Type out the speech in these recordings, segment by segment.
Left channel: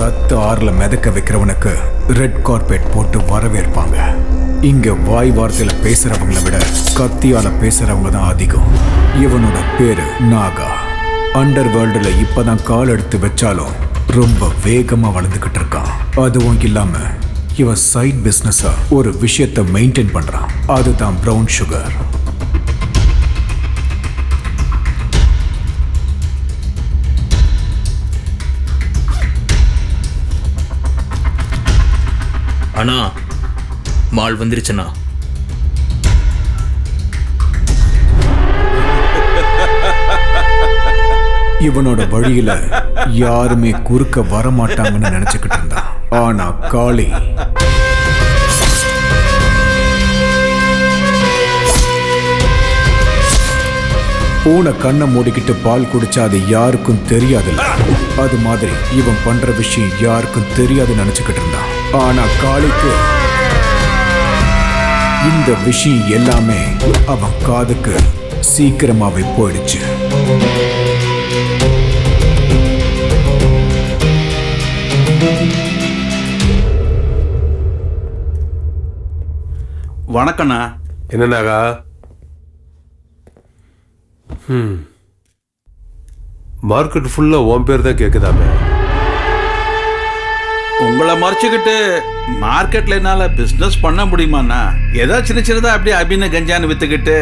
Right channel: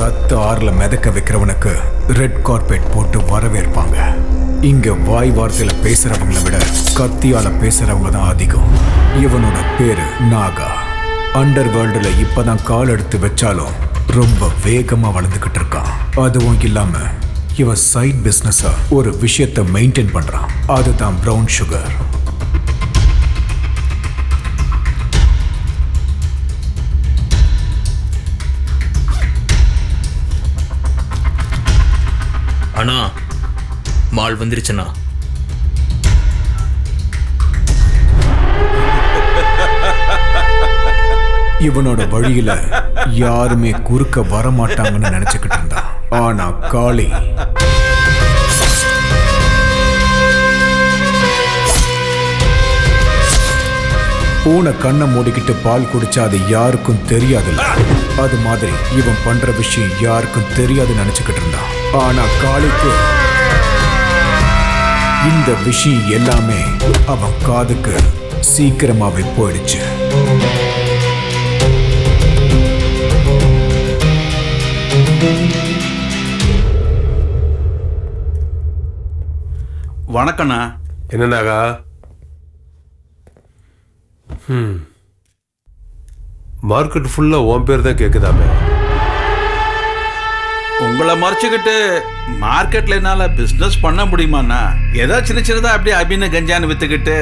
ரத்த ஆறுல மிதக்க வைக்கிறவனுக்கு ரெட் கார்பெட் போட்டு வரவேற்பாங்க. இங்க வாய் வார்த்தையில பேசுறவங்களை விட கத்தியால பேசுறவங்க தான் அதிகம். இவனோட பேரு நாகா. அண்டர் வேர்ல்டுல இப்பதான் கால் எடுத்து வச்சாலும் ரொம்ப வேகமா வளர்ந்துகிட்டு இருக்கான். அதுவும் இல்லாம இவன் சைட் பிசினஸா ஒரு விஷயத்தை மெயின்டைன் பண்றான். அதுதான் பிரவுன் சுகர். அண்ணா, மால் வந்துருச்சுண்ணா. இவனோட வழியில யாருமே குறுக்க வரமாட்டாங்கன்னு நினைச்சுக்கிட்டு இருந்தான். ஆனா காளி பூனை கண்ணை மூடிக்கிட்டு பால் குடிச்சா அது யாருக்கும் தெரியாதுல்ல, அது மாதிரி இவன் பண்ற விஷயம் யாருக்கும் தெரியாதுன்னு நினைச்சுக்கிட்டு இருந்தான். ஆனா காளிக்கு இந்த விஷயம் எல்லாமே அவன் காதுக்கு சீக்கிரமாவே போயிடுச்சு. வணக்கண்ணா. என்னன்னாகா? மார்க்கெட் ஃபுல்லா உன் பேர் தான் கேக்குதாமே. உங்களை மறைச்சுக்கிட்டு மார்க்கெட்ல என்னால பிசினஸ் பண்ண முடியுமாண்ணா? ஏதாவது சின்ன சின்னதா அப்படியே அபின கஞ்சான்னு வித்துக்கிட்டு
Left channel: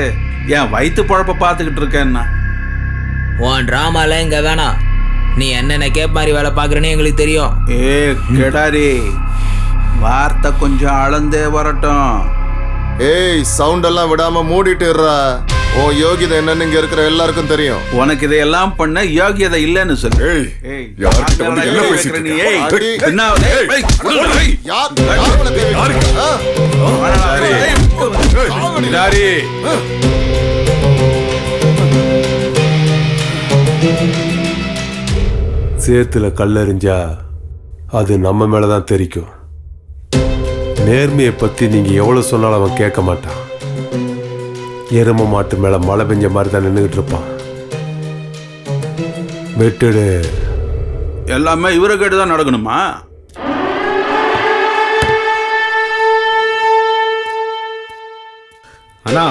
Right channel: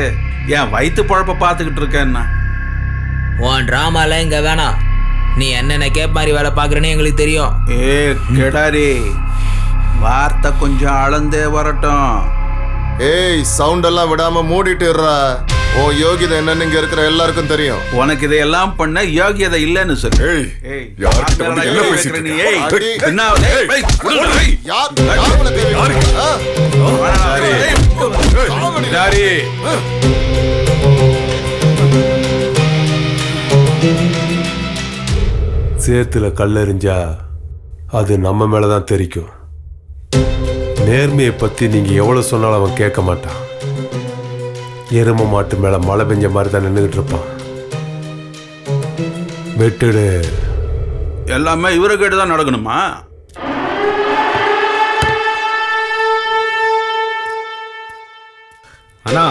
என் வயிற்று பழப்ப பார்த்துக்கிட்டு இருக்கேன்னா. உன் ட்ராமால இங்க வேணாம். நீ என்னென்ன கேப் மாதிரி வேலை பார்க்குறேன்னு எங்களுக்கு தெரியும். ஏ கெடாரி, வார்த்தை கொஞ்சம் அளந்தே வரட்டும். ஏய், சவுண்ட் எல்லாம் விடாம மூடிட்டு இருறா. ஓ யோகிதை என்னன்னு இங்க இருக்கிற எல்லாருக்கும் தெரியும். உனக்கு இதையெல்லாம் பண்ண யோகியதை இல்லைன்னு சொல்லு. ஏய், யார்கிட்ட வந்து என்ன பேசிட்டு இருக்க? நீ? ஏய், அடி. என்ன? ஏய், ஏய், விடுடா, ஏய். யார் உனக்கு தெரியும்? சேத்துல கல்லெறிஞ்சா அது நம்ம மேலதான் தெரிக்கும். நேர்மையை பத்தி நீங்க எவ்வளவு சொன்னாலும் அவன் கேட்க மாட்டான். எரும மாட்டு மேல மழை பெஞ்ச மாதிரி தான் நின்றுகிட்டு இருப்பான். வெட்டுடு. எல்லாமே இவரை கேட்டுதான் நடக்கணுமா? அண்ணா,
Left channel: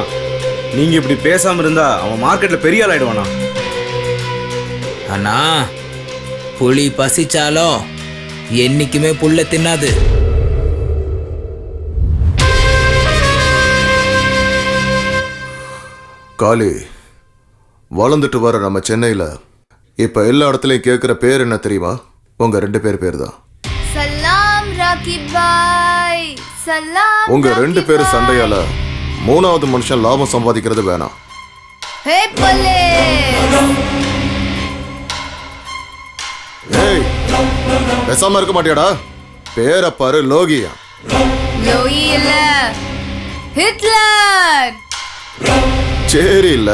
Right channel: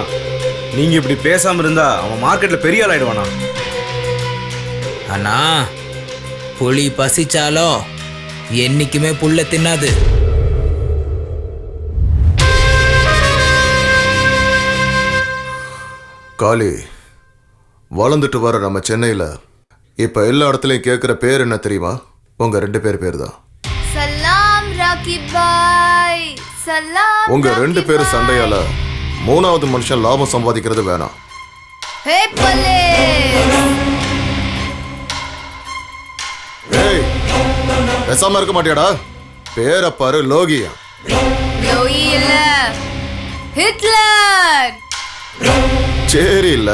நீங்க இப்படி பேசாம இருந்தா அவன் மார்க்கெட்ல பெரிய ஆள் ஆயிடுவானா? அண்ணா, புலி பசிச்சாலும் என்னைக்குமே புல்ல தின்னாது. காளி, வளர்ந்துட்டு வர நம்ம சென்னையில இப்ப எல்லா இடத்துலயும் கேட்கிற பேர் என்ன தெரியுமா? உங்க 2 பேர் தான். சலாம் ராக்கி பாய், சலாம். உங்க 2 பேரும் சண்டையால 3வது மனுஷன் லாபம் சம்பாதிக்கிறது வேணாம். ஹே போலீஸ்! ஏய், பேசாம இருக்க மாட்டியாடா? பேரை பாரு, லோகியா. லோயி இல்ல, ஹிட்லர். சரி இல்ல,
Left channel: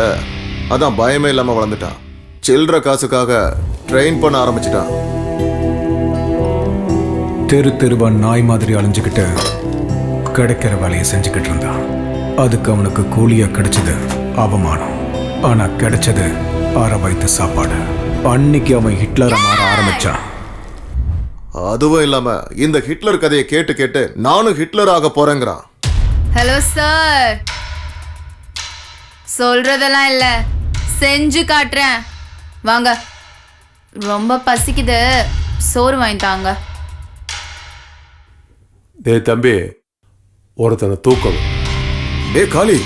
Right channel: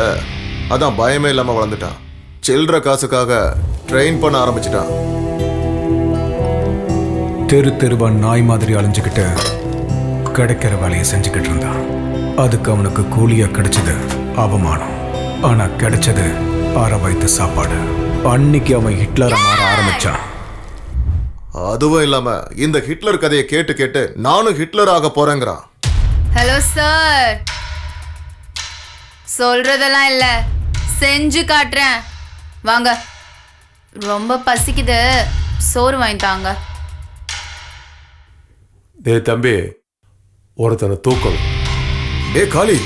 அதான் பயமே இல்லாம வளர்ந்துட்டான். சில்லற காசுக்காக ட்ரெயின் பண்ண ஆரம்பிச்சிட்டான். தெரு தெருவா நாய் மாதிரி அலைஞ்சுக்கிட்டு கிடைக்கிற வேலையை செஞ்சுக்கிட்டு இருந்தான். அதுக்கு அவனுக்கு கூலியா கிடைச்சது அவமானம். ஆனா கிடைச்சது அரை வயிற்று சாப்பாடு. அன்னைக்கு அவன் ஹிட்லரை மாற ஆரம்பிச்சான். அதுவும் இல்லாம இந்த ஹிட்லர் கதையை கேட்டு கேட்டு நானும் ஹிட்லர் ஆக போறேங்கிறான். ஹலோ சார், சொல்றதெல்லாம் இல்ல, செஞ்சு காட்டுறேன். வாங்க, ரொம்ப பசிக்குது, சோறு வாங்கி தாங்க. டேய் தம்பி, ஒருத்தனை தூக்கணும். டே காளி,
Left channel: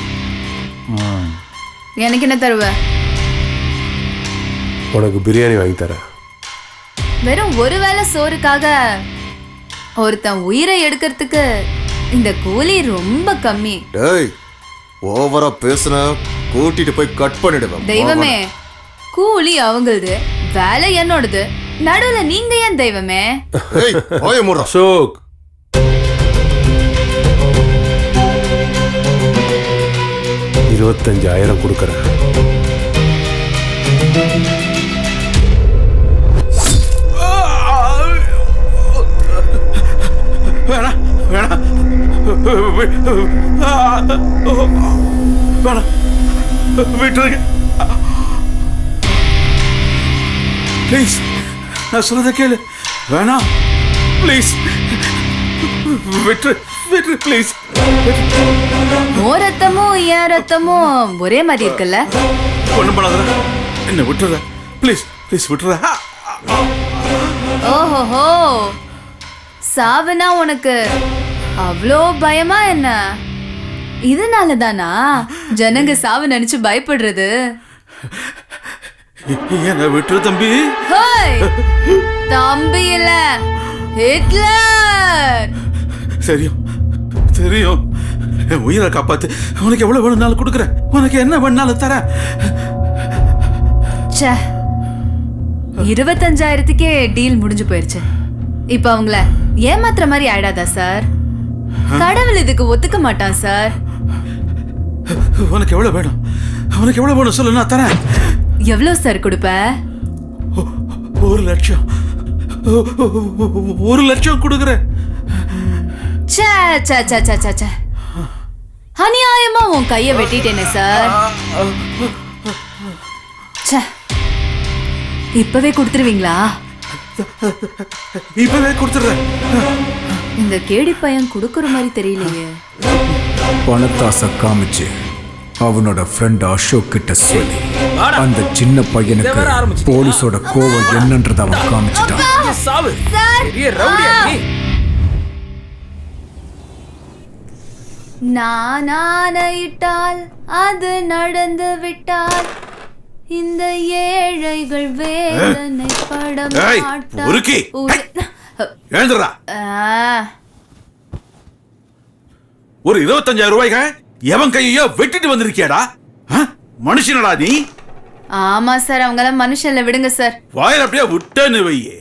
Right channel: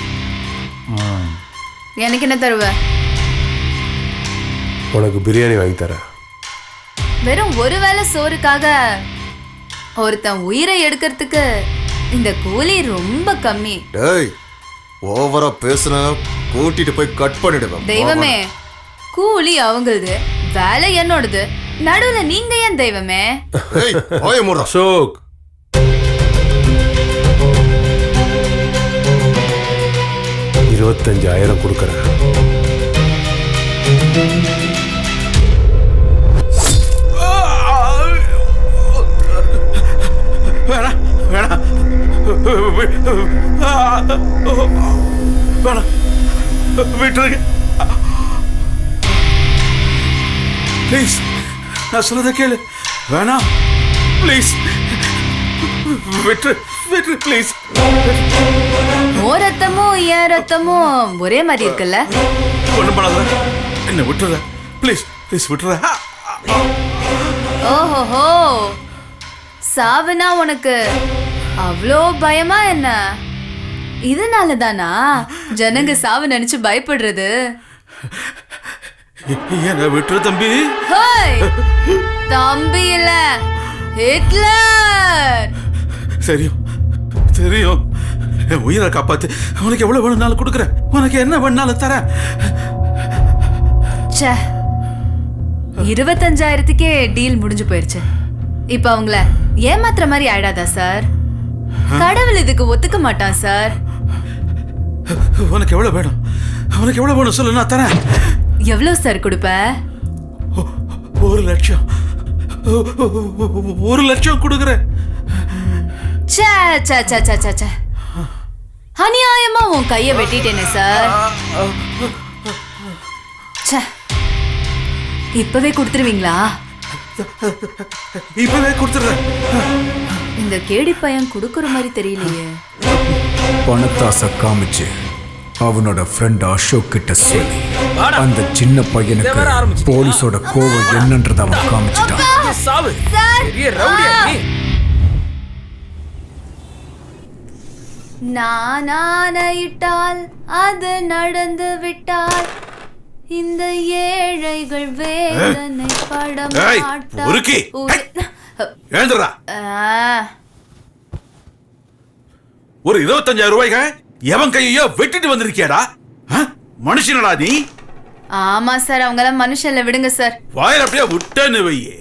எனக்கு என்ன தருவ? உனக்கு பிரியாணி வாங்கி தரேன். வெறும் ஒரு வேளை சோறுக்காக ஒருத்தன் உயிரை எடுக்கிறதுக்கு இந்த கூலி ரொம்ப கம்மி. டேய், ஓவரா பேசுன கூட்டிட்டு போய் கட் பண்ணிடுவேன். தெய்வமே, கூலி அவங்களது, வேலை என்னோடது, நடுவுல நீங்க ஏன் தெய்வமே? ஏய், வாயை மூடுடா. அசோக், $25,000 கொடுக்கறேன். வேணாம் வேணாம் வேணாம், விட்டுருங்க ப்ளீஸ். நான் சொல்றதை கேளு. வேணாம். ப்ளீஸ் விட்டு விட்டு ப்ளீஸ். ஓ ரத்தமும் என் ரத்தமும் ஒரே மாதிரி இருக்குல்ல? ஒண்ணும் பண்ணாத, என்ன விட்டுற ப்ளீஸ் ப்ளீஸ் விட்டுற. ஓஹோஹோ, சாவுனா உனக்கு அவ்வளோ பயமா என்ன? இதனால தானா ஜனங்க சாவு நினைச்சு பயப்படுறது? என்ன விட்டுரு தம்பி. ஹோய், தம்பி இல்ல, ஹிட்லர். தெரியும் தெரியும், என் உயிரை காப்பாத்து. உனக்கு எவ்வளவு வேணும்னாலும் கொடுக்குறேன், உனக்கு என்ன வேணும்னாலும் தரேன். 25,000க்கே டீல் முடிஞ்சு போயிருச்சு. இப்ப அவங்கள ஏமாத்துற மாதிரி ஆயிடாதா சார்? கடவுள் இதுக்கு ஒத்துக்க மாட்டான் சார். உனக்கு எவ்வளவு வேணும், உனக்கு எவ்வளவு வேணும் சொல்லு, நான் தரேன். எவ்வளவு சார் கொடுப்ப? 1 லட்சம். 1 லட்சம் கொடுக்குறேன். அநியாயமா உன் கைய வெட்டிட்டேனே சார். இப்பவே கொடுத்துருவீங்களா? இப்பவே கொடுத்துடுறேன். இந்த கேடி பையன் கொடுக்கற மாதிரி தெரியலையே. பணத்தாசை காமிச்சு அவனோட ஃப்ரெண்ட் அசோக் கிட்ட சொல்லி அந்த சின்ன பையனுக்கு போலீஸோட கோவம் என்னன்றத அவன் காமிச்சிட்டான். சாவு பெரிய ரவுடியா நீ. நான் ஆணையிட்டால் அது நடந்து விட்டால் இந்த ஏழைகள் வேதனை பட உருக்கி எழுந்துடா. ஒரு 25,000 ரூபாய்க்கு எவன் கையோ வெட்டிட்டு வந்திருக்கியாடா? மனுஷனடா நீ? ஆமா சார், அவங்கள மனுஷன்ல விடுங்க சார். வாயில அப்படியே விட்டேன்னு வையே.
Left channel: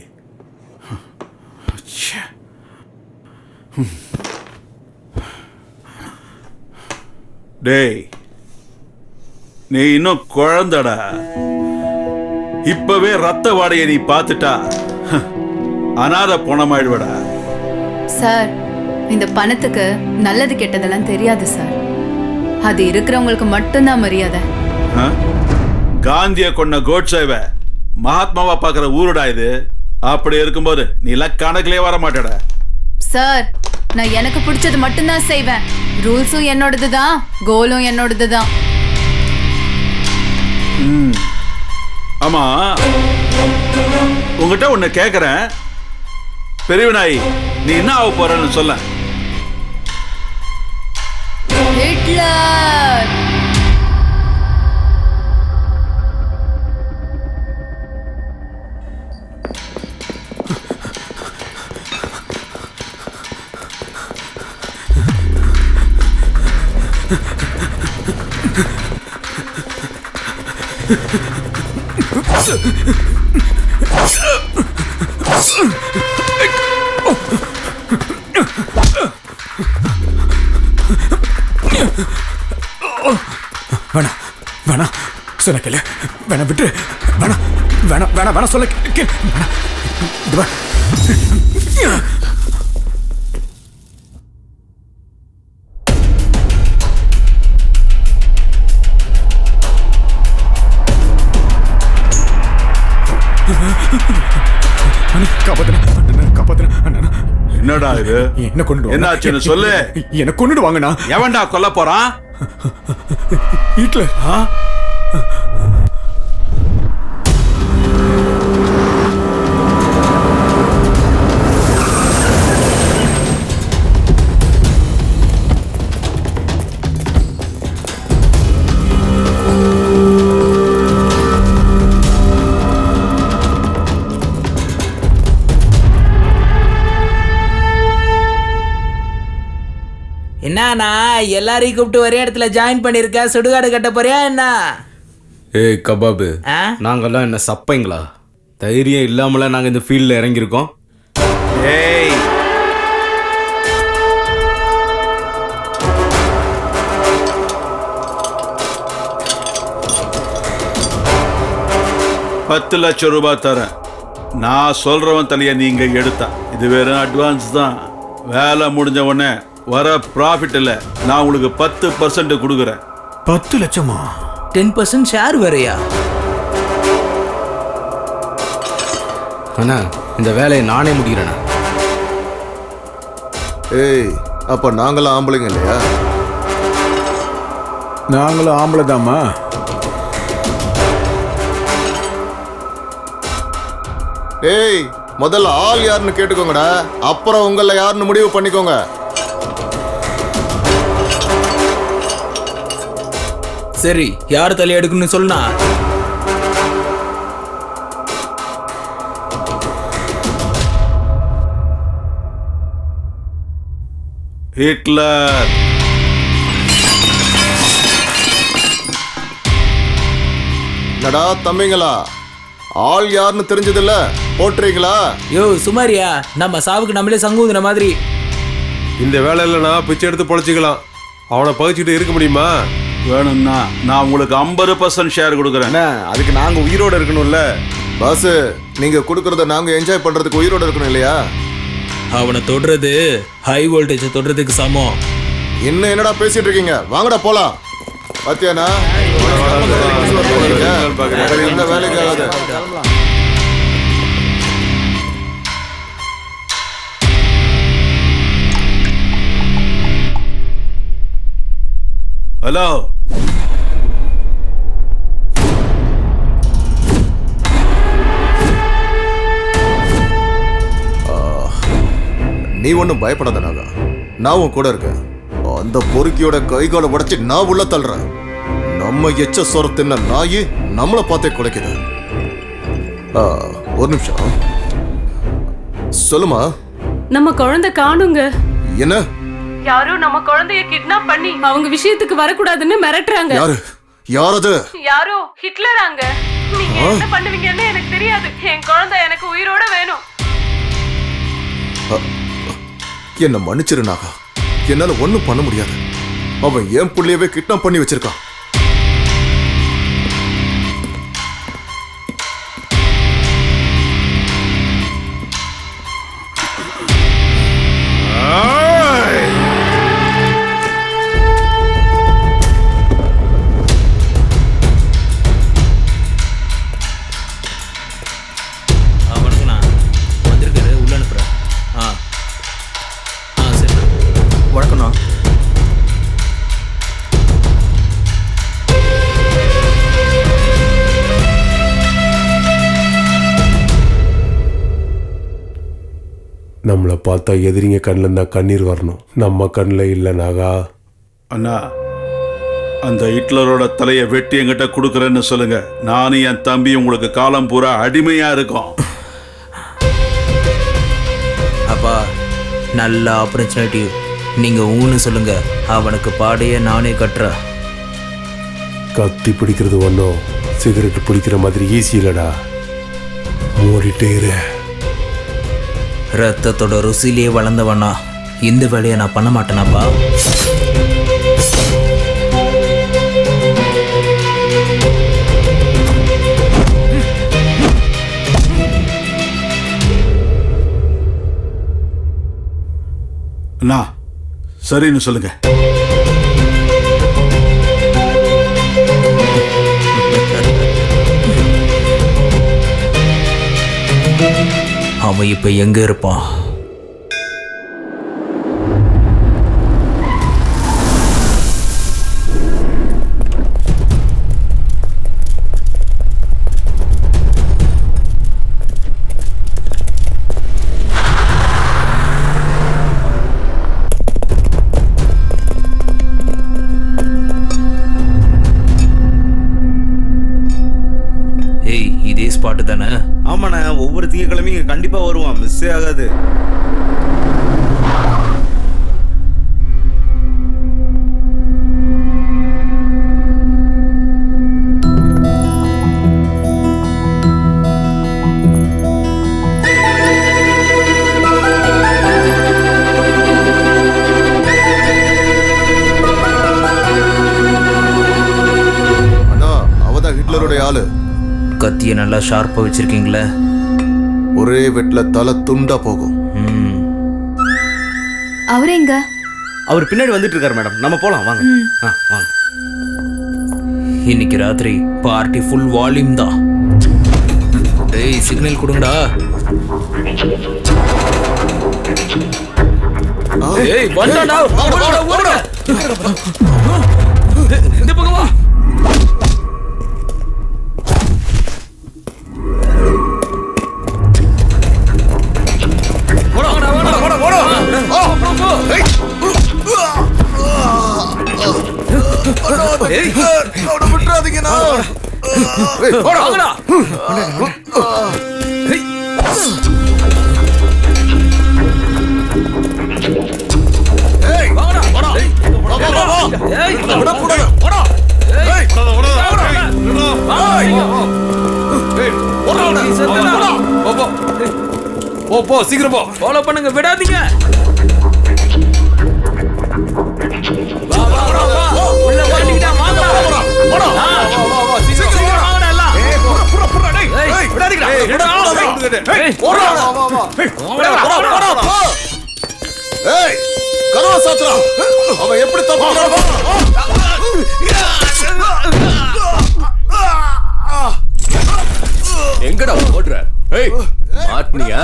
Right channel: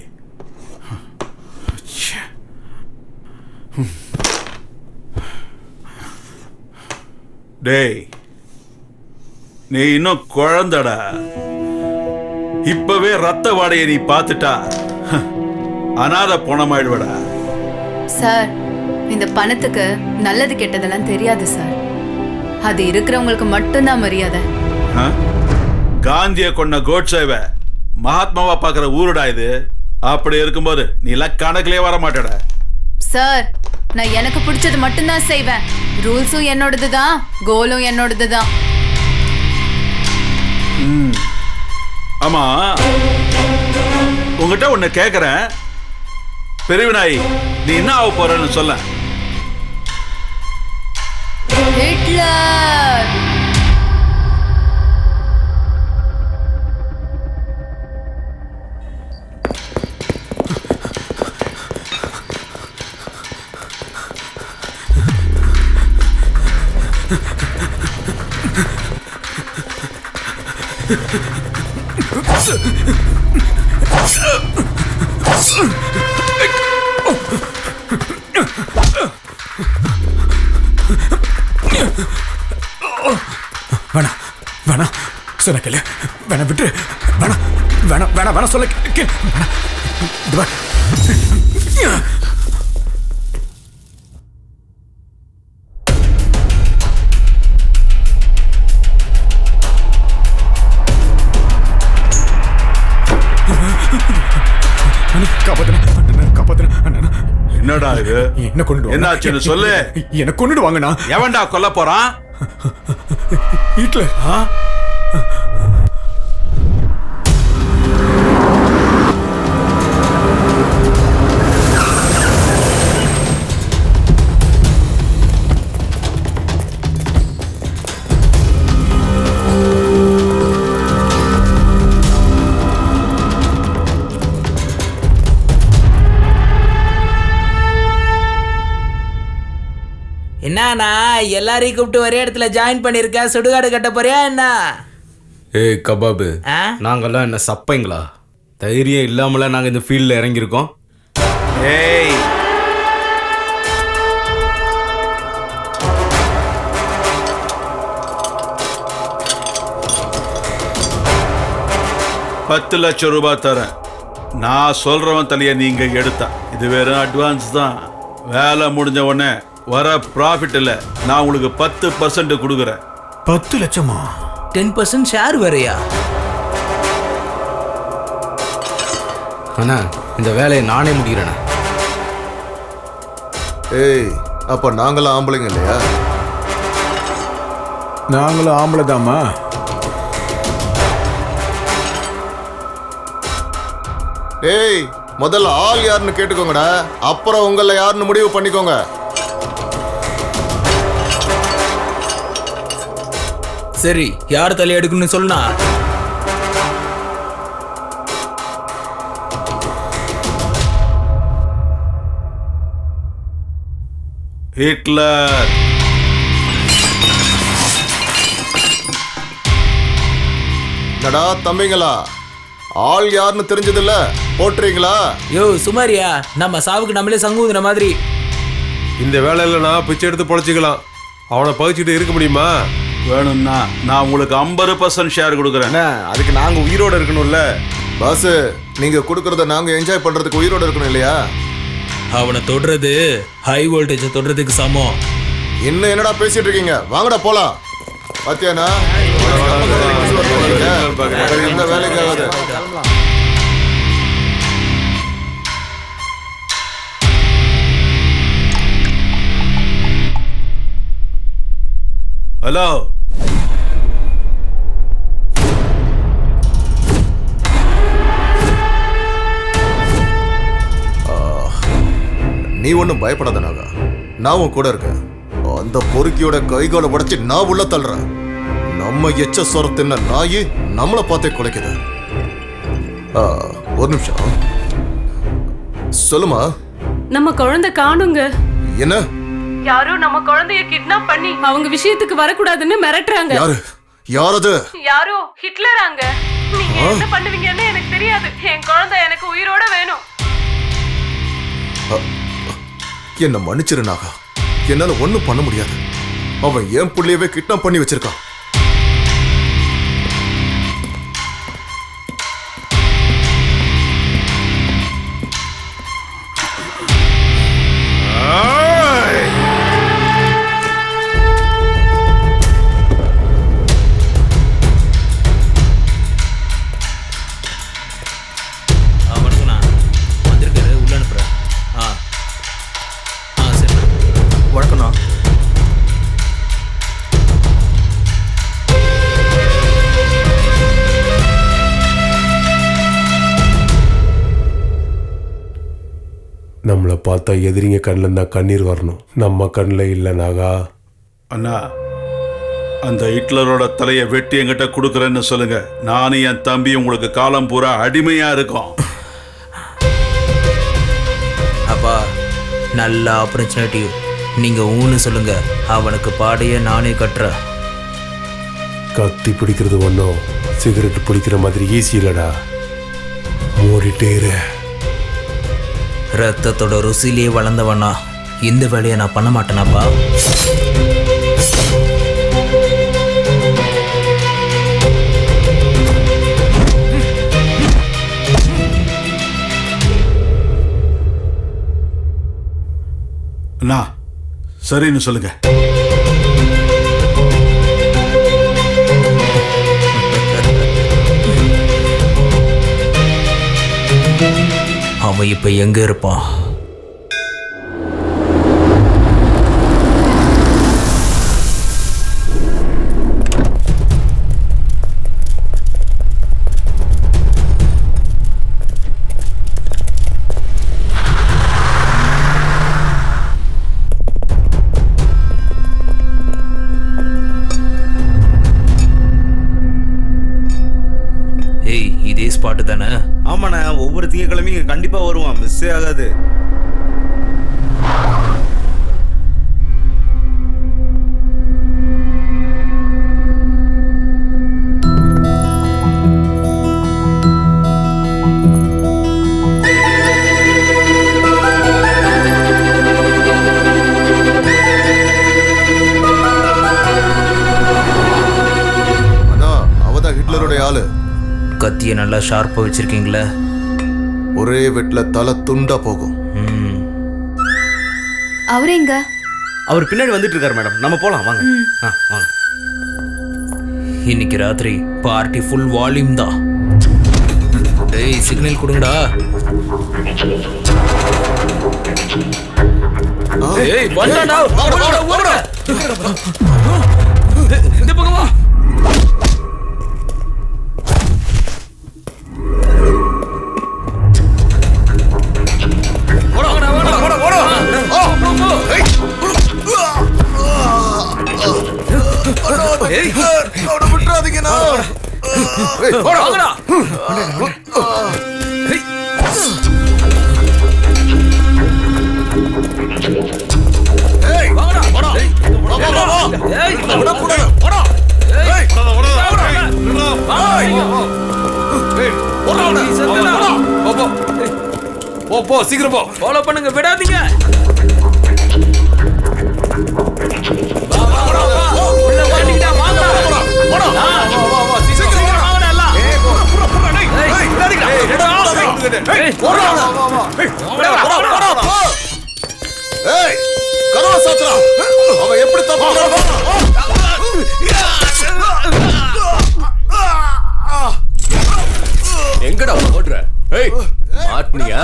டேய், நீ இன்னும் குழந்தடா. இப்பவே ரத்த வாடையை நீ பார்த்துட்டா அனாதை பணமாயிடுவடா. சார், இந்த பணத்துக்கு நல்லது கெட்டதெல்லாம் தெரியாது சார். அது இருக்கிறவங்களுக்கு மட்டும்தான் மரியாதை. காந்திய கொண்ட கோட்சேவ மகாத்மாவா பாக்குற ஊருடா இது. அப்படி இருக்கும்போது நீ எல்லாம் கணக்கிலே வர மாட்டடா. சார், நான் எனக்கு பிடிச்சது மட்டும்தான் செய்வேன். ரூல்ஸும் என்னோடதுதான், கோலும் என்னோடதுதான். ஆமா, உங்ககிட்ட ஒண்ணு கேக்குறேன். பெரியவனாய், நீ என்ன ஆக போறன்னு சொல்ல. ஹிட்லர். வேணா வேணா சொன்ன கேளு. வேணா விட்டு. வேணா வேணா வேணா வேணா சொல்ல கேளு. என்னடா இது? என்ன கொண்டு என்னாச்சுன்னு சொல்லு. என்ன கொண்டுடு வாங்கண்ணா. எவன்டா கொல்ல போறான்? ஹிட்லர். என்னண்ணா எல்லாரையும் கூப்பிட்டு ஒரே இடத்துல ஜாயின் பண்ணிருக்க? சுடுகாடு கட்ட போறியா என்ன? ஏய் கபாபு, நாங்கெல்லாம் என்ன சப்பைங்களா? தைரியம் இல்லாமல நாங்க இந்த ஃபீல்ட்ல இறங்கியிருக்கோம். ஏய், $10 லட்சம் தரேன். நான் சொல்றவன் தலைய நீங்க எடுத்தா. இது வெறும் அட்வான்ஸ் தான். வேலை முடிஞ்ச உடனே வர ப்ராஃபிட் இல்ல, நான் உங்களுக்கு 10% கொடுக்குறேன். 10 லட்சமா? 10% ஷேர் வேறையா? அண்ணா, இந்த வேலையை நானே முடிக்கிறேண்ணா. ஏய், அப்ப நாங்களாம் ஆம்பளைங்க இல்லையா? நாங்களும் ஆம்பளை தாம்மா. ஏய், முதல்ல ஆள் யாருன்னு கேட்டுக்கோங்கடா, அப்புறம் உங்கள யாருன்னு முடிவு பண்ணிக்கோங்க. சரி, யார் தலை எடுக்கணும்னு சொல்லுனா? ஹிட்லர். என்னடா தம்பிங்களா, ஆள் யாருன்னு தெரிஞ்சதில்ல, போட்டுறீங்களா? யோ சுமாரியா, நம்ம சாவுக்கு நம்மளே சங்குதுன மாதிரி. இந்த வேலையில நான் பிச்சை எடுத்து பொழைச்சிக்கலாம். அவனை பகிச்சுட்டு இருக்க முடியுமா? வேணும்னா நான் உங்களுக்கு 50% ஷேர் கொடுக்குறேன். அதுக்கு நாங்க உயிரோட இருக்கணும்ல. பாஸ், நீங்க கொடுக்கறத நாங்க என்ஜாய் பண்றதுக்கு உயிரோட இருக்கணும் இல்லையா? அவனை தொடுறது ஹை வோல்டேஜ் தொடுறதுக்கு சமம். இன்னும் என்னடா பேசிட்டு இருக்கீங்க? வாங்கடா போலாம். பாத்தியானா எந்த வேலைக்கு ஆகாது. ஹலோ, நீ ஒன்றும் பயப்படாத நாகா, நான் உன் கூட இருக்கேன். அந்த பொறுக்கியோட கைகாலை உடைச்சு நான் உள்ள தள்ளுறேன். நம்ம எச்ச சொர தின்ன நாயி நம்மளை பார்த்தே குலைக்குது. ஒரு நிமிஷம் சொல்லுமா. நம்ம குழந்தை காணுங்க. என்ன? யாரோ நம்ம குழந்தைய கிட்னாப் பண்ணி அவங்க விஷயத்துக்கு வரக்கூடாதுன்னு மிரட்டுறாங்க. யாரு? யாரது? யாரோ ஹிட்லராங்க. நீங்க என்ன பண்ணுவீங்கன்னு எனக்கு தெரியாது. என் குழந்தை எனக்கு உயிரோட வேணும். என்ன மன்னிச்சிரு நாகா, என்னால ஒண்ணும் பண்ண முடியாது. அவன் என் புள்ளையவே கிட்னாப் பண்ணி வச்சிருக்கான். நம்மளை பார்த்தா எதிரிங்க கண்ணில் இருந்தால் கண்ணீர் வரணும், நம்ம கண்ணில் இல்லை நாகா. அண்ணா, அந்த ஹிட்லரோட தலையை வெட்டி என்கிட்ட கொடுக்குறேன்னு சொல்லுங்க. நானும் என் தம்பி உங்களுக்கு காலம் பூரா அடிமையா இருக்கோம். அப்பா, நல்ல ஆப்பர்ச்சுனிட்டி. நீங்க ஊன்னு சொல்லுங்க, அவனுக்கு பாடையே நானே கட்டுறேன். கத்தி பிடிக்கிறது ஒன்றும் சிகரெட் பிடிக்கிற மாதிரி ஈஸி இல்லடா. மூடிட்டே இரு. ரத்தத்தோட ருசிலேயே வளர்ந்தவனா இந்த வேலையை நான் பண்ண மாட்டேனாப்பா. அண்ணா, சரின்னு சொல்லுங்க. அவன் இப்ப எங்க இருப்பான்? ஏய், இதே ஸ்பாட்டு தானே? ஆமாண்ணா, ஒவ்வொரு திங்கக்கிழமையும் கண்டிப்பா வருவான், மிஸ்ஸே ஆகாது. அண்ணா, அவதான் ஹிட்லருடைய ஆளு. கத்தியை நல்லா ஷார்ப்பா வச்சிருக்கீங்களே. ஒரே வெட்ல தலை துண்டா போகும். அவரு எங்க? அவர் பின்னாடி வந்துட்டு இருக்காரு மேடம். நம்ம போலாம் வாங்க. வாங்க. இன்னைக்கு ராத்திரி பார்ட்டி ஃபுல் வால்யூம் தான். டேய், சிக்னல் கொடுங்கடா. ஏய் வந்தாடா ஓடுடா ஓடுடா இந்த பக்கம் வா விட்டுறாதீங்கண்ணா. போ சீக்கிரம் போ. ஃபாலோ பண்ணுங்க விடாதீங்க. உள்ள மாட்டிக்கிட்டா வாங்கடா. சீக்கிரம் வாங்கடா எல்லாம். ஏய், கதவை சாத்துறா. அவன் எப்படி தப்புறான்? எங்கடா ஓடுற? ஏய் மாட்னியா?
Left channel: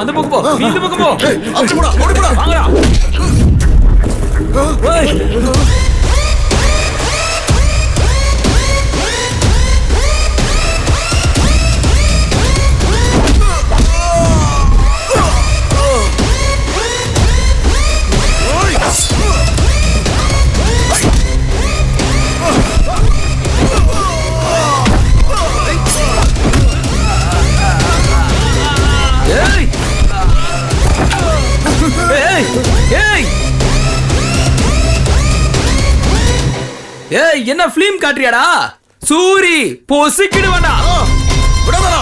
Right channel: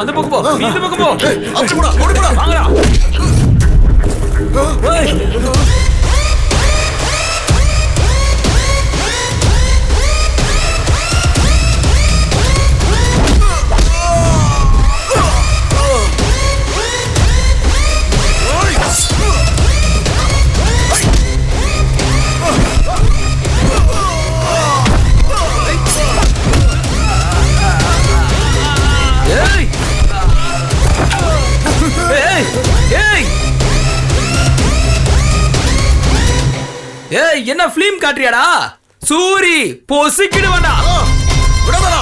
அந்த பக்கம் போ. நீ இந்த பக்கம் போ. அப்படி போடா, ஓடி போடா. வாங்கடா. ஏய் என்ன ஃபிலிம் காட்றியாடா? சூரி பொசிக்கிடு வேண்டா. விடாதடா.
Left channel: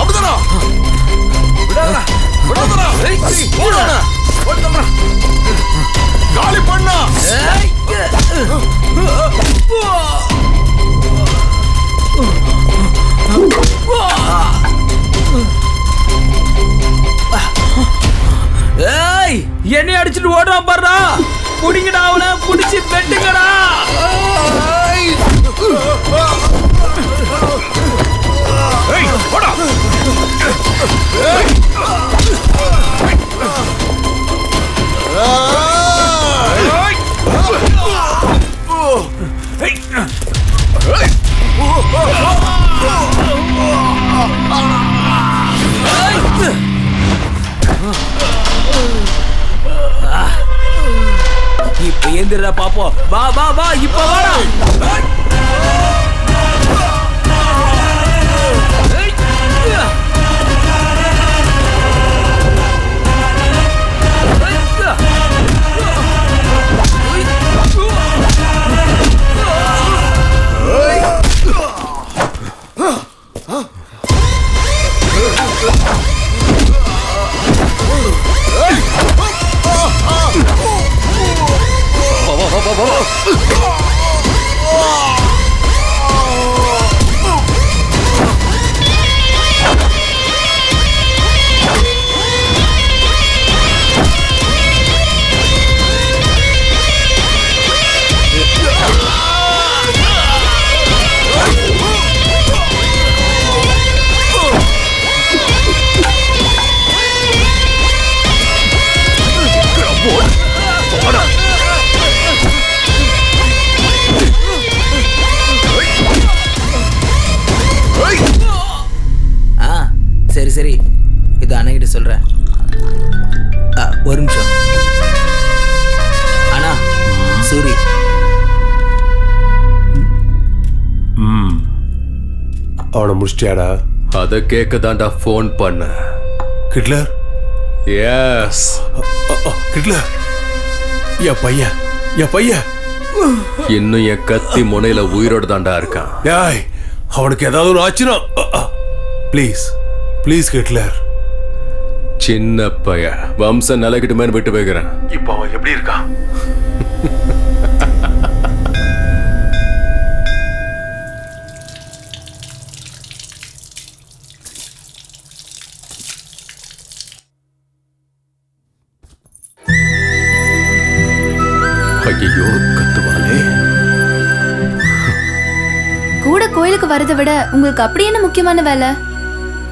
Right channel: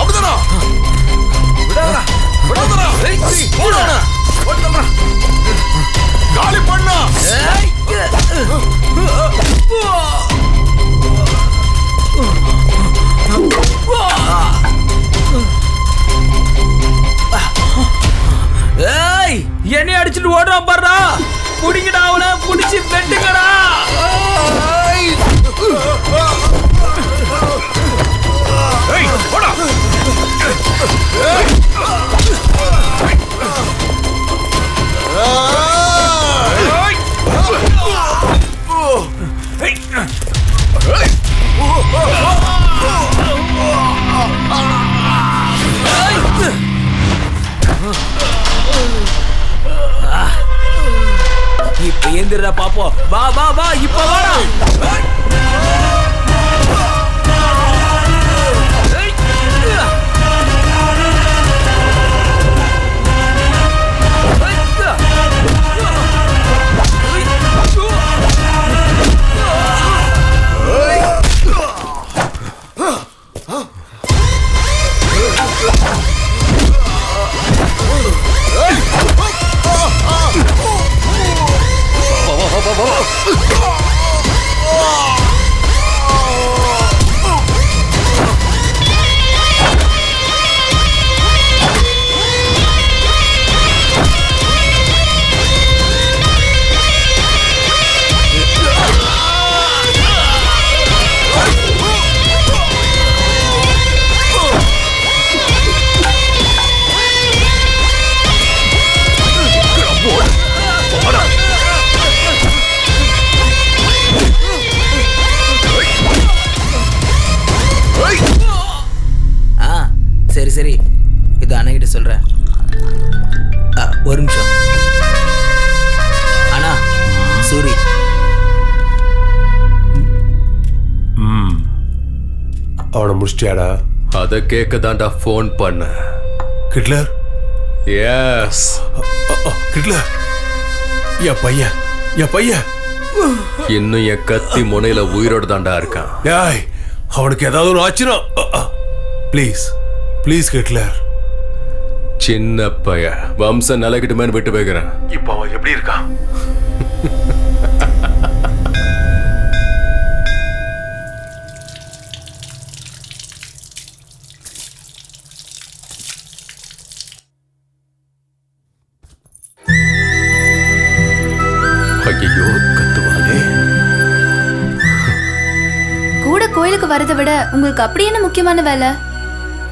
அப்படிதானா? விடாதடா. விடாதடா. ஓடுடா. ஓடுடா. காலி பண்ணா. ஏய் என்னை அடிச்சிட்டு ஓடுறான் பாருடா. புடிங்கடா அவனை, புடிச்சு வெட்டுங்கடா. ஏய் போடா. இப்ப ஏந்திரா பாப்போம். வா வா வா இப்ப வாடா. சரி சரி, இது அண்ணகிட்ட சொல்றேன். ஒரு நிமிஷம் அண்ணா. சூரி அவனை முடிச்சிட்டியாடா? அதை கேட்க தான்டா ஃபோன் பண்ண. கிட்லர்? எஸ் கிட்லர், என் பையன் இன்னும் என் கத்தி முனையில உயிரோடு தான்டா இருக்கான். ஏய், அவனுக்கு ஏதாவது ஒரு ஆச்சுனா ப்ளீஸ் ப்ளீஸ் ஹிட்லர். சின்ன பைய வம்சம் நிலைக்கிட்டுமேன்னு விட்டு வைக்கிறேன். இப்போ அவன் எப்படி இருக்கான்? ஐயோ கத்துவாளே. கூட கோயிலுக்கு வரதை விட உங்களுக்கு அப்படி என்ன முக்கியமான வேலை?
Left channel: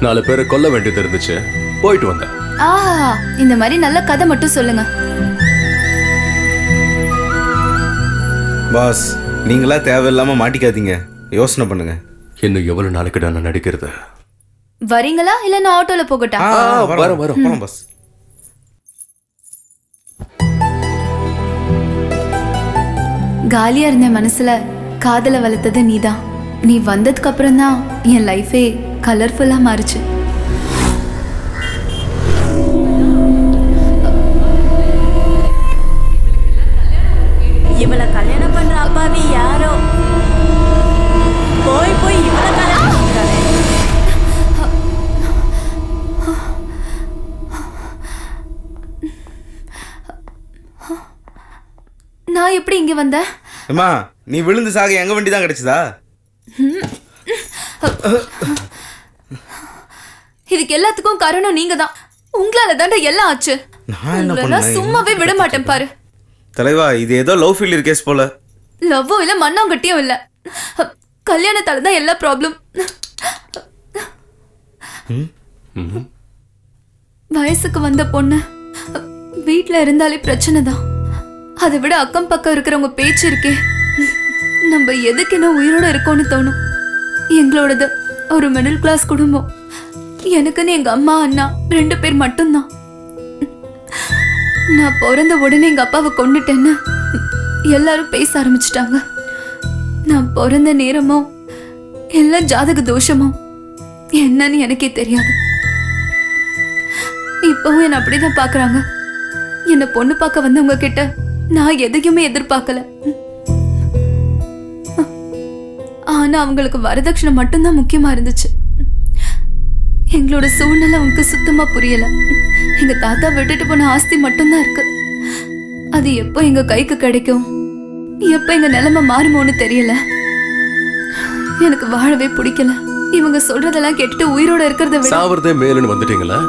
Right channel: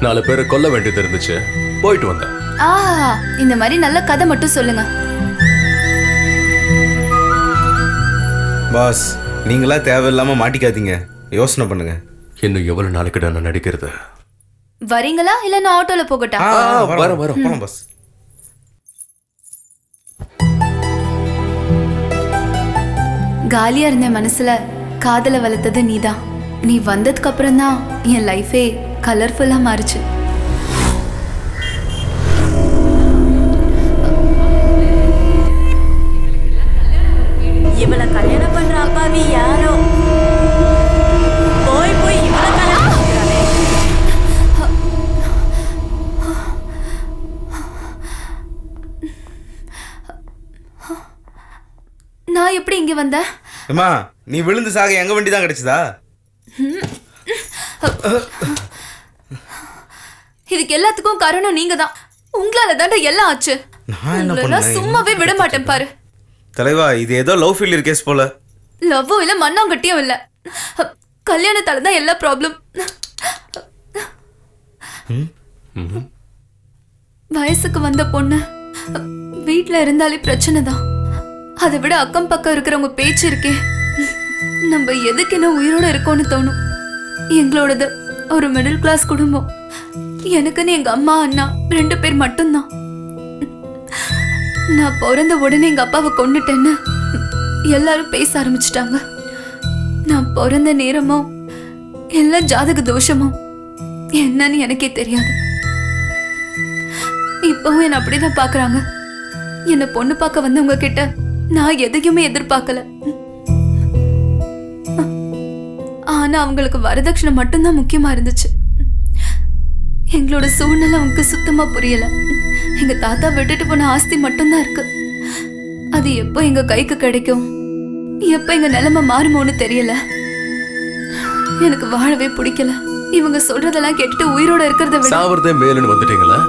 4 பேரை கொல்ல வேண்டியது இருந்துச்சு, போயிட்டு வந்தேன். ஆஹா, இந்த மாதிரி நல்ல கதை மட்டும் சொல்லுங்க. பாஸ், நீங்களா தேவையில்லாம மாட்டிக்காதீங்க, யோசனை பண்ணுங்க. இன்னும் எவ்வளவு நாளைக்கு நான் நடிக்கிறது? வரீங்களா இல்ல நான் ஆட்டோல போகட்டா? வரோம் போலாம் பாஸ். காலியா இருந்த மனசுல காதல வளர்த்தது நீதான். நீ வந்ததுக்கு அப்புறம் தான் என் லைஃபே கலர்ஃபுல்லா மாறுச்சு. இவளை கல்யாணம் பண்ற அப்பாவி யாரோ போய் போய் இவளை கல்யாணம் பண்ணிக்கிறானே. நான் எப்படி இங்க வந்தேன்? அம்மா, நீ விழுந்து சாக எங்க வண்டி தான் கிடைச்சதா? இதுக்கு எல்லாத்துக்கும் காரணம் நீங்க தான். உங்களால தாண்டா எல்லாம் ஆச்சு. நான் என்ன உங்களெல்லாம் பண்ணேன்? சும்மாவே விட மாட்டேன் பாரு. தலைவா, இது ஏதோ லவ் ஃபெயிலியர் கேஸ் போல. லவ்வும் இல்ல மண்ணாங்கட்டியும் இல்ல, கல்யாணத்தால தான் எல்லா ப்ராப்ளம். வயசுக்கு வந்த பொண்ணு வீட்டுல இருந்தாலே பிரச்சனை தான். அதை விட அக்கம் பக்கம் இருக்கிறவங்க பேச்சு இருக்கே, நம்ம எதுக்கு என்ன உயிரோட இருக்கோன்னு தோணும். எங்களோடது ஒரு மிடில் கிளாஸ் குடும்பம். எனக்குன்னு எங்க அம்மா அண்ணா 2 பேர் மட்டும்தான். நான் பிறந்த உடனே எங்க அப்பாவை கொன்னுட்டேன்னு எல்லாரும் பேச ஆரம்பிச்சிட்டாங்க. நான் பிறந்த நேரமோ எல்லாம் ஜாதக தோஷமோ என்னன்னு எனக்கே தெரியாது. இப்பவும் என்ன அப்படிதான் பாக்குறாங்க. என்ன பொண்ணு பார்க்க வந்தவங்க கிட்ட நான் எதையுமே எதிர்பார்க்கல. ஆனா அவங்களுக்கு வரதட்சணை மட்டும்தான் முக்கியமா இருந்துச்சு. எங்களோட சூழ்நிலை அவங்களுக்கு சுத்தமா புரியல. எங்க தாத்தா விட்டுட்டு போன ஆஸ்தி மட்டும்தான் இருக்கு. அது எப்போ எங்க கைக்கு கிடைக்கும், எப்ப எங்க நிலைமை மாறுமோன்னு தெரியல. எனக்கு வாழவே பிடிக்கல. இவங்க சொல்றதெல்லாம் கேட்டுட்டு உயிரோட இருக்கிறத விட சாவறதே மேலுன்னு வந்துட்டீங்களா?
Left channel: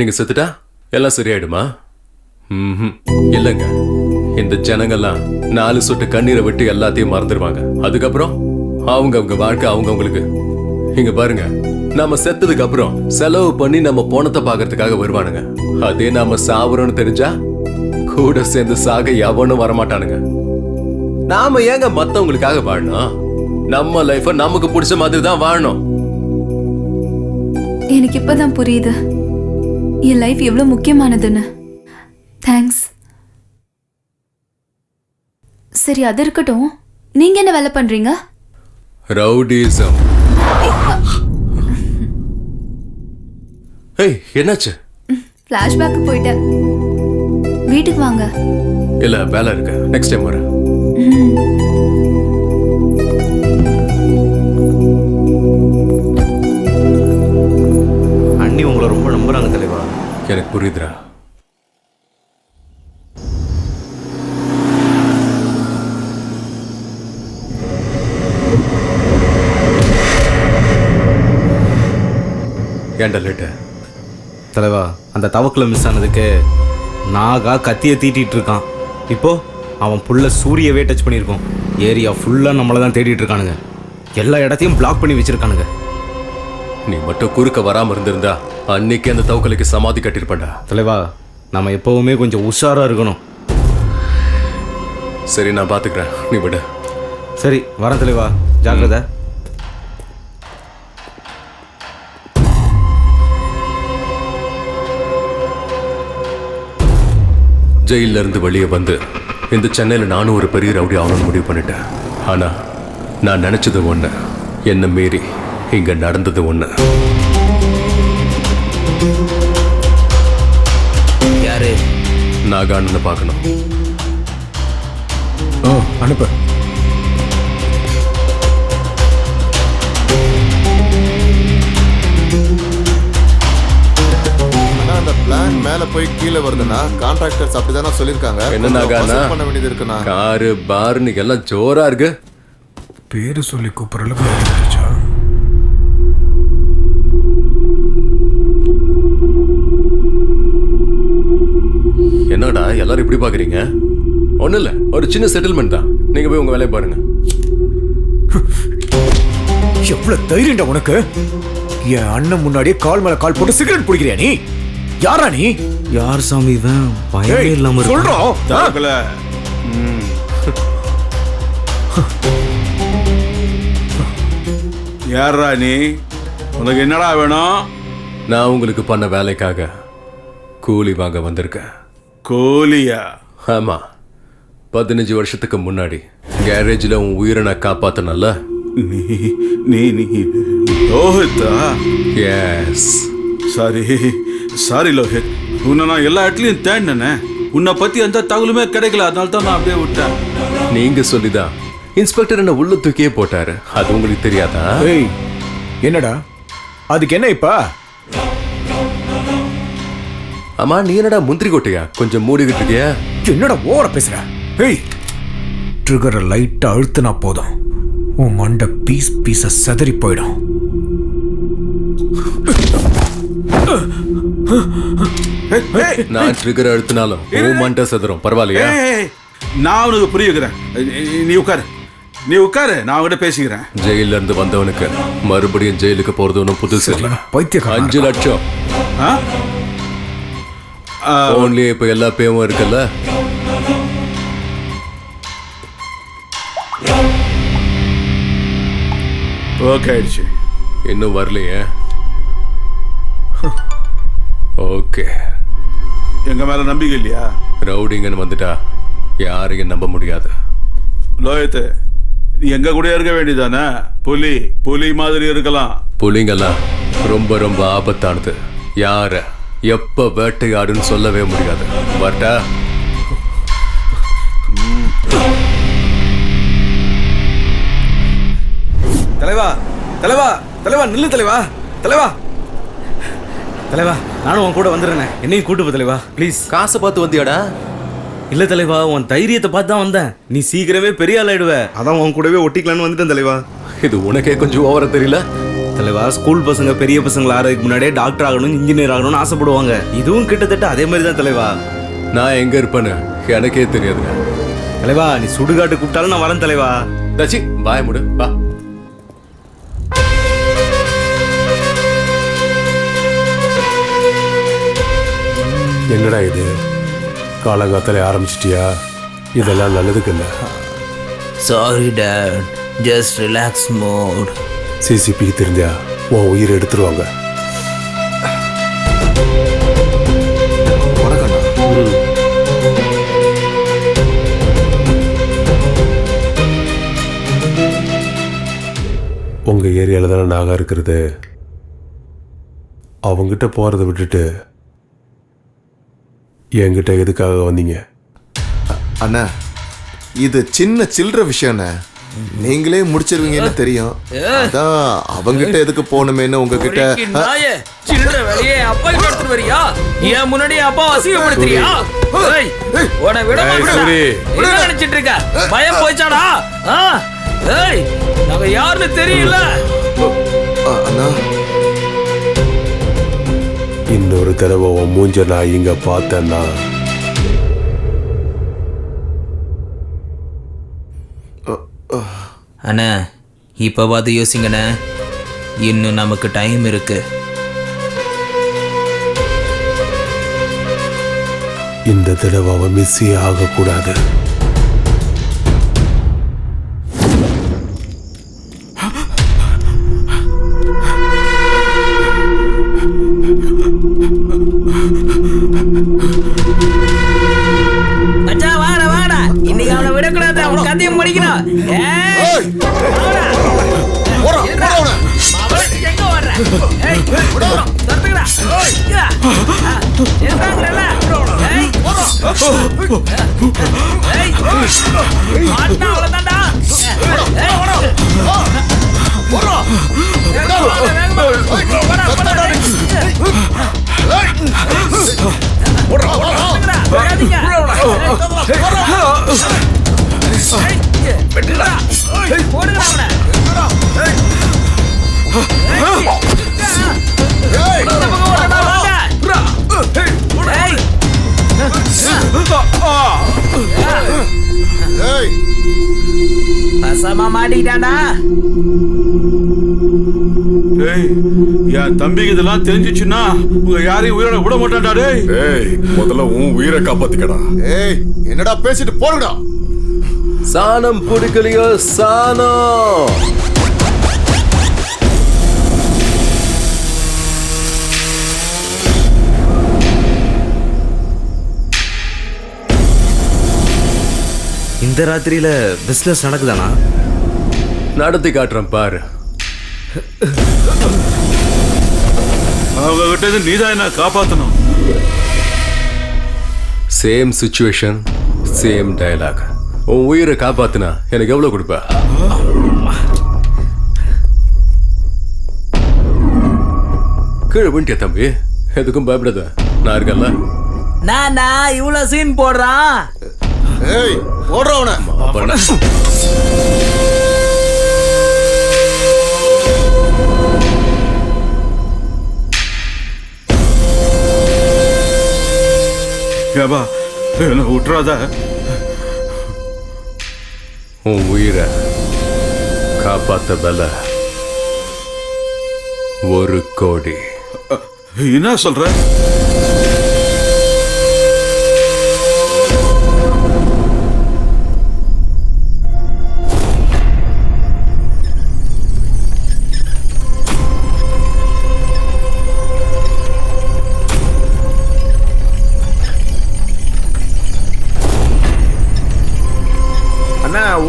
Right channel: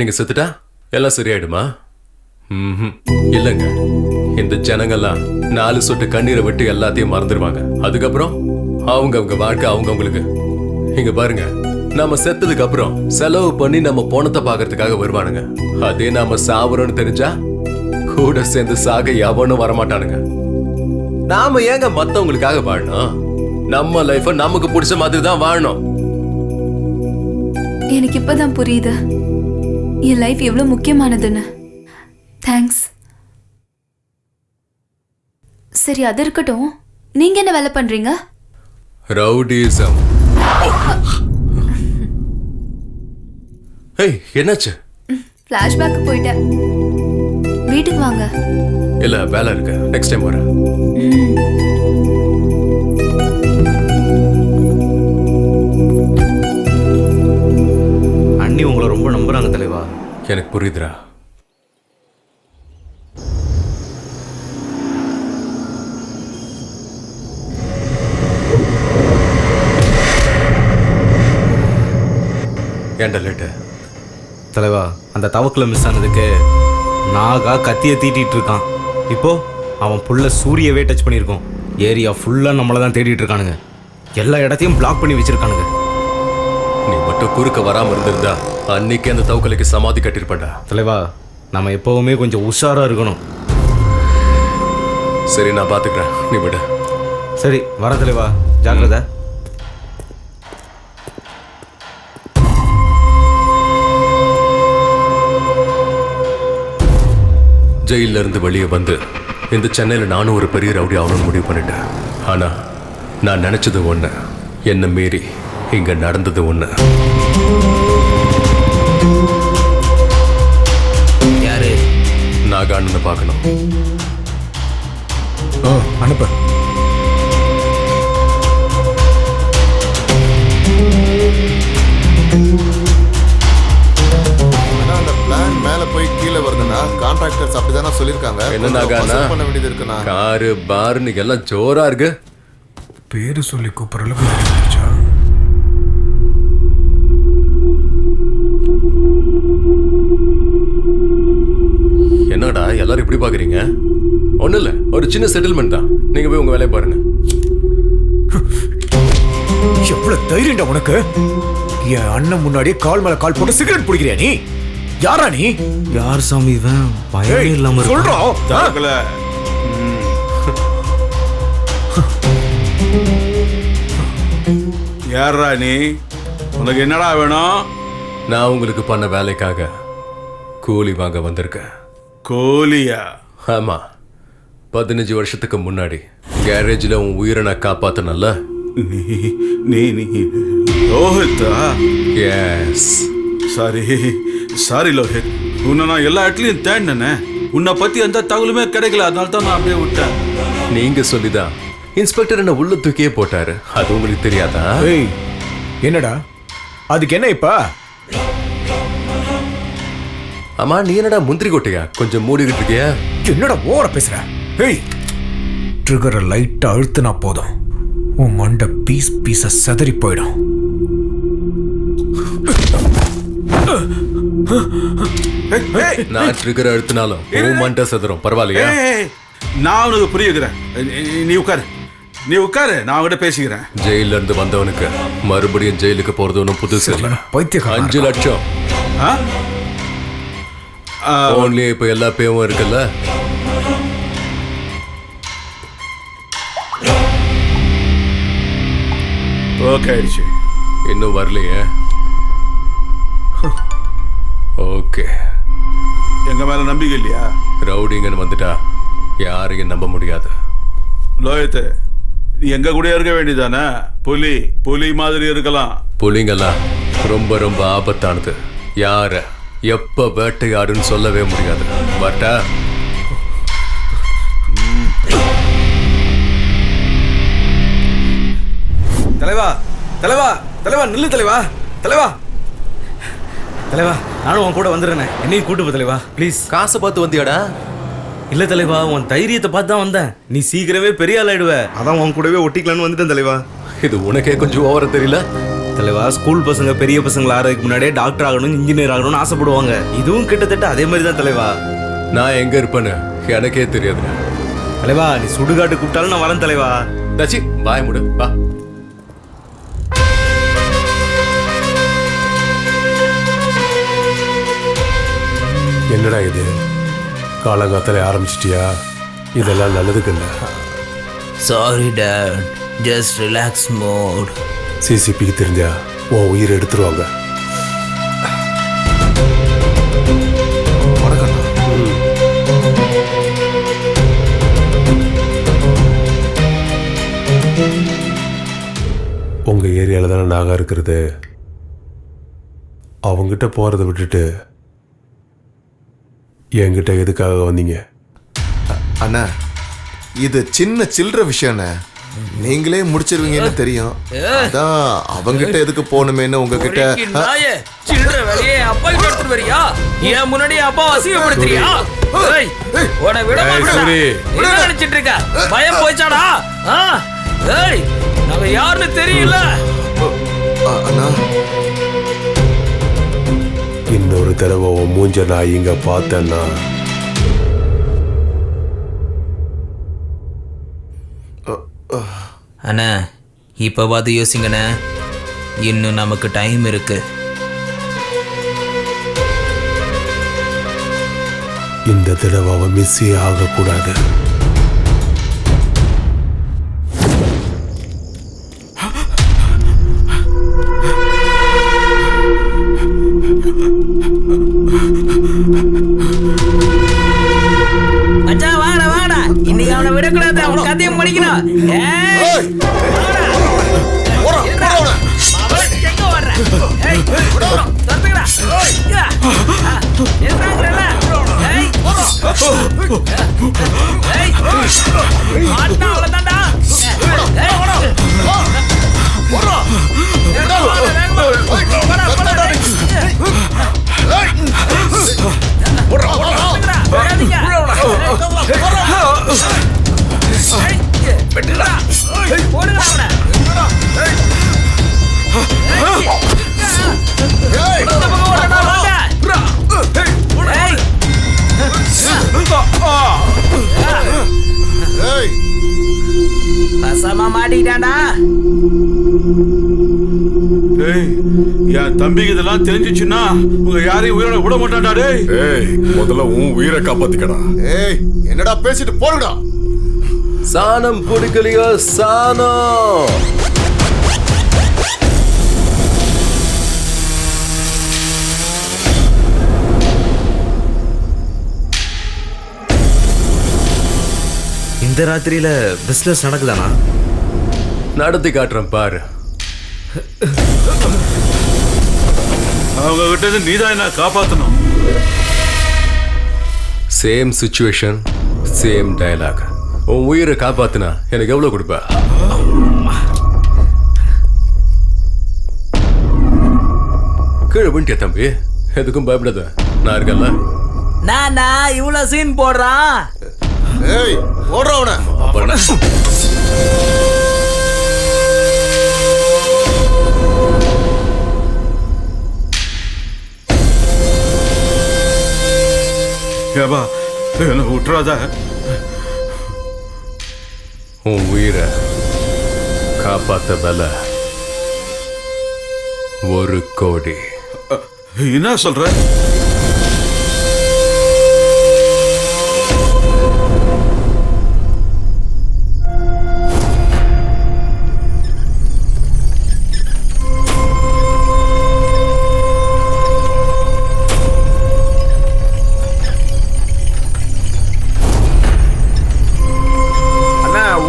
நீங்க செத்துட்டா எல்லாம் சரியாயிடுமா? இல்லைங்க, இந்த ஜனங்கள்லாம் 4 சொட்டு கண்ணீரை விட்டு எல்லாத்தையும் மறந்துடுவாங்க. அதுக்கப்புறம் அவங்க வாழ்க்கை அவங்களுக்கு. இங்க பாருங்க, நாம செத்ததுக்கு அப்புறம் செலவு பண்ணி நம்ம போனத்தை பாக்குறதுக்காக வருவானுங்க. அதே நாம சாவறோம்னு தெரிஞ்சா கூட சேர்ந்து சாக எவனும் வரமாட்டானுங்க. நாம ஏங்க மத்தவங்களுக்காக வாழணும்? நம்ம லைஃப நமக்கு பிடிச்ச மாதிரி தான் வாழணும். எனக்கு இப்பதான் புரியுது என் லைஃப் எவ்வளவு முக்கியமானதுன்னு. தேங்க்ஸ். சரி, அது இருக்கட்டும். நீங்க என்ன வேலை பண்றீங்க? ரவுடிசம். ஏய், என்னாச்சு? ஃபிளாஷ்பேக் போயிட்டேன். வீட்டுக்கு வாங்க. இல்ல, வேலை இருக்கு, நெக்ஸ்ட் டைம் வரேன். அண்ணி உங்களை ரொம்ப நம்புறாங்க தலைவா. எனக்கு புரியுதுடா. ஏன்டா லேட்டு? தலைவா, அந்த தவக்கில் மிஸ் ஆனதுக்கு நாகா கத்தியை தீட்டிட்டு இருக்கான். இப்போ அவன் புள்ள சூரியவே டச் பண்ணியிருக்கோம். ஏரியா ஃபுல்லாக நம்மளை தான் தேடிட்டு இருக்கானுங்க. எல்லா இடத்தையும் பிளாக் பண்ணி வச்சிருக்கானுங்க. நீ மட்டும் குறுக்க வராம இருந்திருந்தா அன்னைக்கு அந்த தவக்கலைக்கு சமாதி கட்டிருப்பேன்டா. தலைவா, நம்ம எப்பவுமே கொஞ்சம் உஷாரா இருக்கணும். சரி, நான் பாத்துக்கிறேன், நீ விட. சரி, வரேன் தலைவா, ஜாக்கிரதை. ஜெயில இருந்து வெளியே வந்து இந்த சென்னையில நானும் ஒரு பெரிய ரவுடி ஆகணும்னு முடிவு பண்ணிட்டேன். ஆனா நான் நினைச்சது ஒண்ணு, என்ன மீறி இங்க நடந்தது ஒண்ணு. யாரு? நாகான்னு பார்க்கணும். அனுப்பு. ஆனா அந்த பிளான் மேல போய் கீழே வருதுன்னா கான்ட்ராக்டர்ஸ் அப்படிதானே சொல்லிருக்காங்க. என்னன்னா பண்ண வேண்டியது இருக்குண்ணா. காரு பார்னு எல்லாம் ஜோரா இருக்கு. பேரு சொல்லி கூப்பிடுற அளவுக்கு ஆயிடுச்சா? என்னடா எல்லாரும் இப்படி பாக்குறீங்க? ஒண்ணும் இல்ல, ஒரு சின்ன செட்டில்மெண்ட் தான். நீங்க போய் உங்க வேலையை பாருங்க. எவ்வளவு தைரியம்டா உனக்கு? என் அண்ணன் முன்னாடியே கால் மேல கால் போட்டு சிகரெட் பிடிக்கிறியா நீ? யாரா நீ? யார் சாமி இவன்? பயமே இல்லாம சொல்றோம். தவக்கல. யாரா நீ? உனக்கு என்னடா வேணும்? நான் உங்களுக்கு பண்ண வேலைக்காக கூலி வாங்க வந்திருக்கேன். கோலியா? ஆமா, 15 வருஷத்துக்கு முன்னாடி கேரேஜில் உன் உயிரை நான் காப்பாத்தினல்ல. நீ நீ நீ லோஹித்தா? எஸ். சாரி லோஹித், உன்னை நான் எல்லா இடத்துலையும் தேடினேனே. உன்னை பத்தி எந்த தகவலுமே கிடைக்கல, அதனால தான் நான் அப்படியே விட்டேன். நீங்க சொல்லிதான் இன்ஸ்பெக்டர் என்ன உள்ள தூக்கியே போட்டாரு. அது உங்களுக்கு தெரியாதா? ஏய், என்னடா அதுக்கு என்ன இப்ப? ஆமா, நீ என்னடா முந்திரி கொட்டையா கொஞ்சம் மூடிக்கிட்டு இருக்கியா? என்னடா ஓவரா பேசுற? ஏய், ட்ரிகரை லைட்டா அழுத்தினா போதும், உன் மண்டை பீஸா செதறி போயிடும். நான் ட்ரிகர் அழுத்தினாலும் உன் மண்டை செதறும். பரவாயில்லையா? நான் உனக்கு புரியுகிறேன். நீ உட்காரு, நான் அவங்ககிட்ட பேசிக்கிறேன். ஜெயில இருந்து வந்தவனுக்கு மறுபடியும் ஜெயிலுக்கு போறது ஒன்றும் புதுசு இல்லை. பைத்தியக்காரன். 5 லட்சம் போன்லயே இப்ப எல்லா பேவும் இருக்குல்ல. ஓகே ஆயிடுச்சு. இன்னும் வரலையே? ஓகே. எங்க மேல நம்பிக்கை இல்லையா? ரவுடிங்கன்னு வந்துட்டா யாரையும் நம்ப முடியாது. லோஹித், நீ எங்க கூட இருக்க வேண்டியதானே? புலி மாதிரி இருக்கலாம். புலிங்கெல்லாம் ரொம்ப ரொம்ப ஆபத்தானது. யார எப்ப வேட்டையாடுன்னு சொல்லவே முடியாது. வரட்டா? தலைவா தலைவா தலைவா நில்லு தலைவா. தலைவா தலைவா, நானும் உன் கூட வந்துடுறேனே, என்னையும் கூட்டு போ தலைவா ப்ளீஸ். காசை பார்த்து வந்தியாடா? இல்ல தலைவா, உன் தைரியத்தை பார்த்து தான் வந்தேன். நீ சீக்கிரமே பெரிய ஆள் ஆயிடுவ, அதான் உன் கூடவே ஒட்டிக்கலான்னு வந்துட்டேன் தலைவா. இது உனக்கே கொஞ்சம் ஓவரா தெரியல தலைவா? ஸ்கூல் பசங்க பெரிய பசங்களை ஆறதுக்கு முன்னாடியே டாக்டர் ஆகணும், இன்ஜினியர் ஆகணும்னு ஆசைப்படுவாங்க. இதுவும் கிட்டத்தட்ட அதே மாதிரி தான் தலைவா. நான் எங்க இருப்பேன்னு எனக்கே தெரியாதுங்க தலைவா. நீ சுடுகாட்டு கூப்பிட்டாலும் நான் வரேன் தலைவா. தச்சி பாய முடு வா. என்னடா இது, காலங்காத்தால ஆரம்பிச்சிட்டியா? இதெல்லாம் நல்லதுக்கு இல்லை. Sorry dad, just relax mode. சிசிபிக்கு தெரிஞ்சா உன் உயிரை எடுத்துருவாங்க. வணக்கண்ணா. உங்க ஏரியால தானே நாகா இருக்கிறது. அவங்கிட்ட போறதை விட்டுட்டு என்கிட்ட எதுக்காக வந்தீங்க? அண்ணா, இது சின்ன சில்லற விஷயம்ண்ணே, நீங்களே முடிச்சிருவீங்கன்னு தெரியும். அதான் அவங்கிட்ட எதுக்கு போகணுமேன்னு உங்ககிட்ட. சில்லற வேலையே அப்பா கிட்ட எடுத்துட்டு வரியா? ஏன் முன்னாடி அப்பா அசிங்கப்படுத்துறியா? உன விட மாட்டேன். என்ன நினைச்சிட்டு இருக்க? பயம் போயிச்சாடா? ஏய், நாங்க யாருன்னு தெரியல. அண்ணா, இன்னொரு தடவை உன் மூஞ்ச நான் இங்க பார்த்தேன்னா அண்ணா, இப்ப பார்த்து யோசிங்கண்ணே, இன்னும் நமக்கு டைம் இருக்கு. இந்த தடவை அவன் மிஸ்ஸே ஆகக்கூடாது. மச்சான் வாடா வாடா, இன்னைக்கு அவனை விடக்கூடாது, அவன் கதையும் முடிக்கணும். எங்க வர்ற? தடுத்துக்கடா. ஏய் மாட்டா அவ்வளவுதான்டா. ஏய் ஓடு. போடா. வேகமா போடா போடா. போடா போடா. வேகாதீங்க. வெட்டுடா. போடுங்கடா அவனை. ஏய் இந்த பக்கம் ஓடுடா வாங்க. ஏய் ஏய் பசமா மாட்டிக்கிட்டான்டா. டேய் என் தம்பிக்கு இதெல்லாம் தெரிஞ்சிச்சுன்னா உங்க யாரையும் உயிரோட விட மாட்டான்டா. டேய் ஏய் முதல்ல உன் உயிரை காப்பாத்திக்கடா. ஏய் என்னடா பேசிட்டு போறடா. சாணம் பிடிக்கலையோ சாணம். இந்த ராத்திரியில பிசினஸ் நடக்குதானா? நடத்தி காட்டுறேன் பாரு. அவங்க கிட்ட இருந்து நீதான் என்ன காப்பாத்தணும். Same situation same dialogue. உன் உயிரை காப்பாத்துனா எனக்கு எவ்வளவு கொடுப்ப? கீழே விண்டிய தம்பி, எதுக்கும் பயப்படாத, நான் இருக்கல. நானா இவ்வளவு சீன் போடுறான். ஏய் போடுறா அவனை. ஏபா என்ன விட்டுறாத. உன் உயிரை காப்பாத்த பல 1 கோடி. என்ன சொல்ற?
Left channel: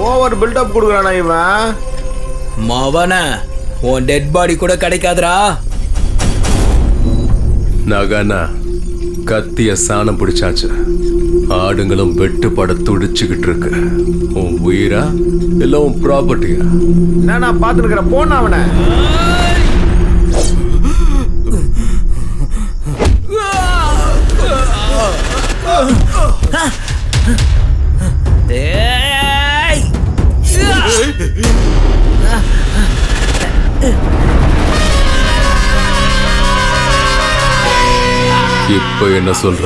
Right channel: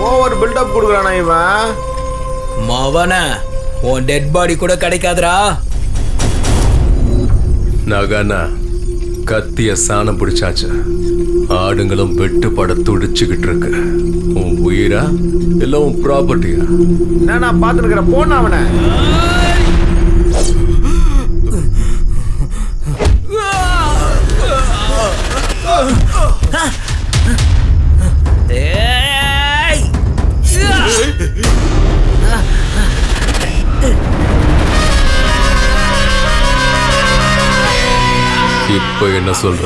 ஓவர் பில்டப் கொடுக்குறானா இவன்? மவன உன் டெட் பாடி கூட கிடைக்காதுடா. நகானா கத்திய சாணம் பிடிச்சாச்சு. ஆடுங்களும் வெட்டுப்பட துடிச்சுக்கிட்டு இருக்கு. உன் உயிரா இல்ல உன் ப்ராப்பர்ட்டியா? என்ன நான் பார்த்து இருக்கிற போன அவனை. இப்ப என்ன சொல்ற?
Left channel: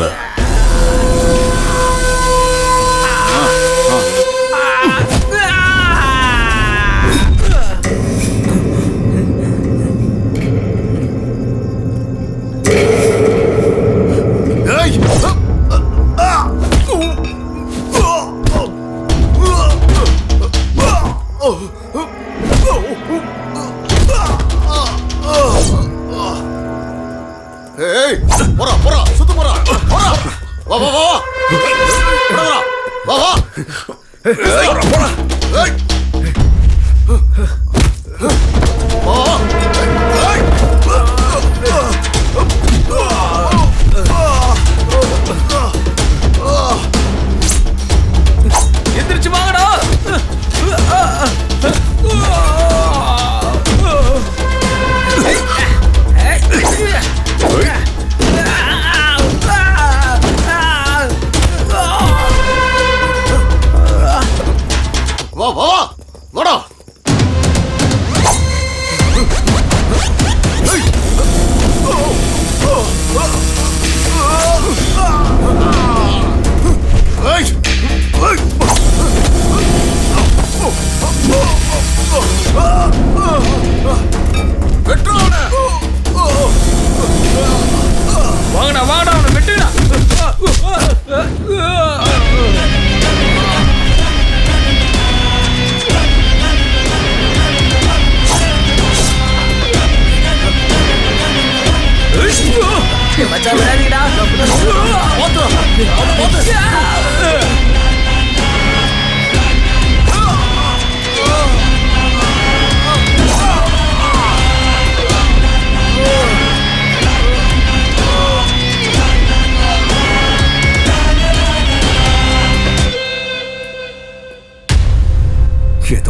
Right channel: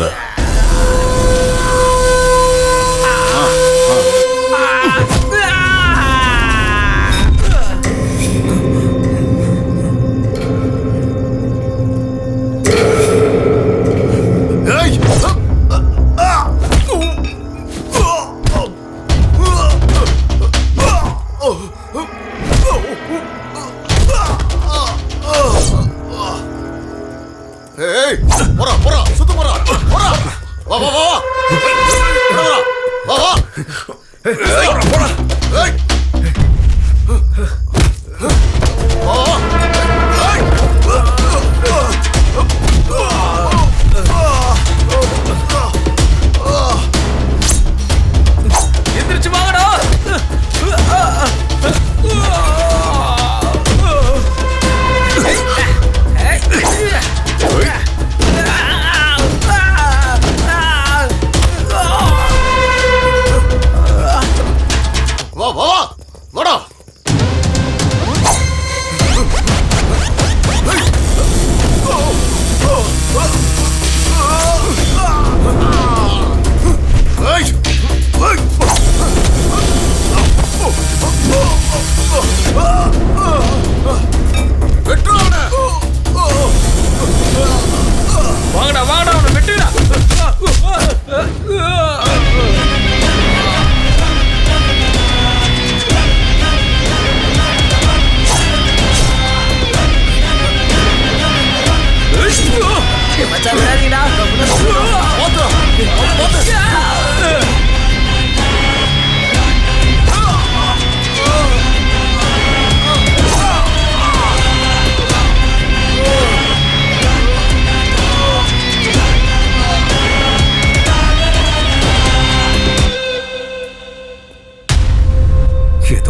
ஏய் போடா போடா சுத்து போடா போடா. வா வா வா போடா வா வா. ஏய் போடா. ஏய் வா வா. ஏய் எந்திரிச்சு வாங்கடா. வா வா வா வாடா. வாங்கடா வாங்கடா அவனை வெட்டுடா. மச்சான் விடாதீங்கடா.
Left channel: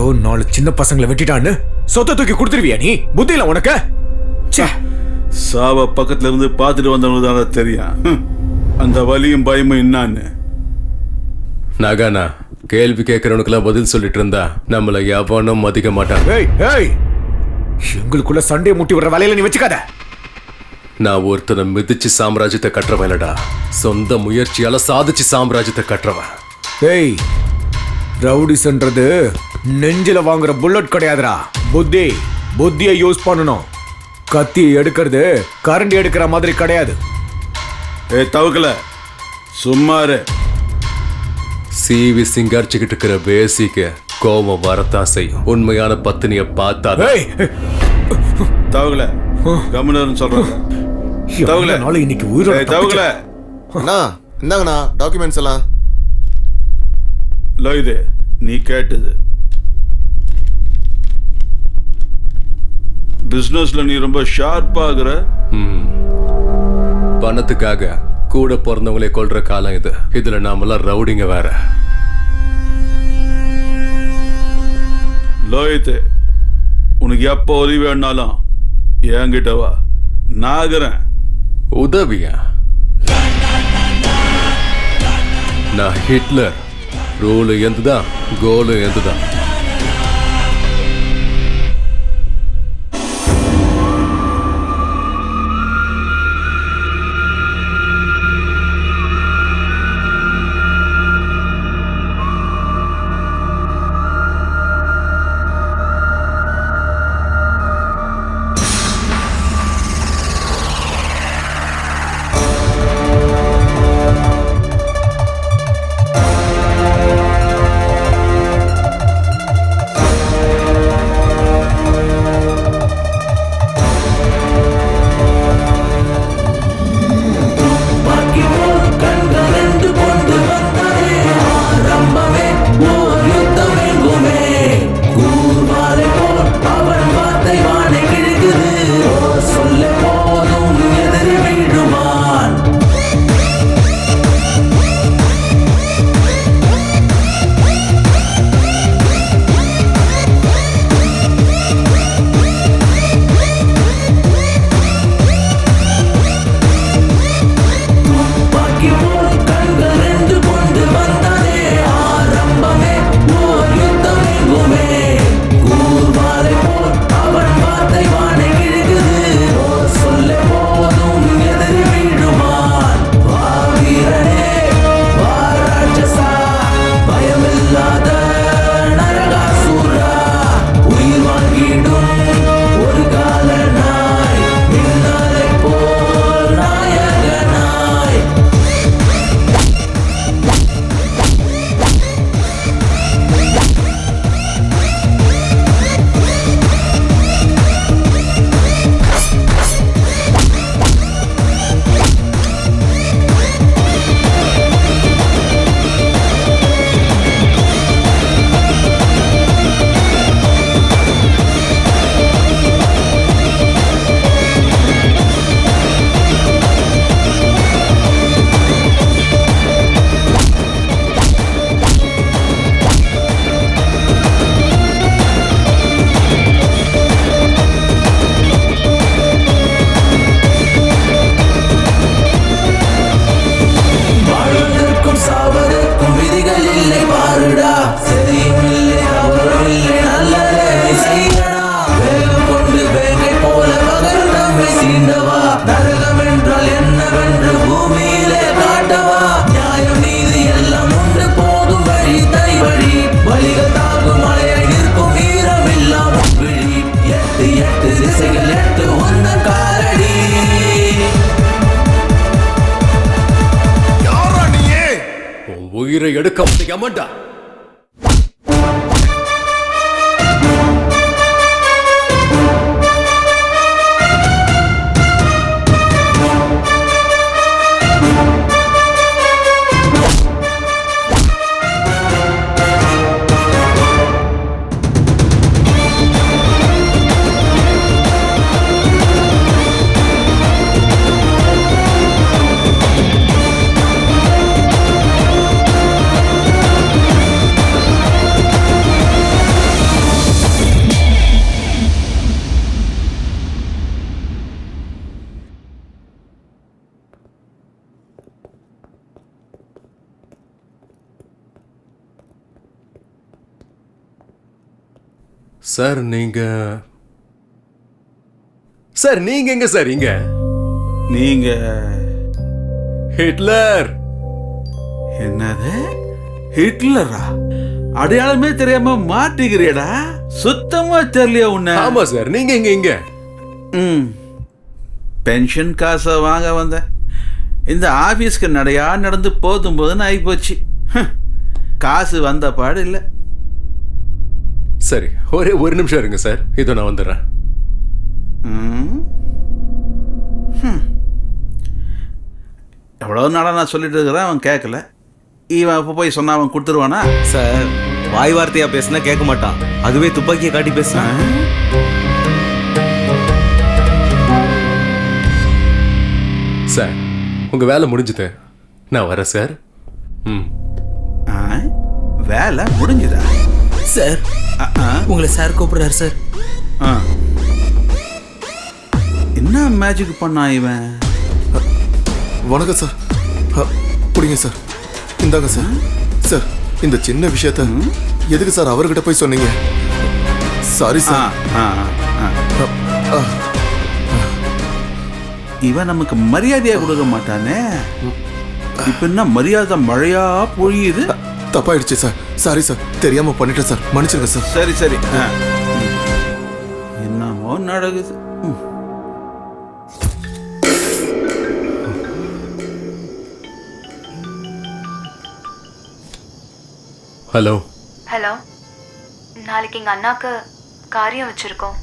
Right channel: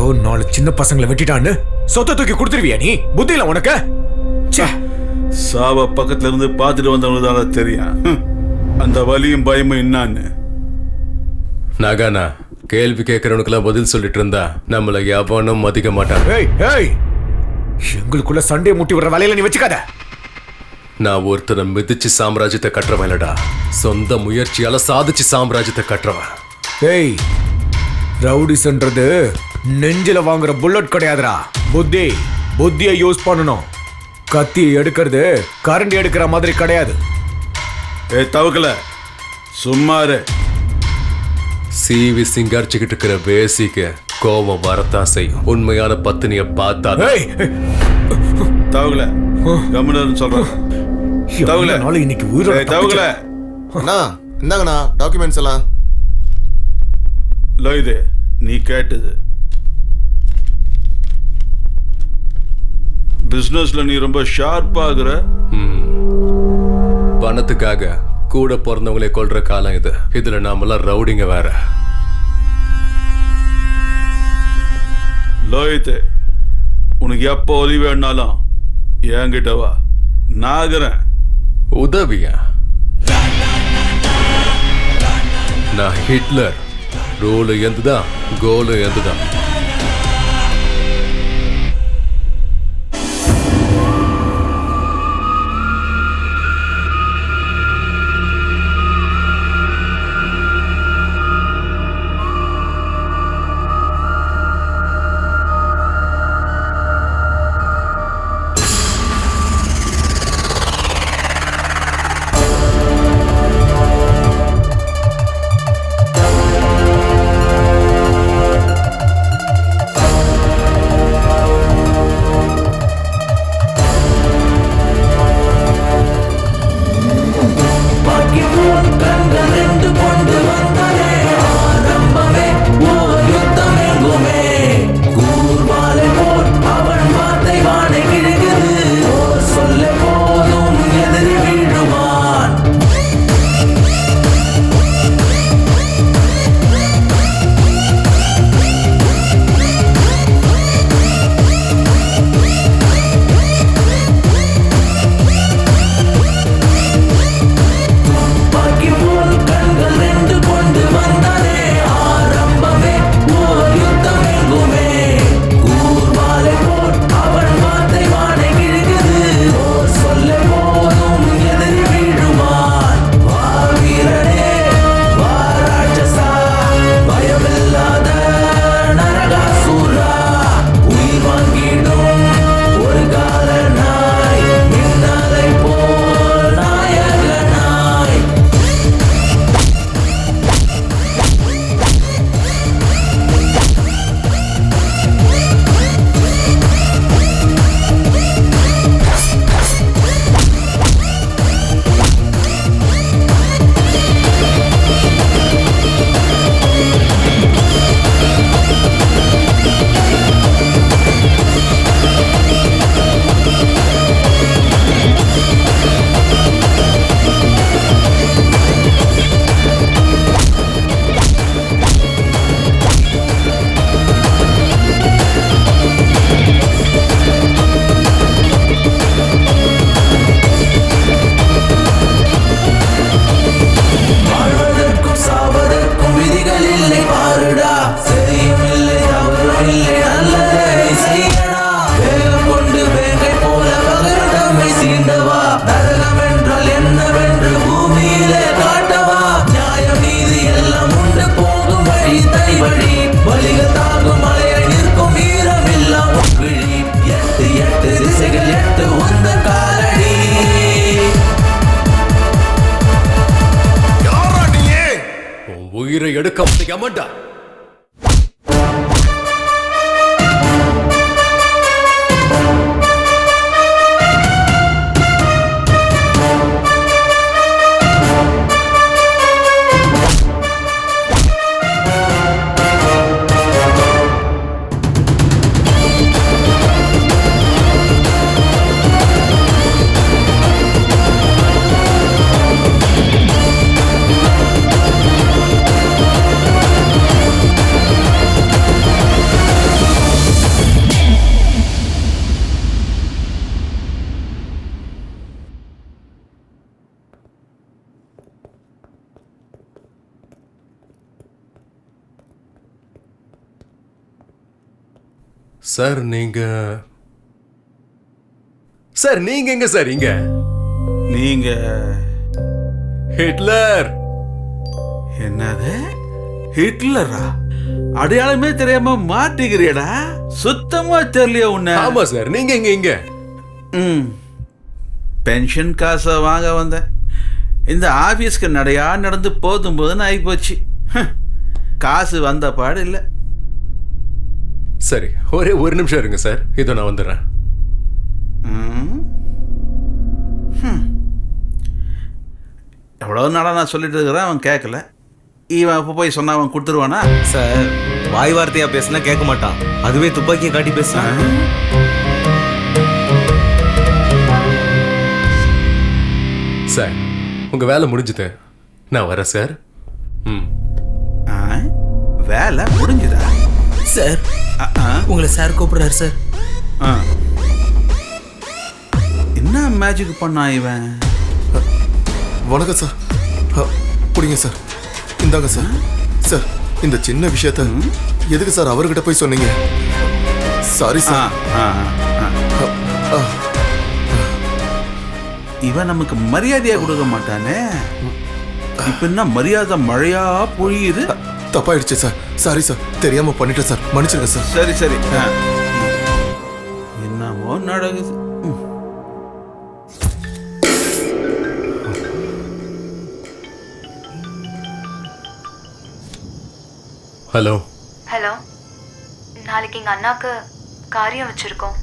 4 சின்ன பசங்களை வெட்டிட்டான்னு சொத்தை தூக்கி கொடுத்துருவியா நீ? புத்தியில உனக்கு? சாவ பக்கத்துல இருந்து பார்த்துட்டு வந்தவங்களுக்கு தான் தெரியும் அந்த வலியும் பயமும் என்னான்னு. நாகானா, கேள்வி கேட்கறவனுக்கெல்லாம் பதில் சொல்லிட்டு இருந்தா நம்மள எவனும் மதிக்க மாட்டாங்க. எங்களுக்குள்ள சண்டையை முட்டி விடுற வேலையில நீ வச்சுக்காத. நான் ஒருத்தனை மிதிச்சு சாம்ராஜ்யத்தை கட்டுறவன் இல்லடா, சொந்த முயற்சியால சாதிச்சு சாம்ராஜ்யத்தை கட்டுறவன். ஏய், ரவுடிஸ்ன்றது நெஞ்சில வாங்குற புல்லட் கிடையாதுடா. புத்தியை யூஸ் பண்ணணும். கத்தி எடுக்கிறது கரண்டி எடுக்கிற மாதிரி கிடையாது. தவக்கல சும்மாரு. சிவி சிங்காரிச்சுக்கிட்டு இருக்கிற பேசிக்கு கோபம் வரத்தான் செய்யும். உண்மையான பத்தினிய பார்த்தா தவக்கல கம்முன்னு சொல்றேன். இன்னைக்கு உயிரோட தவக்கல இந்தாங்கண்ணா டாக்குமெண்ட்ஸ் எல்லாம். இது நீ கேட்டது. பிசினஸ்ல நீ ரொம்ப ஷார்ப்பாகிற. பணத்துக்காக கூட பிறந்தவங்களே கொல்ற காலம் இது. இதுல நாமெல்லாம் ரவுடிங்க வேற. லோயித்து, உனக்கு எப்போ உதவி வேணாலும் என்கிட்ட வா, நாகிறேன். உதவியா? நான் ஹிட்லர். ரூலு எந்துதான், கோலு எந்துதான். கண்கள் 2 கொண்டு வந்தானே ஆரம்பமே ஓர் யுத்தம் எங்குமே. கூர்வாலை போல் அவன் வார்த்தை வானை கிழக்குது. ஓர் சொல்ல போதும் எதிரி வீழுவான். போல் கண்கள் 2 கொண்டு வந்தானே ஆரம்பமே ஓர் யுத்தம் எங்குமே. கூர்வாலை போல் அவன் வார்த்தை வானை கிழக்குது. ஓர் சொல்ல போதும் எதிரி வீழுவான். வா வீரனே, வா ராட்சசா, பயமில்லாத நரகாசூரா. உயிர் வாங்கிடும் ஒரு கால நாய், மின்னலை போல் நாயகனாய். சாவதற்கும் விதிகள் இல்லை பாருடா. சரியும் இல்லை தவறும் இல்லை, நல்லதே செய்யடா. வேகம் கொண்டு வேங்கை போல பகர் தம்மை சீண்டவா. நரகம் என்றால் என்னவென்று பூமியிலே காட்டவா. நியாயம் நீதி எல்லாம் உண்டு போகும் வழி தனி வழி. வழிகள் தாங்கும் மலையாய் நிற்கும் வீரம் எல்லாம் விழி. 8 திசைகள் 8 உந்தன் காலடி. உயிரை எடுக்க முடியாமடா. சார் நீங்க சார் நீங்க எங்க சார் இங்க? நீங்க ஹிட்லர். என்னது ஹிட்லரா? அடையாளமே தெரியாம மாட்டிக்கிறியடா. சுத்தமா தெரியலையா உன்ன? ஆமா சார், நீங்க எங்க இங்க? பென்ஷன் காசை வாங்க வந்தேன். இந்த ஆபீஸ்க்கு நடையா நடந்து போதும் போதுன்னு ஆகிப்போச்சு. காசு வந்த பாடு இல்லை. சரி, ஒரே ஒரு நிமிஷம் இருங்க சார், இதோ நான் வந்துடுறேன். எவ்வளோ நாளாக நான் சொல்லிட்டு இருக்கிறேன், அவன் கேட்கல. இவன் இப்போ போய் சொன்னா அவன் கொடுத்துருவானா? சார் வாய் வார்த்தையா பேசினா கேட்க மாட்டான், அதுவே துப்பாக்கியை காட்டி பேசுறான். சார் உங்க வேலை முடிஞ்சுது, நான் வரேன் சார். வேலை முடிஞ்சுதா சார்? உங்களை சார் கூப்பிடுறாரு சார். என்ன மேஜிக் பண்ணா இவன்? வணக்கம் சார். புடிங்க சார், இந்தாங்க சார். சார் இந்த சின்ன விஷயத்த எதுக்கு சார் அவர்கிட்ட போய் சொன்னீங்க? Sorry sir. இவன் நமக்கு மரியாதையா கொடுக்க மாட்டானே. இப்ப என்ன மரியாதை மழையா பொழியுது? தப்பாயிடுச்சு சார், சாரி சார், தெரியாம பண்ணிட்டேன் சார், மன்னிச்சிருங்க சார். சரி சரி. என்னமோ நடக்குது. ஹலோ. ஹலோ, நாளைக்கு எங்க அண்ணாக்கு காரியம் வச்சிருக்கோம்,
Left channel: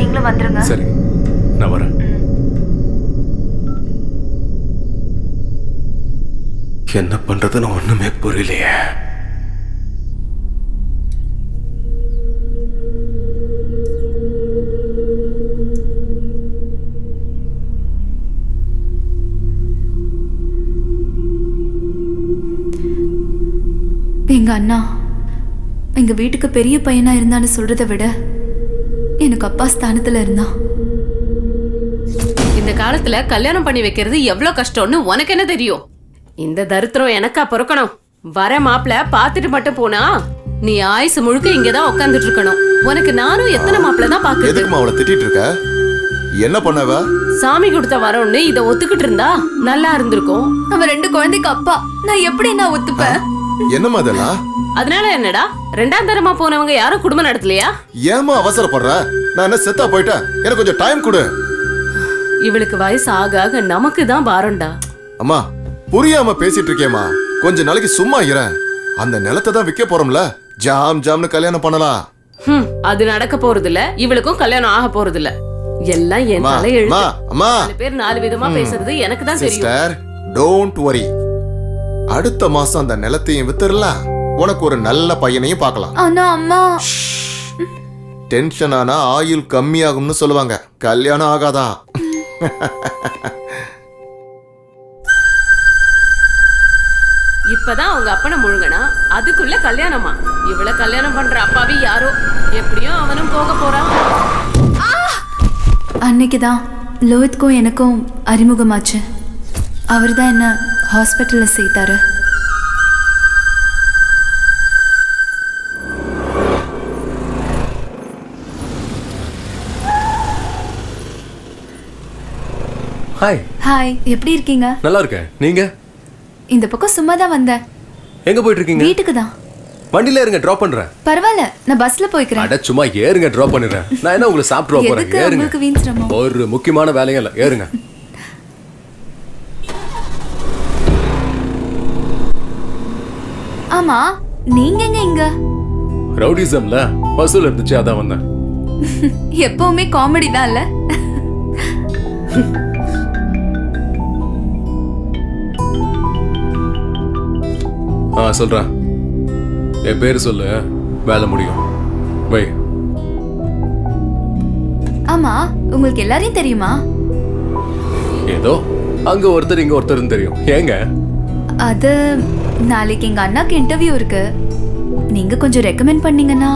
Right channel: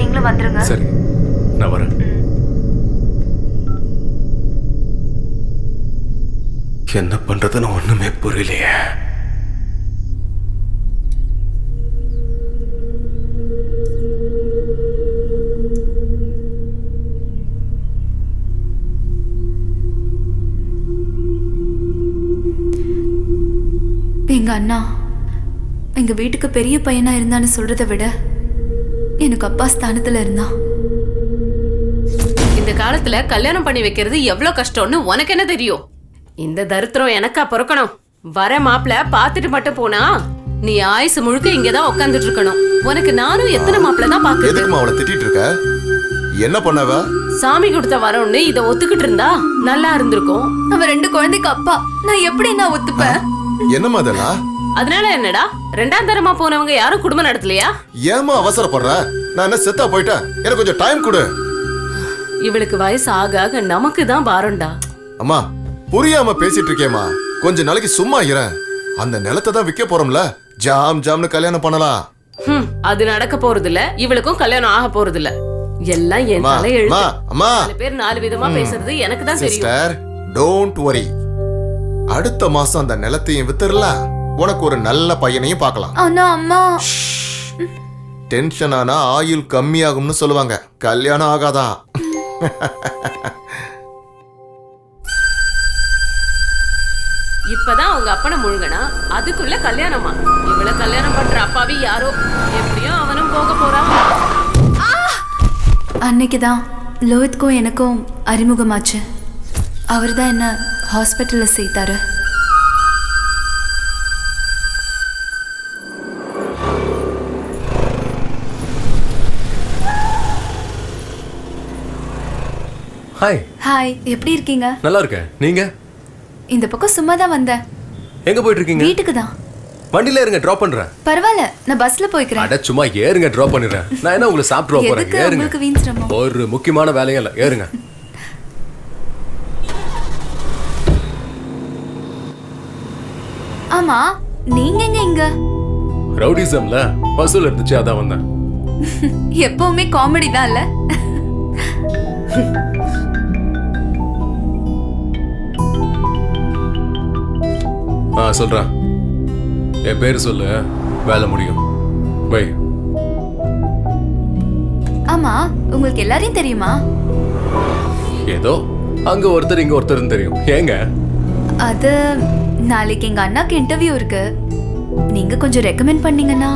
நீங்களும் வந்துருங்க. சரி, நான் வரேன். என்ன பண்றதுன்னு ஒண்ணுமே புரியலையே. எங்க அண்ணா எங்க வீட்டுக்கு பெரிய பையனா இருந்தான்னு சொல்றதை விட எனக்கு அப்பா ஸ்தானத்துல இருந்தான். இந்த காலத்துல கல்யாணம் பண்ணி வைக்கிறது எவ்வளவு கஷ்டம்னு உனக்கு என்ன தெரியும்? இந்த தரித்திரம் எனக்கா பொறுக்கணும்? வர மாப்பிள பாத்துட்டு மட்டும் போனா நீ ஆயுசு முழுக்க இங்கதான் உட்காந்துட்டு இருக்கணும். உனக்கு நானும் எத்தனை மாப்பிள தான் பாக்குறது. எதுக்குமா அவளை திட்டிட்டு இருக்க? என்ன பண்ணவ? சாமி கொடுத்த வரம்னு இத ஒத்துக்கிட்டு இருந்தா நல்லா இருந்திருக்கும். அவன் 2 குழந்தைக்கு அப்பா, நான் எப்படி நான் ஒத்துப்பேன்? என்னமா அதெல்லாம்? அதனால என்னடா, 2ஆம் தரமா போனவங்க யாரும் குடும்பம் நடத்தலையா? ஏமா அவசரப்படுற? நான் என்ன செத்தா போயிட்டேன்? எனக்கு கொஞ்சம் டைம் கொடு. இவளுக்கு வயசு ஆக ஆக நமக்கு தான் பாரம்டா. அம்மா புரியாம பேசிட்டு இருக்கேம்மா, கொஞ்ச நாளைக்கு சும்மா இரு. அந்த நிலத்தை தான் விற்க போறோம்ல, ஜாம் ஜாம்னு கல்யாணம் பண்ணலாம். அது நடக்க போறது இல்ல, இவளுக்கும் கல்யாணம் ஆக போறது இல்ல. எல்லாம் என் தலையெழுத்து. அம்மா 4 பேர் 4 விதமா பேசுறது எனக்கு தான் தெரியும். Sister, don't worry. அடுத்த மாசம் அந்த நிலத்தையும் வித்துறலாம், உனக்கு ஒரு நல்ல பையனையும் பார்க்கலாம். ஆனா அம்மா, டென்ஷன் ஆனா ஆயுள் கம்மியாகும்னு சொல்லுவாங்க, கல்யாணம் ஆகாதான். இப்பதான் அவங்க அப்பனை முழுங்கனா, அதுக்குள்ள கல்யாணமா? இவள கல்யாணம் பண்ற அப்பாவி யாரோ, எப்படியும் அவனும் போக போறான். அன்னைக்குதான் லோஹித்க்கும் எனக்கும் அறிமுகமாச்சு. அவர் தான் என்ன ஹாஸ்பிட்டல்ல சேர்த்தாரு. ஹாய். ஹாய், எப்படி இருக்கீங்க? நல்லா இருக்கேன், நீங்க? இந்த பக்கம் சும்மா தான் வந்தேன். எங்க போயிட்டு இருக்கீங்க? வீட்டுக்கு தான். வண்டியில இருங்க, டிராப் பண்றேன். பரவாயில்ல, நான் பஸ்ல போய்க்கிறேன். அட சும்மா ஏறுங்க, டிராப் பண்ணிடுறேன். நான் என்ன உங்களை சாப்பிட்டு போறேன்? எதுக்கு ஏறுங்க. உங்களுக்கு வீண் சிரமம்? ஒரு முக்கியமான வேலையும் இல்ல, ஏறுங்க. ஆமா, நீங்க எங்க இங்க? ரவுடிசம்ல வசூல் இருந்துச்சு, அதான் வந்தேன். எப்பவுமே காமெடி தான் இல்ல? சொல்றேன். என் பேரு சொல்லு, வேலை முடியும். பை. ஆமா, உங்களுக்கு எல்லாரையும் தெரியுமா? ஏதோ அங்க ஒருத்தர் இங்க ஒருத்தர்னு தெரியும். ஏங்க? அது நாளைக்கு எங்க அண்ணாக்கு இன்டர்வியூ இருக்கு, நீங்க கொஞ்சம் ரெக்கமெண்ட் பண்ணீங்கன்னா.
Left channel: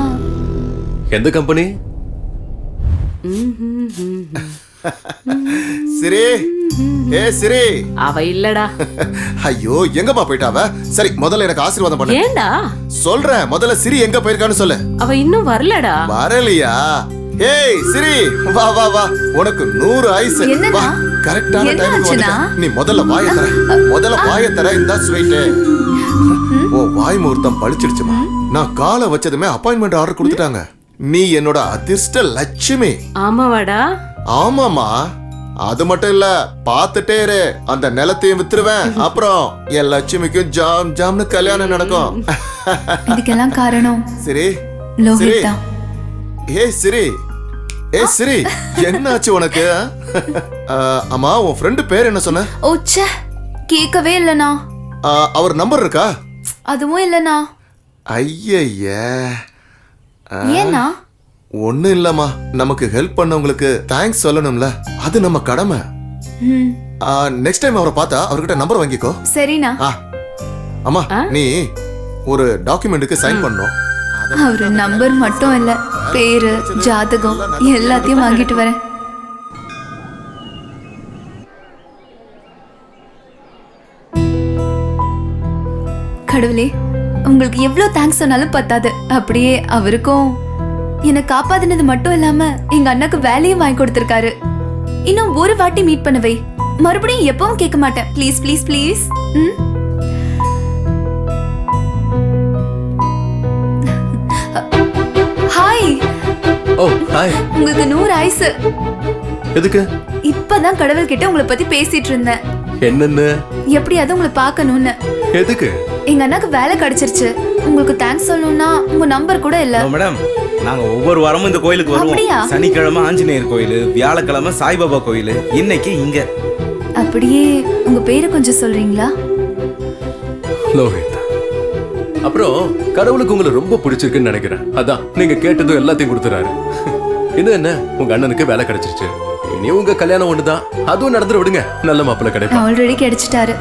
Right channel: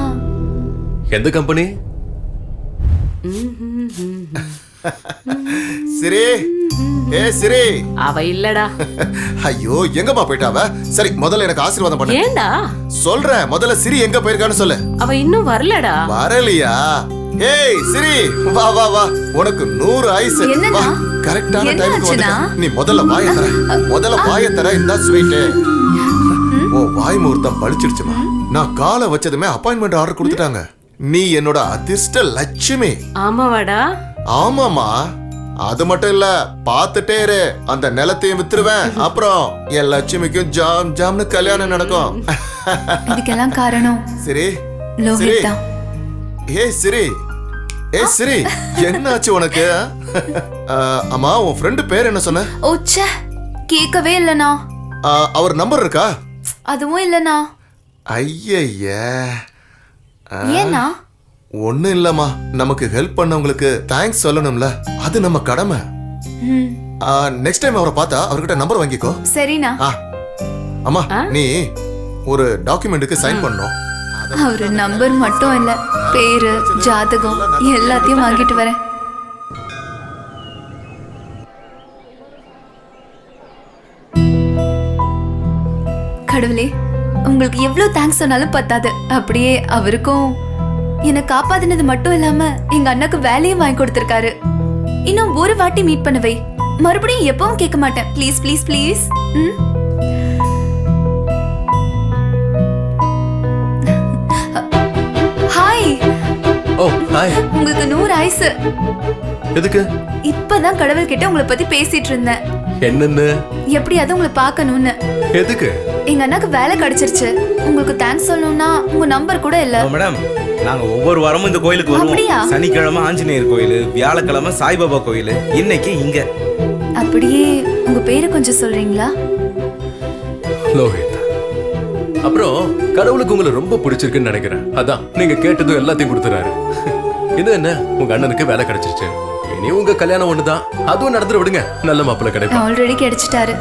எந்த கம்பெனி? சரி, ஏ சிரி. அவ இல்லடா. ஐயோ எங்கம்மா போயிட்டாவ? சரி முதல்ல எனக்கு ஆசீர்வாதம் பண்ணு. ஏண்டா? சொல்றேன், முதல்ல சிரி எங்க போயிருக்கான்னு சொல்லு. அவ இன்னும் வரலடா. வரலையா? ஏய் சிரி, வா வா வா, உனக்கு 100 ஆயுசு. என்னடா? கரெக்டான டைமுக்கு வந்துட்ட. நீ முதல்ல வாயை தர. முதல்ல வாயை தர. இந்த ஸ்வீட். ஓ வாய் முகூர்த்தம் பழிச்சிடுச்சுமா. நான் காலை வச்சதுமே அப்பாயின்மெண்ட் ஆர்டர் கொடுத்துட்டாங்க. நீ என்னோட அதிர்ஷ்ட லட்சுமி. ஆமாவாடா? ஆமாமா. அது மட்டும் இல்ல, பாத்துட்டே இரு, அந்த நிலத்தையும் வித்துருவேன். அப்புறம் என் லட்சுமிக்கும் ஜாம் ஜாம்னு கல்யாணம் நடக்கும். இதுக்கெல்லாம் காரணம் சரி லோஹித் தான். ஏய் சிரி, ஏய் சிரி, என்னாச்சு உனக்கு? அம்மா உன் ஃப்ரெண்டு பேர் என்ன சொன்ன? ஓச்சே, கேட்கவே இல்லனா. அவர் நம்பர் இருக்கா? அதுவும் இல்லனா. ஐயய்ய. ஏன்னா? ஒண்ணும் இல்லம்மா, நமக்கு ஹெல்ப் பண்ணவங்களுக்கு தேங்க்ஸ் சொல்லணும்ல, அது நம்ம கடமை. நெக்ஸ்ட் டைம் அவரை பார்த்தா அவர்கிட்ட நம்பர் வாங்கிக்கோ. சரிண்ணா. அம்மா நீ ஒரு டாக்குமெண்ட்டுக்கு சைன் பண்ணணும். அவரு நம்பர் மட்டும் இல்ல, பேரு ஜாதகம் எல்லாத்தையும் வாங்கிட்டு வரேன். கடவுளே, உங்களுக்கு எவ்வளவு தேங்க்ஸ் சொன்னாலும் பத்தாது. அப்படியே அவருக்கும் என்னை காப்பாத்தினது மட்டும் இல்லாம எங்க அண்ணாக்கு வேலையும் வாங்கி கொடுத்திருக்காரு. இன்னும் ஒரு வாட்டி மீட் பண்ணவை, மறுபடியும் எப்பவும் கேட்க மாட்டேன். Please please please. Hi. Oh hi. உங்களுக்கு 100 ஆயுசு. எதுக்கு? இப்பதான் கடவுள் கிட்ட உங்களை பத்தி பேசிட்டு இருந்தேன். என்னன்னு? எப்படியாவது உங்களை பார்க்கணும்னு. எதுக்கு? எங்க அண்ணாக்கு வேலை கிடைச்சிருச்சு. உங்களுக்கு தேங்க்ஸ் சொல்லணும்னா உங்க நம்பர் கூட இல்ல. மேடம், நாங்க ஒவ்வொரு வாரமும் இந்த கோயிலுக்கு வருவோம். சனிக்கிழமை ஆஞ்சநேயர் கோயில், வியாழக்கிழமை சாய்பாபா கோயில், இன்னைக்கு இங்க. அப்படியே உங்க பேரை கொஞ்சம் சொல்றீங்களா? லோஹித். அப்புறம் கடவுளுக்கு உங்களை ரொம்ப பிடிச்சிருக்குன்னு நினைக்கிறேன். அதான் நீங்க கேட்டதும் எல்லாத்தையும் கொடுத்துறாரு. இது என்ன, உங்க அண்ணனுக்கு வேலை கிடைச்சிருச்சு. இனி உங்க கல்யாணம் ஒண்ணுதான், அதுவும் நடந்துட விடுங்க. நல்ல மாப்பிள்ளை கிடைக்கும். ஆல்ரெடி கிடைச்சிட்டாரு,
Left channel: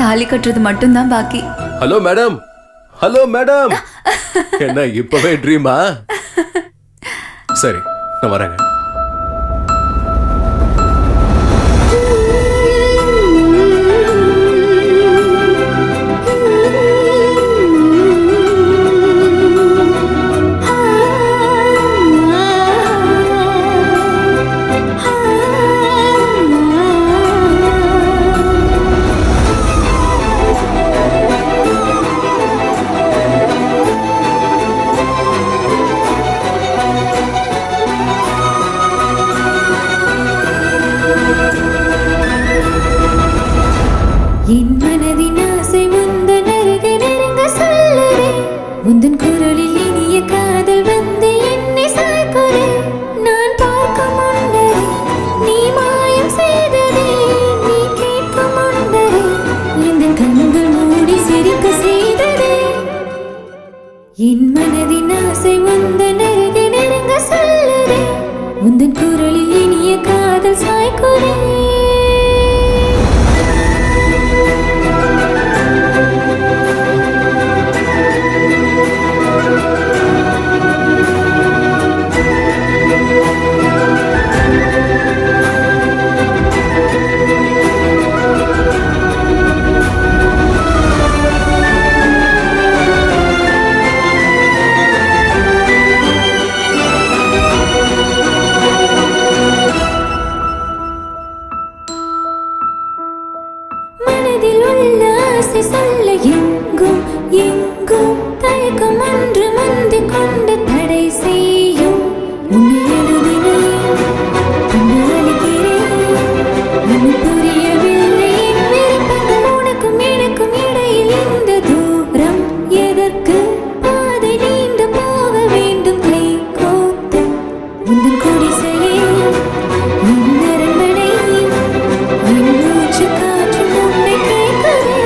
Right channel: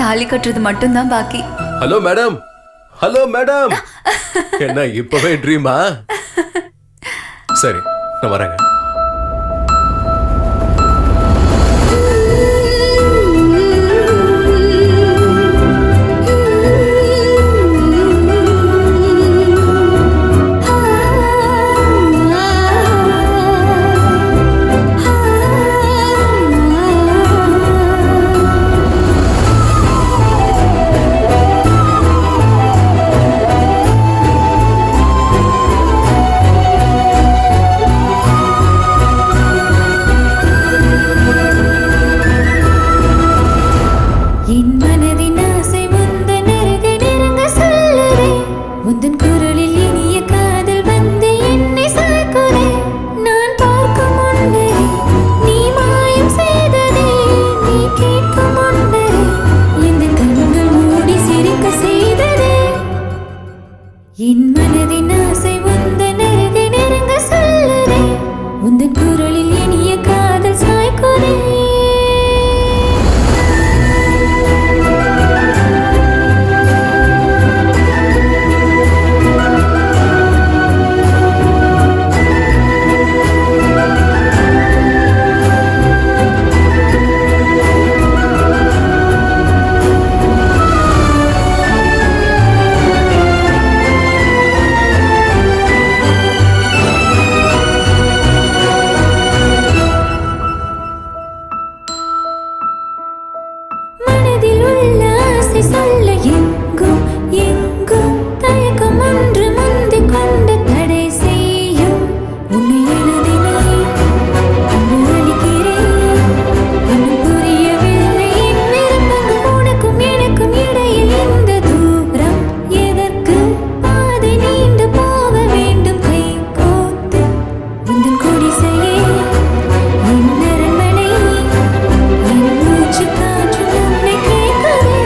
தாலி கட்டுறது மட்டும்தான் பாக்கி. Hello madam. Hello madam. என்ன இப்பவே ட்ரீமா? சரி நான் வரேங்க. என் மனதின் ஆசை உந்தன் அருகே நெருங்க சொல்லுதே. உந்தன் குரலில் இனிய காதல் வந்து என்னை சாய்க்குதே. நான் பார்க்கும் முன்னரே நீ மாயம் செய்ததே. நீ கேட்கும் முன்னரே இந்த கண்கள் மூடி சிரிக்க செய்ததே. என் மனதின் ஆசை உந்தன் அருகே நெருங்க சொல்லுதே. உந்தன் குரலில் இனிய காதல் சாய்க்குதே. சொல்ல எங்கும் எங்கும் தயக்கம் ஒன்று முந்தி கொண்டு தடை செய்யும். உன்னை எழுதினேன், பின்பு அளிக்கிறேன். இன்னும் புரியவில்லை என் விருப்பங்கள். உனக்கும் எனக்கும் இடையில் இந்த தூரம் எதற்கு? பாதை நீண்டு போக வேண்டும் கை கோத்து. உந்தன் குடிசையே என் அரண்மனை, என் மூச்சு காற்றும் உன்னை கேட்குதே.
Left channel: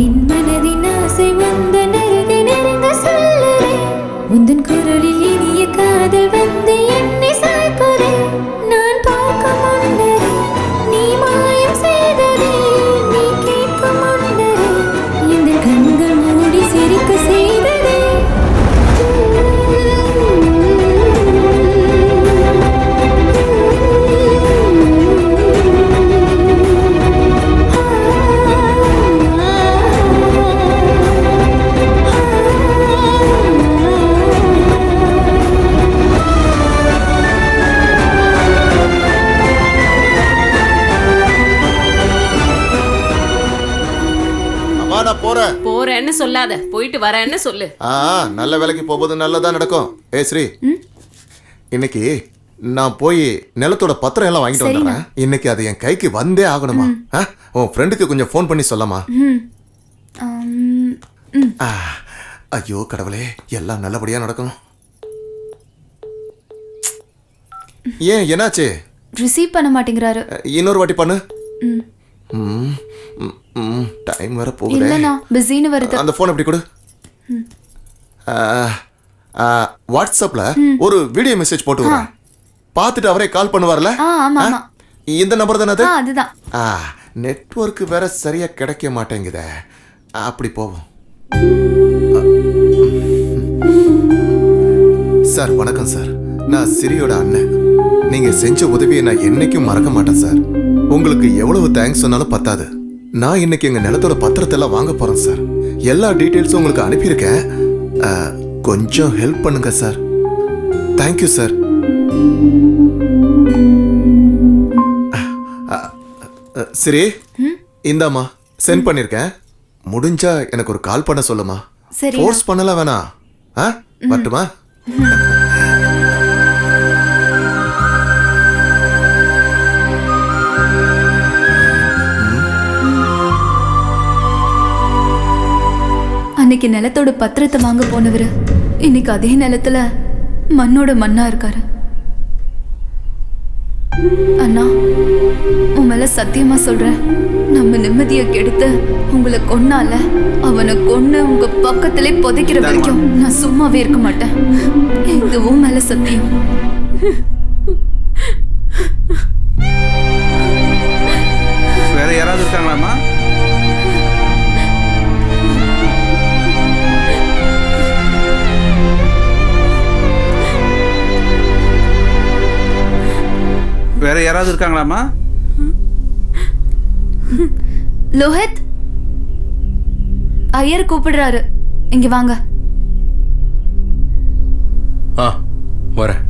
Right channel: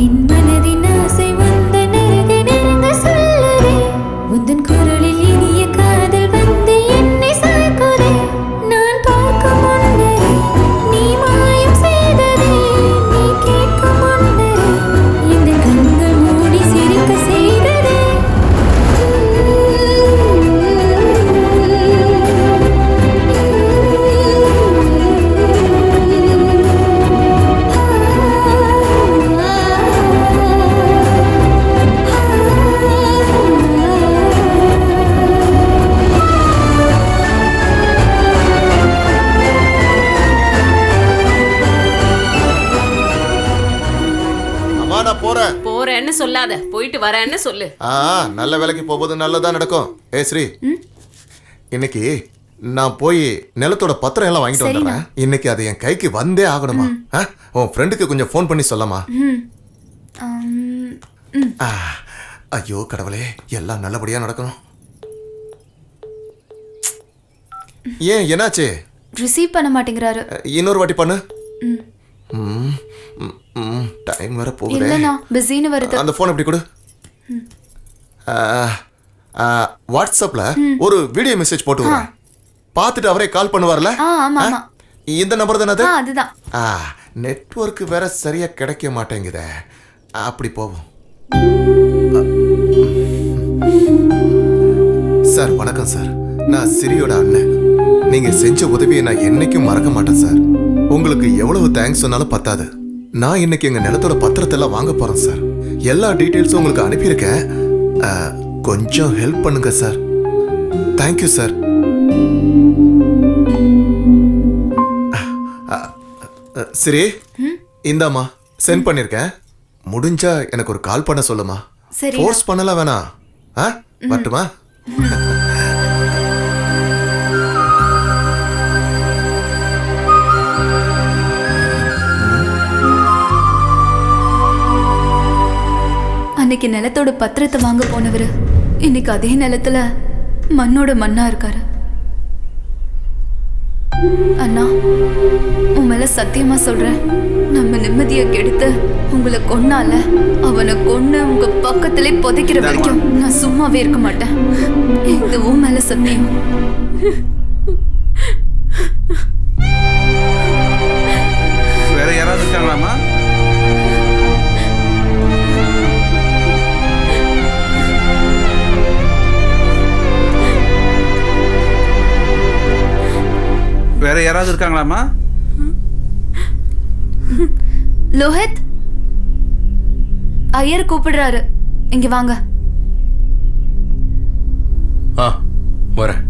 என் மனதின் ஆசை உந்தன் அருகே நெருங்க சொல்லுதே. உந்தன் குரலில் இனிய காதல் வந்து என்னை சாய்க்குதே. நான் பார்க்கும் முன்னரே நீ மாயம் செய்ததே. அம்மா நான் போறேன். போறேன்னு சொல்லாத, போயிட்டு வரேன்னு சொல்லு. நல்ல வேலைக்கு போகும்போது நல்லதா நடக்கும். ஸ்ரீ, இன்னைக்கு நான் போய் நிலத்தோட பத்திரம் எல்லாம் வாங்கிட்டு வந்துடுறேன். இன்னைக்கு அது என் கைக்கு வந்தே ஆகணுமா? உன் ஃப்ரெண்டுக்கு கொஞ்சம் ஃபோன் பண்ணி சொல்லமா? ஐயோ கடவுளே, எல்லாம் நல்லபடியா நடக்கணும். ஏன் என்னாச்சு? ரிசீவ் பண்ண மாட்டேங்கிறாரு. இன்னொரு வாட்டி பண்ணு. டைம் வர போகுது. இல்லனா பிஸின்னு வருது. அந்த ஃபோன் எப்படி கொடு. வாட்ஸ்அப்ல ஒரு வீடியோ மெசேஜ் போட்டு வரேன். பார்த்துட்டு அவரே கால் பண்ணுவார்ல? ஆமா ஆமா. இந்த நம்பர் தானே அது? அதுதான். நெட்வொர்க் வேற சரியா கிடைக்க மாட்டேங்குதே. அப்படி போவோம். சார் வணக்கம் சார். நான் சிரியோட அண்ணன். நீங்க செஞ்ச உதவியை நான் என்னைக்கும் மறக்க மாட்டேன் சார். உங்களுக்கு எவ்வளவு தேங்க்ஸ் சொன்னாலும் பத்தாது. நான் இன்னைக்கு எங்க நிலத்தோட பத்திரத்தை எல்லாம் வாங்க போறேன் சார். எல்லா டீட்டெயில்ஸும் உங்களுக்கு அனுப்பியிருக்கேன். கொஞ்சம் ஹெல்ப் பண்ணுங்க சார். Thank you sir. சரி, இந்தாம்மா சென்ட் பண்ணிருக்கேன். முடிஞ்சா எனக்கு ஒரு கால் பண்ண சொல்லுமா. ஃபோர்ஸ் பண்ணலாம் வேணாம். வரட்டுமா? அன்னைக்கு நிலத்தோட பத்திரத்தை வாங்க போனவர் இன்னைக்கு அதே நிலத்துல மண்ணோட மண்ணா இருக்காரு. அண்ணா, உன் மேல சத்தியமா சொல்றேன், நம்ம நிம்மதியை கெடுத்து உங்களை கொன்னால அவனை கொன்னு உங்க பக்கத்திலே புதைக்கிற வரைக்கும் நான் சும்மாவே இருக்க மாட்டேன். இது உன் மேல சத்தியம். வேற யாராவது இருக்காங்களாமா? வேற யாராவது இருக்காங்களாமா? லோஹித், ஐயர் கூப்பிடுறாரு, இங்க வாங்க. வரேன்.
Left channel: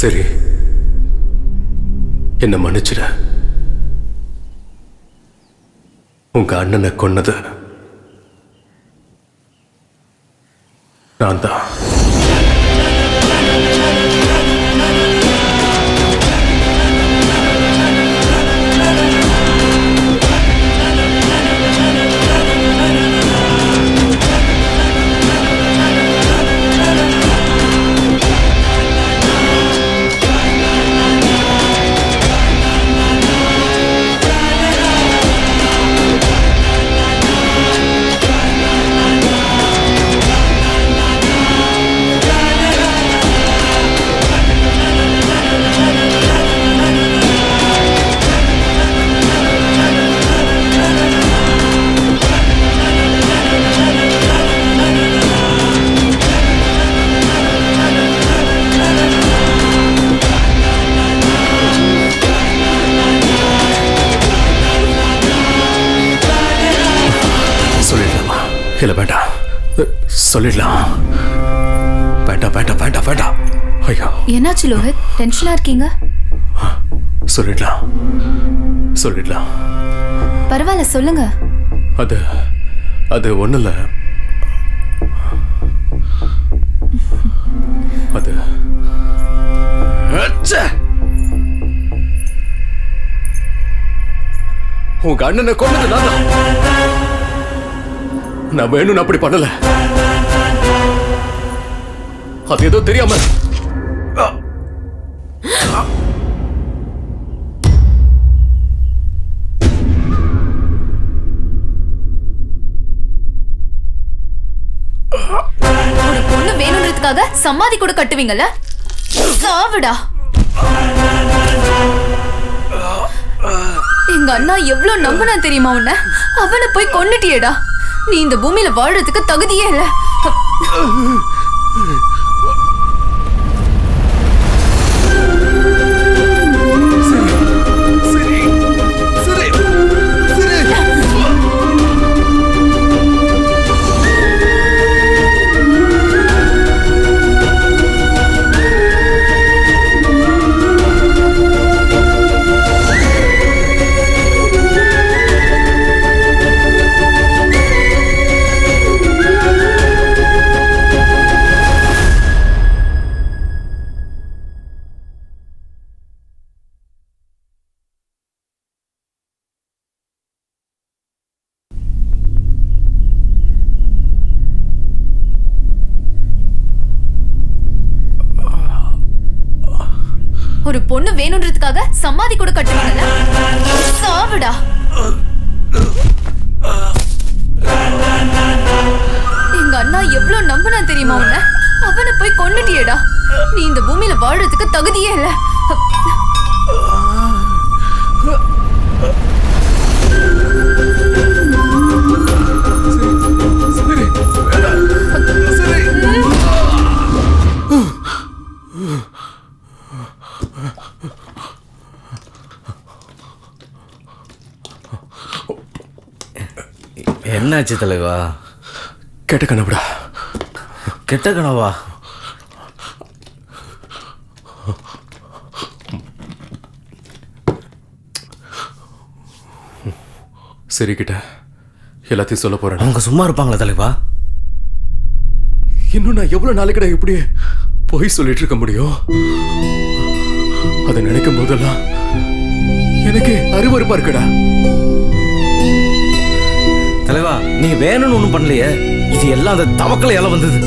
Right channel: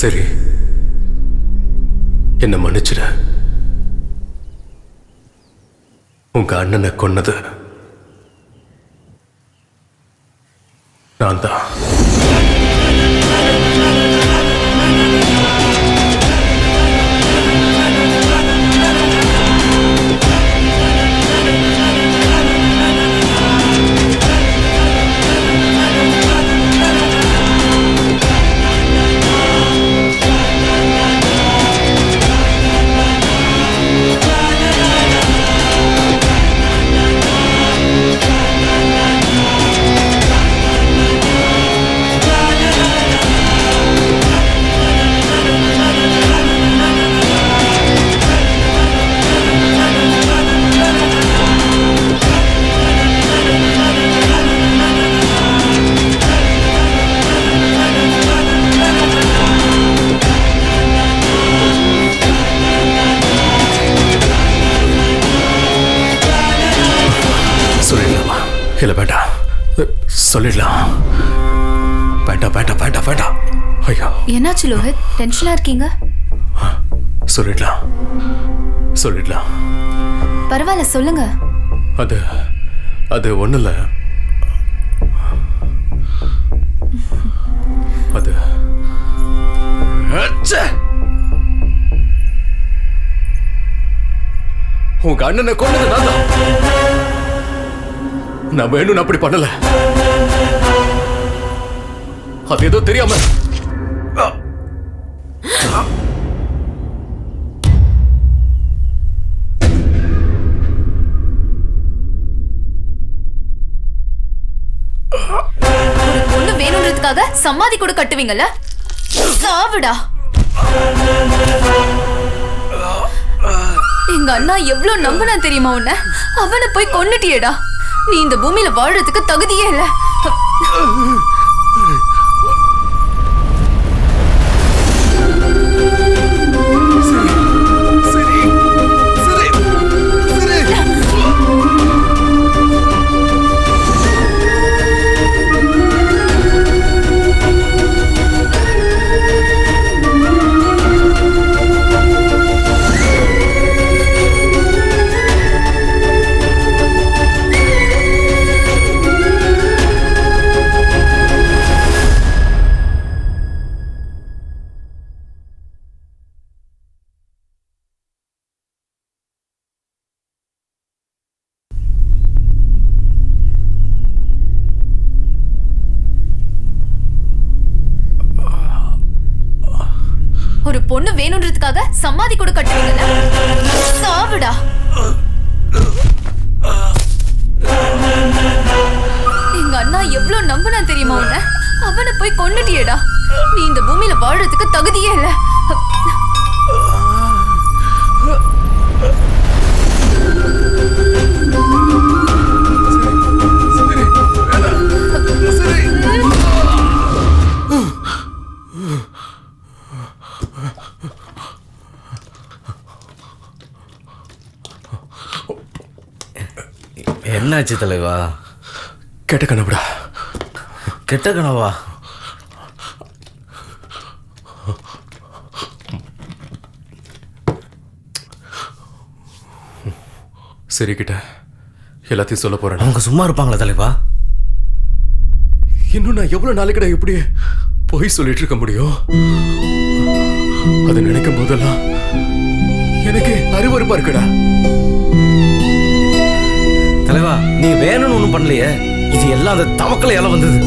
சரி, என்ன மன்னிச்சிட. உங்க அண்ணனை கொன்னது நான் தான். சொல்லிடலாமா? இல்லை வேண்டாம், சொல்லிடலாம். வேண்டாம் வேண்டாம் வேண்டாம் வேண்டாம். ஐயோ, என்னாச்சு லோஹித், டென்ஷனா இருக்கீங்க? சொல்லிடலாம் சொல்லிடலாம். பரவாயில்ல, சொல்லுங்க. அது அது ஒன்றும் இல்லை. அது உங்க அண்ணனை கொன்னது நான் தான். நான் வேணும்னு அப்படி பண்ணல. அது ஏதோ தெரியாம. ஒரு பொண்ணு வேணும்ன்றதுக்காக சமாதி கூட கட்டுவீங்கல்ல? சாவுடா. எங்க அண்ணா எவ்வளவு நம்பினா தெரியுமா உன்ன? அவனை போய் கொன்னுட்டியேடா. நீ இந்த பூமியில வாழறதுக்கு தகுதியே இல்ல. ஒரு பொண்ணு வேணும்ன்றதுக்காக சமாதி கூட கட்டுவீங்கல்ல? சாவுடா. எங்க அண்ணா எவ்வளவு நம்பினா தெரியுமா உன்ன? அவனை போய் கொன்னுட்டியேடா. நீ இந்த பூமியில வாழறதுக்கு தகுதியே இல்ல. என்னாச்சு தலைவா? கெட்ட கனவுடா. கெட்ட கனவா? சரி கிட்ட எல்லாத்தையும் சொல்ல போறேன். அவங்க சும்மா இருப்பாங்களா தலைவா? இன்னும் நான் எவ்வளவு நாளைக்குடா இப்படி போய் சொல்லிட்டு இருக்க முடியும்? அதை நினைக்கும் போதெல்லாம் எனக்கு அருவருப்பா இருக்குடா. தலைவா நீ வேணும்னு ஒண்ணும் பண்ணலையே. இது எல்லாம் அந்த தவக்கலையால வந்தது.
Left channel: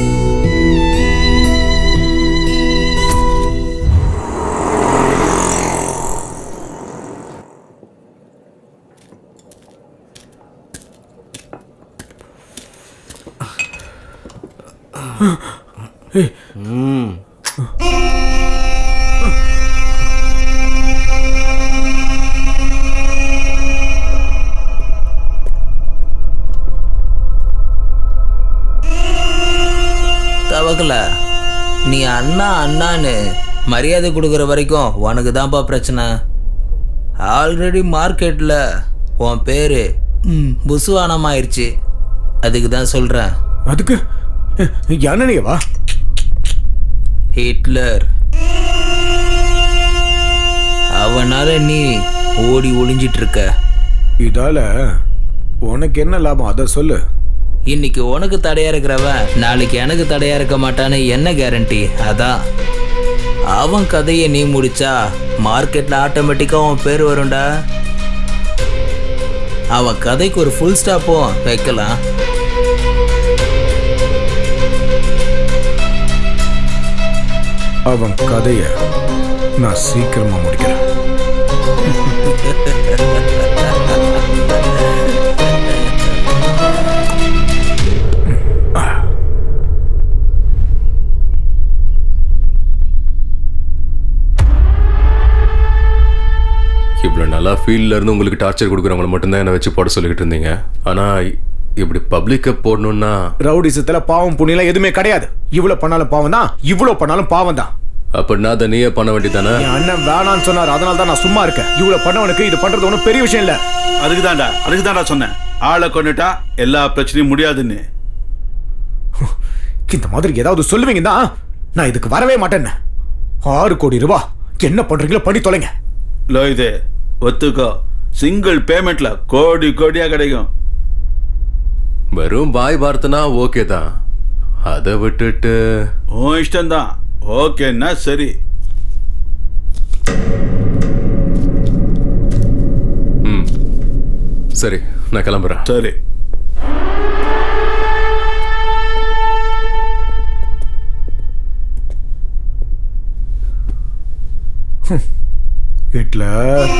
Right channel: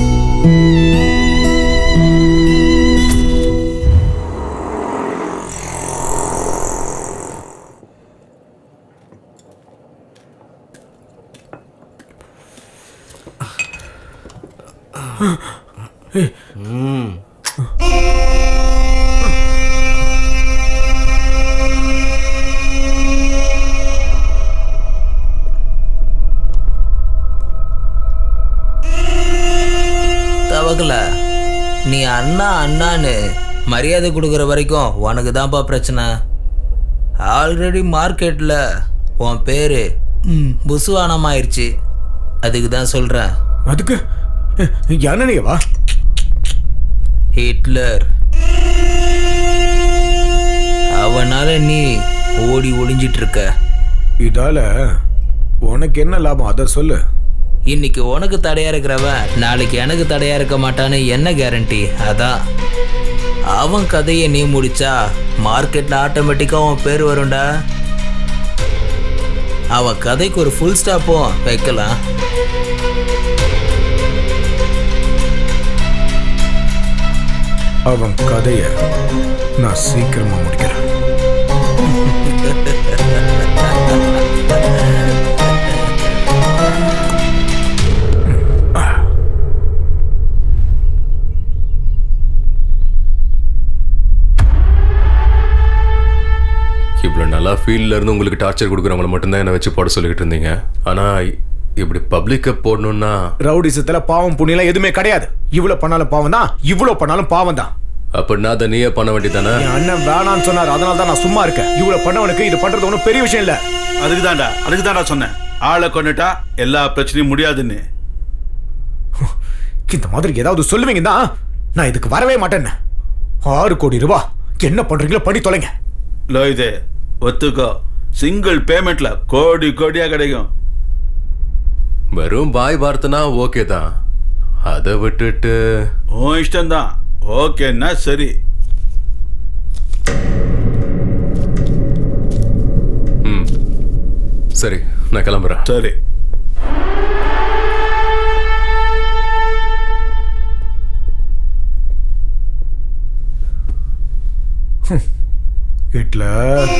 தவக்கல, நீ அண்ணா அண்ணான்னு மரியாதை கொடுக்குற வரைக்கும் உனக்கு தான்ப்பா பிரச்சனை. ஆல்ரெடி மார்க்கெட்டில் உன் பேர் புசுவானமாயிருச்சு. அதுக்கு தான் சொல்கிறேன். அதுக்கு யானையவா? ஹிட்லர். அவனால நீ ஓடி ஒளிஞ்சிட்டு இருக்க. இதால உனக்கு என்ன லாபம் அதை சொல்லு. இன்னைக்கு உனக்கு தடையா இருக்கிறவன் நாளைக்கு எனக்கு தடையா இருக்க மாட்டான்னு என்ன கேரண்டி? அதான் அவன் கதையை நீ முடிச்சா மார்க்கெட்ல ஆட்டோமேட்டிக்கா அவன் பேர் வரும்டா. அவன் கதைக்கு ஒரு ஃபுல் ஸ்டாப்பும் வைக்கலாம். அவன் கதைய நான் சீக்கிரமா முடிக்கிறேன். இவ்வளோ நல்லா ஃபீல்டில் இருந்து உங்களுக்கு டார்ச்சர் கொடுக்குறவங்களை மட்டும்தான் என்னை வச்சு போட சொல்லிக்கிட்டு இருந்தீங்க. ஆனால் இப்படி பப்ளிக்கை போடணும்னா ரவுடிசத்துல பாவம் புண்ணியெல்லாம் எதுவுமே கிடையாது. இவ்வளவு பண்ணாலும் பாவம் தான், இவ்வளவு பண்ணாலும் பாவம் தான். அப்படின்னா அதை நீயே பண்ண வேண்டியதானே? என் அண்ணன் வேணான்னு சொன்னார், அதனால தான் நான் சும்மா இருக்கேன். இவ்வளவு பண்ணவனுக்கு இது பண்றது ஒன்றும் பெரிய விஷயம் இல்ல. அதுக்கு தான்டா சொன்னேன், ஆளை கொண்டுட்டா எல்லா பிரச்சனையும் முடியாதுன்னு. இந்த மாதிரி ஏதாவது சொல்லுவீங்க தான் நான் இதுக்கு வரவே மாட்டேன்னு. 6 கோடி ரூபாய் என்ன பண்றீங்களோ பண்ணி தொலைங்க. லோயிதே ஒத்துக்கோ, சிங்கிள் பேமெண்ட்ல கோடி கோடியா கிடைக்கும். வெறும் பாய் வார்த்தைனா ஓகே தான். அதை விட்டுட்டு உன் இஷ்டம்தான். ஓகேன்னா சரி. சரி, நான் கிளம்புறேன். சரி. ஹிட்லர்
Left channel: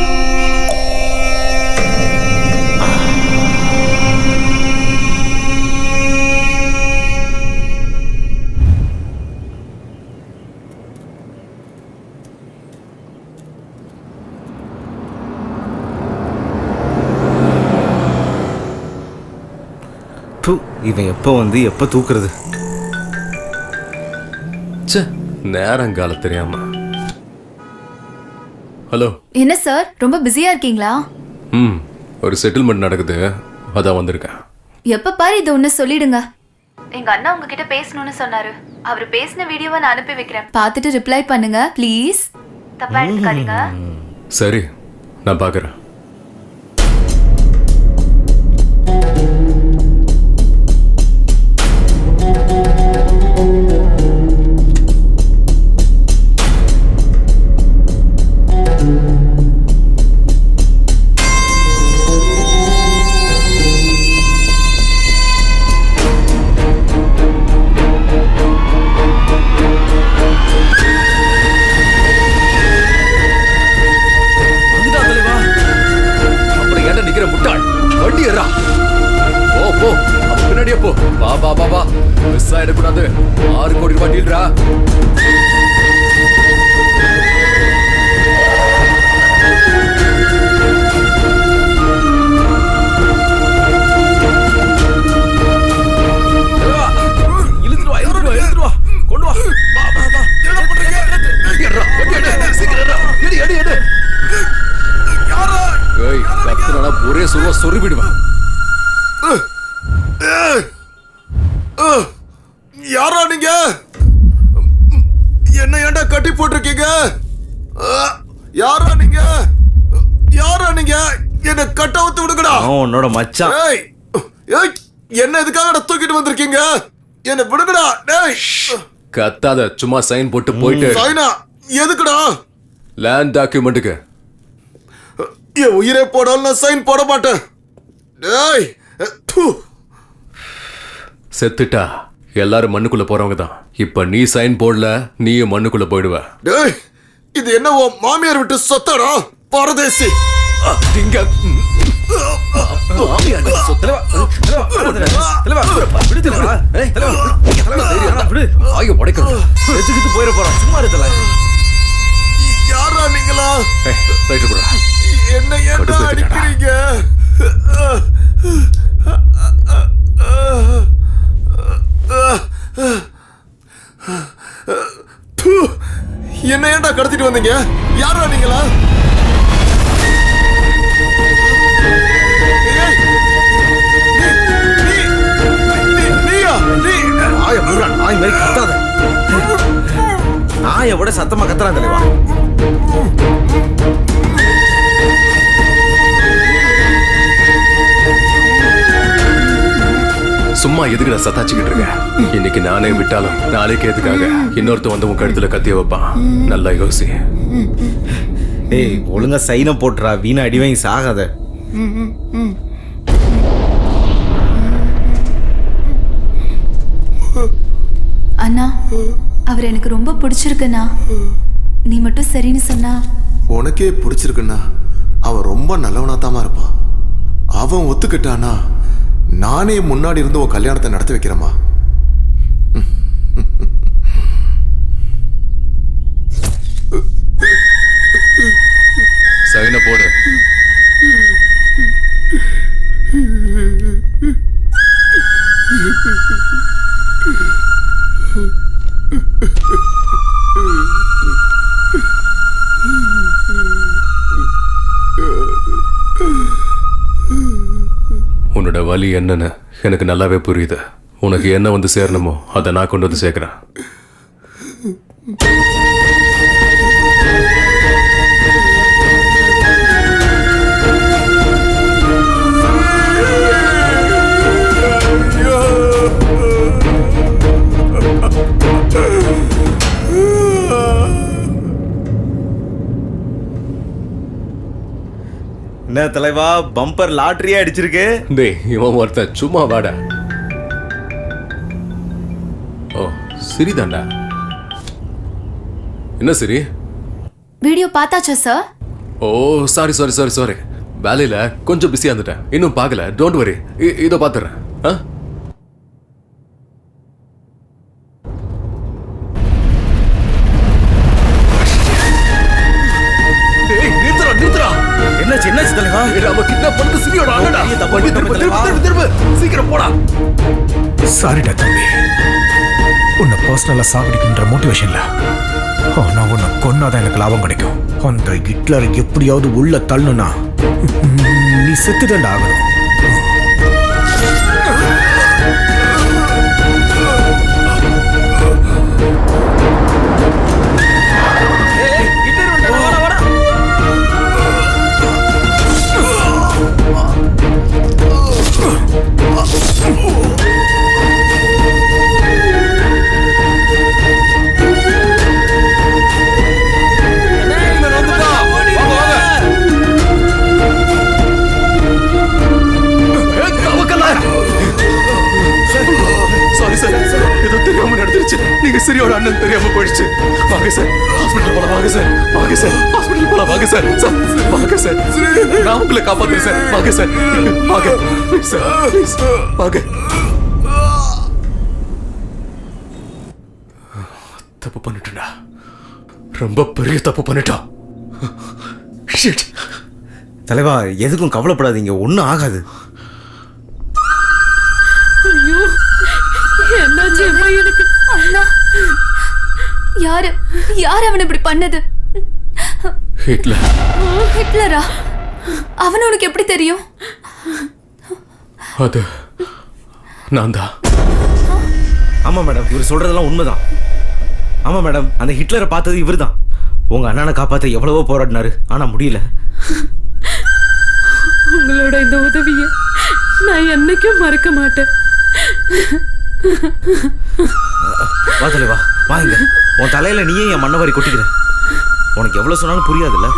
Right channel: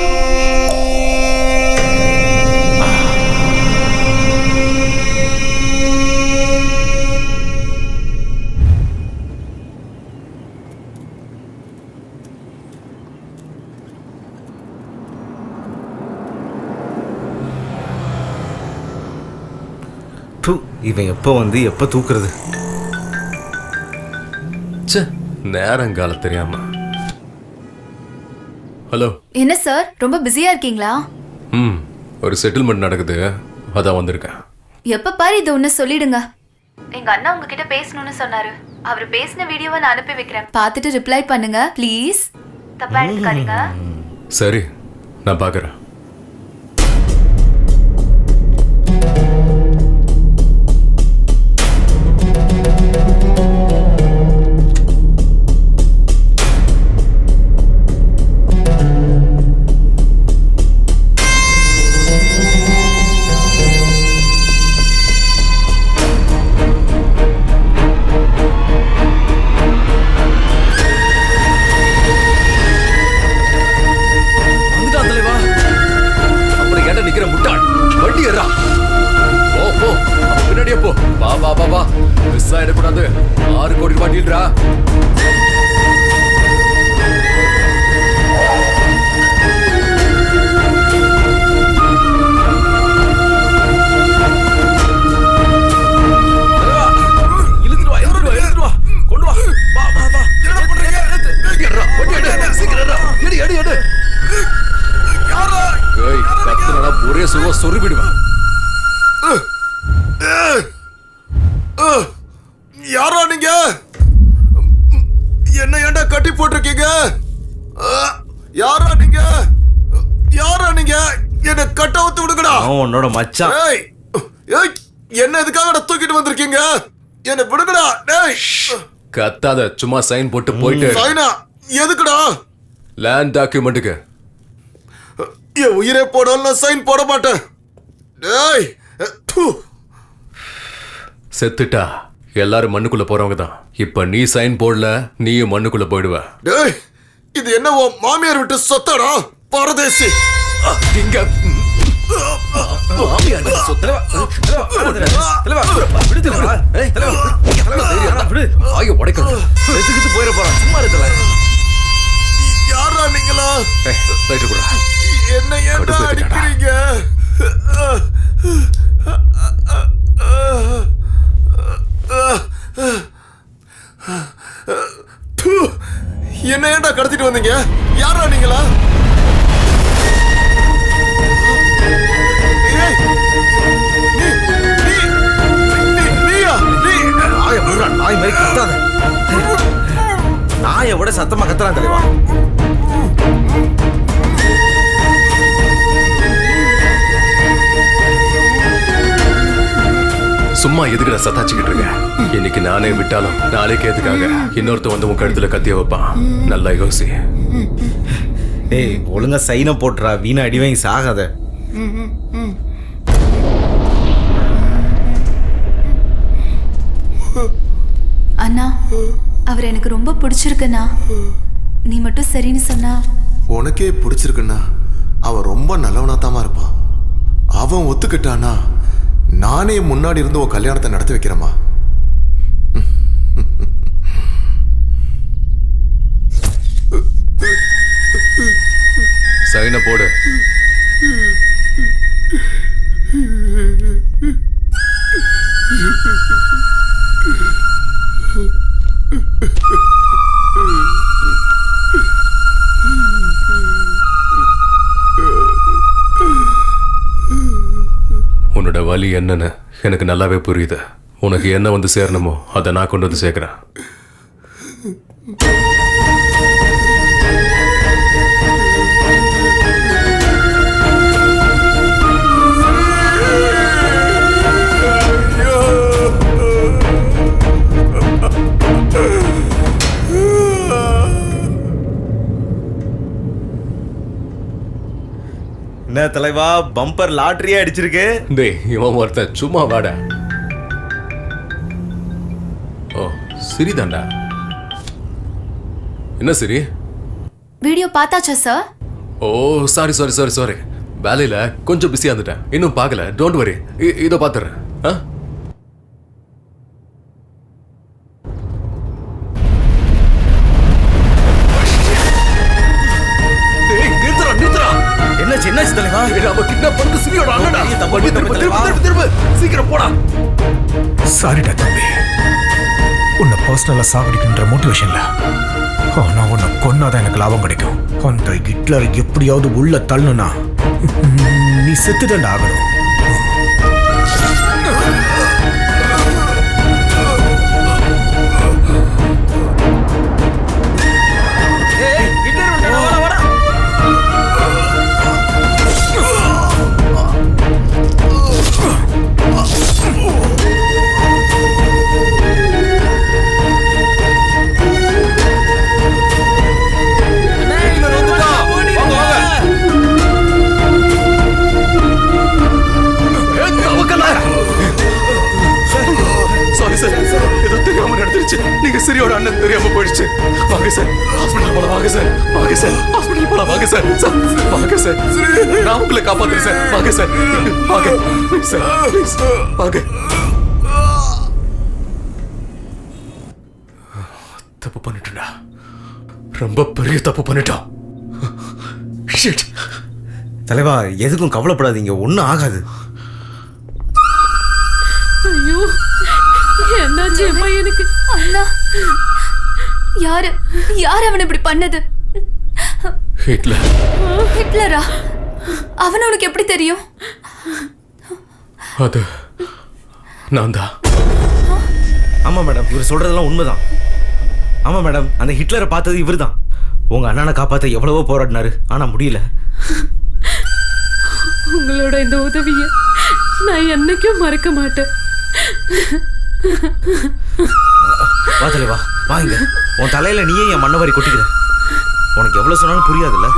இவன் எப்போ வந்து எப்போ தூக்குறது? நேரங்கால தெரியாம. ஹலோ. என்ன சார், ரொம்ப பிஸியா இருக்கீங்களா? ஒரு செட்டில்மெண்ட் நடக்குது, அதான் வந்திருக்கேன். எப்ப பாரு இது ஒண்ணு சொல்லிடுங்க. எங்க அண்ணா உங்ககிட்ட பேசணும்னு சொன்னாரு. அவர் பேசின வீடியோவை நான் அனுப்பி வைக்கிறேன், பார்த்துட்டு ரிப்ளை பண்ணுங்க ப்ளீஸ். தப்பா எடுத்துக்காதீங்க. சரி, நான் பார்க்கறேன். ஏறா. போ போ, அவன் பின்னாடியே போ. வா வா வா வா, மிஸ் ஆயிடக்கூடாது. 6 கோடி ரூபாய் டீல்ரா. கொண்டு வா. வா வா வா. என்ன பண்றீங்க? எடு எடு எடு. ஏய், கத்துறனா ஒரே சுருவா சொறி விடுவேன். யாரா நீங்க? என்ன ஏன்டா கட்டி போட்டிருக்கீங்க? யாரா நீங்க? யாரா நீங்க? என்ன கட்ட ஊத்து விடுங்கடா. உன்னோட மச்சான். ஏய் ஏய், என்ன எதுக்காக தூக்கிட்டு வந்திருக்கீங்க? என்ன விடுங்கடா. டேய், கத்தாத, சும்மா சைன் போட்டு போயிட்டு. சைனா எதுக்குடா? லேண்ட் டாக்குமெண்ட்டுக்கு. என் உயிரே போடாலும் நான் சைன் போட மாட்டேன். டேய், செத்துட்டா எல்லாரும் மண்ணுக்குள்ள போறவங்க தான். இப்ப நீ சைன் போடல, நீயும் மண்ணுக்குள்ள போயிடுவ. டேய், இது என்ன உன் மாமியார் விட்டு சொத்தாடா பரதேசி? இங்க போயிட போறான். சும்மா இருக்கல. யாரா நீங்களா? என்ன ஏன்டா அடிக்கிறீங்க? என்ன ஏன்டா கடத்திட்டு வந்தீங்க? யாரா நீங்களா? நாய் மாதிரி கத்தாத. நாயை விட சத்தமா கத்துறான் தலைவா. சும்மா எதுக்குடா சத்தாச்சிக்கிட்டு இருக்க? இன்னைக்கு நானே விட்டாலும் நாளைக்கு எதுக்காக இன்னொருத்த வந்து உன் கழுத்துல கத்திய வைப்பான். நல்லா யோசி. ஏய், ஒழுங்கா சைனை போட்டுறா. வீணா அடி வாங்கி சாகாத. அண்ணா, அவர் எனக்கு ரொம்ப பிடிச்சிருக்குண்ணா. நீ மட்டும் சரின்னு சொன்னா. உனக்கே பிடிச்சிருக்குன்னா அவன் ரொம்ப நல்லவனாத்தாமா இருப்பான். அவன் ஒத்துக்கிட்டானா நானே முன்னாடி இருந்து உன் கல்யாணத்தை நடத்தி வைக்கிறேம்மா. சைனை போடு. உன்னோட வலி என்னன்னு எனக்கு நல்லாவே புரியுது. உனக்கு என்ன வந்து சேரணுமோ அதை நான் கொண்டு வந்து சேர்க்கிறேன். என்ன தலைவா, பம்பர் லாட்டரியா அடிச்சிருக்கு? டேய், இவன் ஒருத்தன் சும்மா வாடா. ஓ, சரிதான்டா. என்ன சரி? வீடியோ பார்த்தாச்சா சார்? ஓ, சாரி சாரி சாரி சாரி, வேலையில கொஞ்சம் பிஸியா இருந்துட்டேன். இன்னும் பார்க்கல. டோன்ட் வரி, இதோ பார்த்துறேன். என்னாச்சு தலைவா? நாம கிட்னாப் பண்ணது சிரியோட அண்ணடா. திரும்ப சீக்கிரம் போடா. சாரிடா தம்பி, உன்னை பர்சனலா சாகடிக்கின்ற மோட்டிவேஷன்ல. ஆனா உன்னை கொன்னாதான் எனக்கு லாபம் கிடைக்கும். அந்த ஹிட்லரை எப்படியாவது உள்ள தள்ளணும்னா நீ செத்துடா ஆகணும். போயிடுச்சு. நீங்க சிரியோட அண்ணன் தெரியாம போயிடுச்சு. வாங்க சார், ஹாஸ்பிடல் போலாம். வாங்க சார், வாங்க சார், ஹாஸ்பிடல் போலாம். வாங்க சார், சார் வாங்க சார், நான் உங்களை காப்பாத்துறேன் சார். வாங்க சார், வாங்க சார், ப்ளீஸ் வாங்க. தப்பு பண்ணிட்டேன்டா, ரொம்ப பெரிய தப்பு பண்ணிட்டோம். ஷிட். தலைவா, எதுக்கும் கவலைப்படாதீங்க, ஒன்றும் ஆகாது. ஐயோ, என்னாச்சு என் பையனுக்கு? அண்ணா, யாரு அவன் இப்படி பண்ணது? ஹிட்லர். ஹிட்லரா? அவன் உனக்கு எப்படி தெரியும்? அது நான் தான். ஆமா மேடம், இவர் சொல்றதெல்லாம் உண்மைதான். ஆமா மேடம், அந்த ஹிட்லரை பார்த்தது இவர் தான். உங்க அண்ணனை காப்பாற்ற எவ்வளவோ போராடினாரு, ஆனா முடியல. உங்களோட இந்த உதவியை நான் என்னைக்கும் மறக்க மாட்டேன். வா தலைவா, வாங்க. உன் தலையில நீயே என் மண்ணவாரி கொட்டிக்கிற. உனக்கு எவ்வளவு சொன்னாலும் புரியாதுல்ல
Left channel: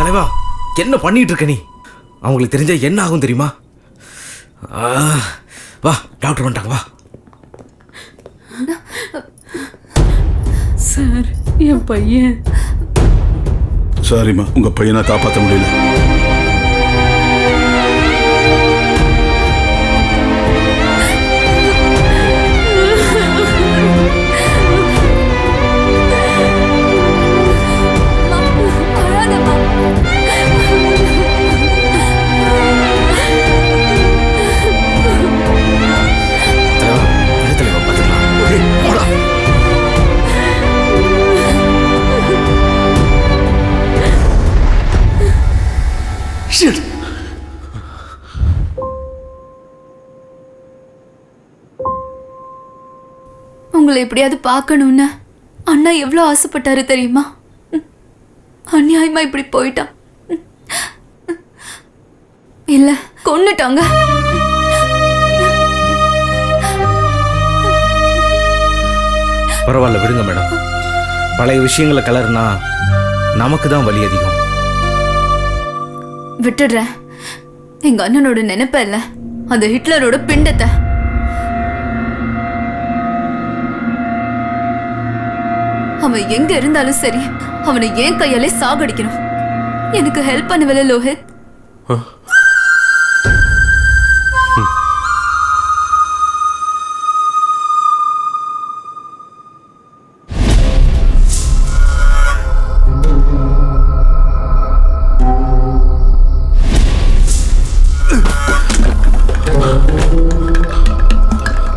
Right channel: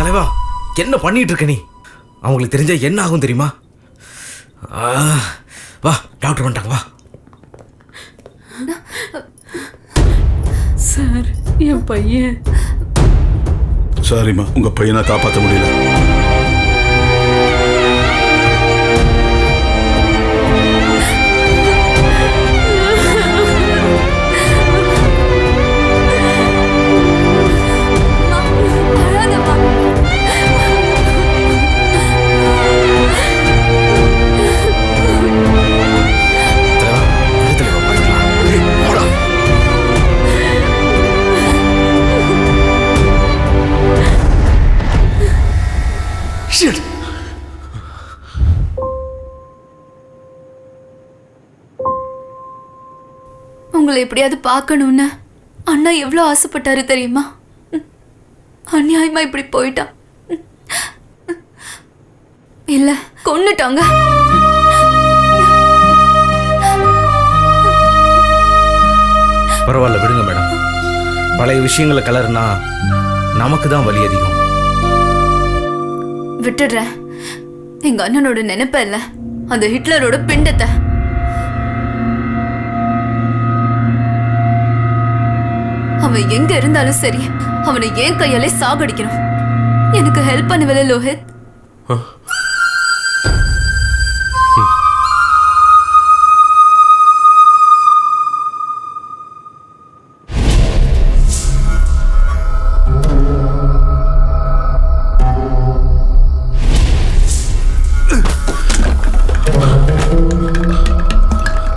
தலைவா. என்ன பண்ணிட்டு இருக்க நீ? அவங்களுக்கு தெரிஞ்சா என்ன ஆகும் தெரியுமா? வா, டாக்டர் வந்துட்டாங்க, வா. சார், என் பையன். சாரிம்மா, உங்க பையனை காப்பாற்ற முடியல. தலைவா, விடு தலைவா, பார்த்துக்கலாம். Shit. உங்களை எப்படியாவது பார்க்கணும்னு அண்ணா எவ்வளோ ஆசைப்பட்டாரு தெரியுமா? அநியாயமா இப்படி போயிட்டான். இல்ல, கொன்னுட்டாங்க. பரவாயில்ல, விடுங்க மேடம். பழைய விஷயங்களை கலர்னா நமக்கு தான் வலி அதிகம். விட்டுடுறேன். எங்க அண்ணனோட நினைப்ப இல்ல, அந்த ஹிட்லரோட பிண்டத்தை. அவன் எங்க இருந்தாலும் சரி, அவனை ஏன் கையாலே சாகடிக்கணும். எனக்கு ஹெல்ப் பண்ணுவல லோஹித்?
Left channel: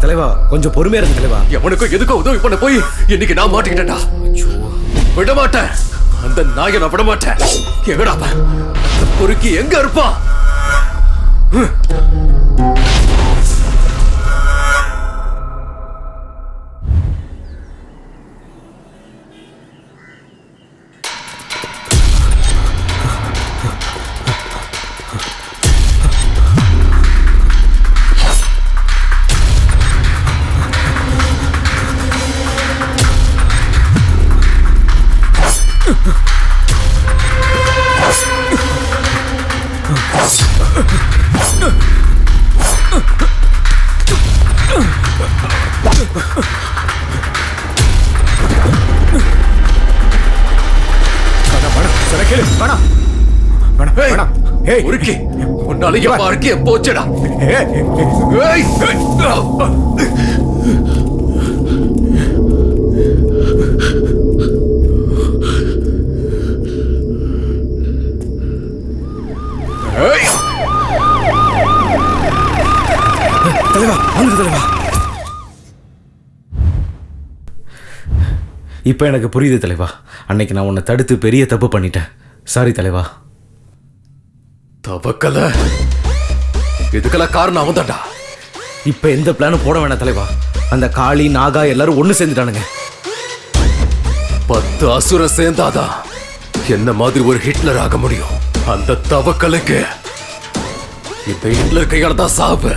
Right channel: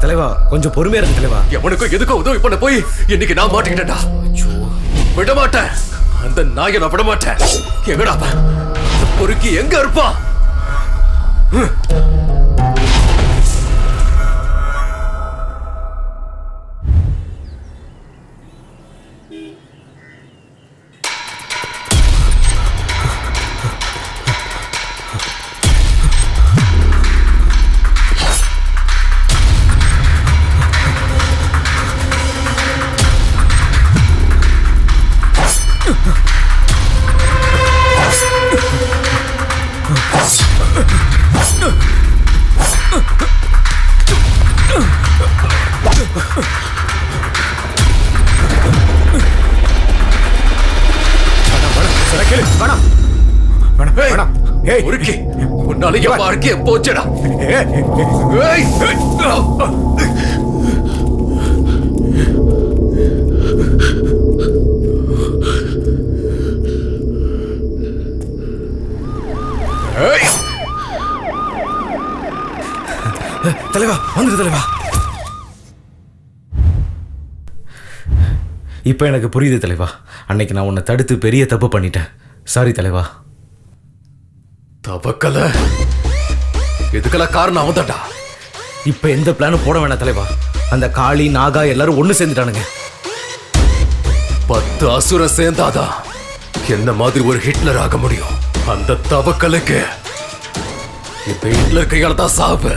தலைவா, கொஞ்சம் பொறுமையா இருங்க தலைவா. எவனுக்கும் எதுக்கும் உதவி பண்ண போய் இன்னைக்கு நான் மாட்டிக்கிட்டேன்டா. விட மாட்டேன், அந்த நாயை நான் விட மாட்டேன். எங்கடா அந்த பொறுக்கி எங்க இருப்பான்? உன்னால என் வாழ்க்கைய போச்சடா. தலைவா, வந்துடு தலைவா. இப்ப எனக்கு புரியுது தலைவா. அன்னைக்கு நான் உன்னை தடுத்து பெரிய தப்பு பண்ணிட்டேன். சாரி தலைவா. தவக்கல, இதுக்கெல்லாம் காரணம் அவன் தான்டா. இப்ப எந்த பிளானும் போட வேணாம் தலைவா. அந்த காளி, நாகா எல்லாரும் ஒண்ணு சேர்ந்துட்டானுங்க. 10 அசுரம் சேர்ந்தாதான் என்ன மாதிரி ஒரு ஹிட்லர் ஆக முடியும். அந்த தவக்கலுக்கு இந்த ஹிட்லர் கையால தான் சாவு.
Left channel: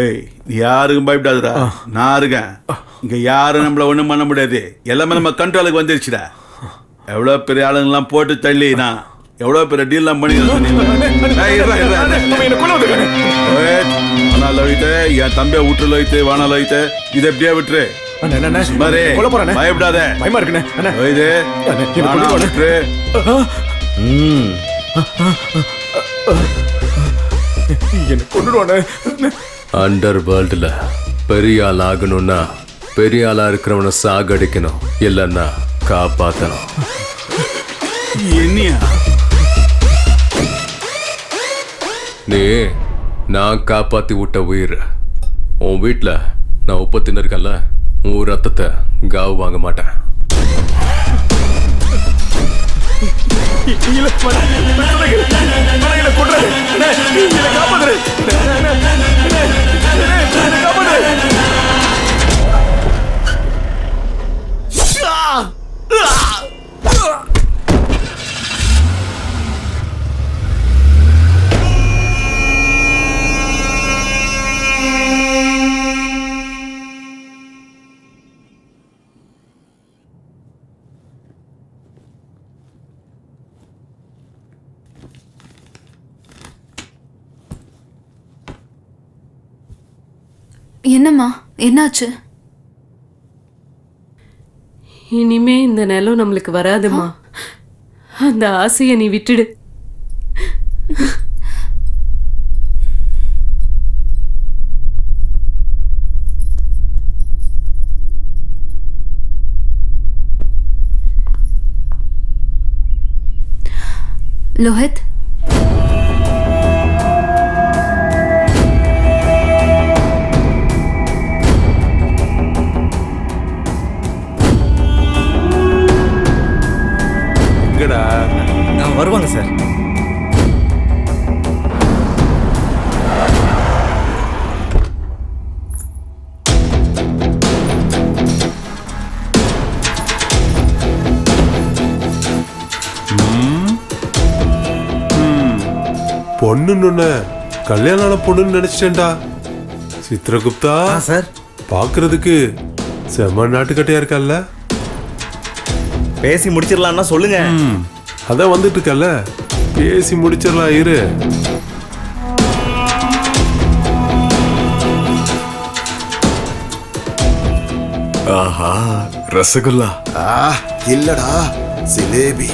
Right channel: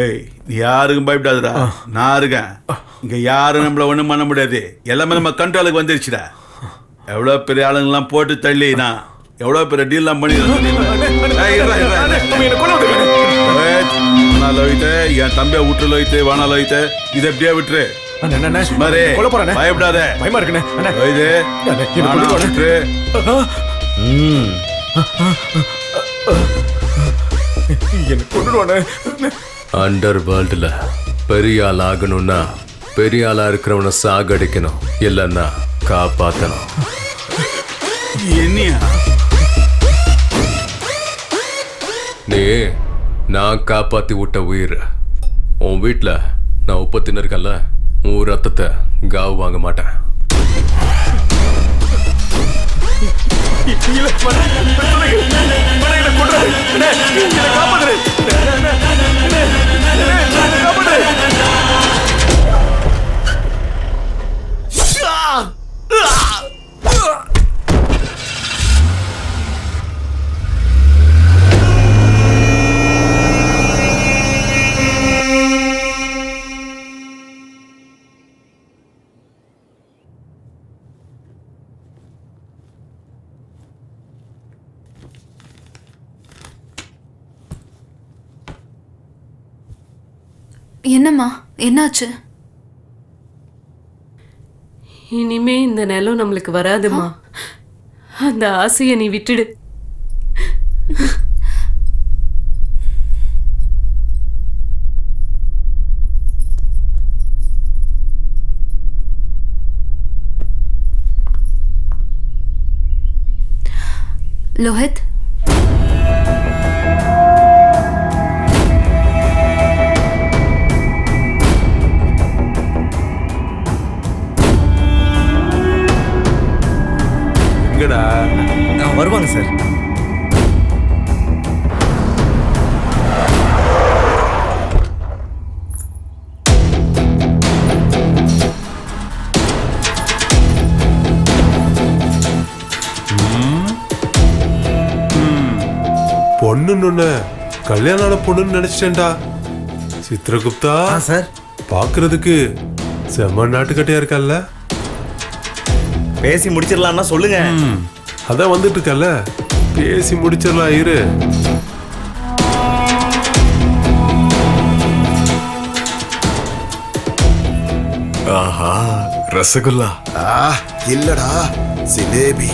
ஏய், நீ யாருக்கும் பயப்படாதுடா, நான் இருக்கேன். இங்க யாரும் நம்மள ஒண்ணும் பண்ண முடியாது. எல்லாமே நம்ம கண்ட்ரோலுக்கு வந்துருச்சுடா. எவ்வளவு பெரிய ஆளுங்கெல்லாம் போட்டு தள்ளி நான் எவ்வளவு பெரிய டீல் எல்லாம் பண்ணி என் தம்பிய விட்டுல வைத்து வானால வைத்து இதை எப்படியா விட்டுரு பயப்படாத பயமா இருக்குண்ணே என்ன கொண்டுடுவானே. அண்டர் வேர்ல்டுல பெரிய ஆள் ஆகணும்னா பெரிய ஆளா இருக்கிறவனை சாகடிக்கணும், இல்லைன்னா காப்பாத்தணும். என்னையா நீ நான் காப்பாத்தி விட்ட உயிர். உன் வீட்டுல நான் உப்பு தின்னுருக்கேன்ல, உன் ரத்தத்தை காவு வாங்க மாட்டேன். என்னம்மா, என்னாச்சு? இனிமே இந்த நிலம் நம்மளுக்கு வராதுமா. அந்த ஆசையை நீ விட்டுடு. லோஹித், எங்கடா வருவாங்க சார். பொண்ணுன்னு கல்யாணம் பொண்ணுன்னு நினைச்சிட்டேன்டா. சித்ரகுப்தா சார், பாக்குறதுக்கு செம்ம நாட்டுக்கட்டையா இருக்கல்ல. பேசி முடிச்சிடலாம்னா சொல்லுங்க. அதான் வந்துட்டு இருக்கல்ல, பேசி முடிச்சிடலாம் இரு. ஆஹா, ரசகுல்லா. இல்லடா, ஜிலேபி.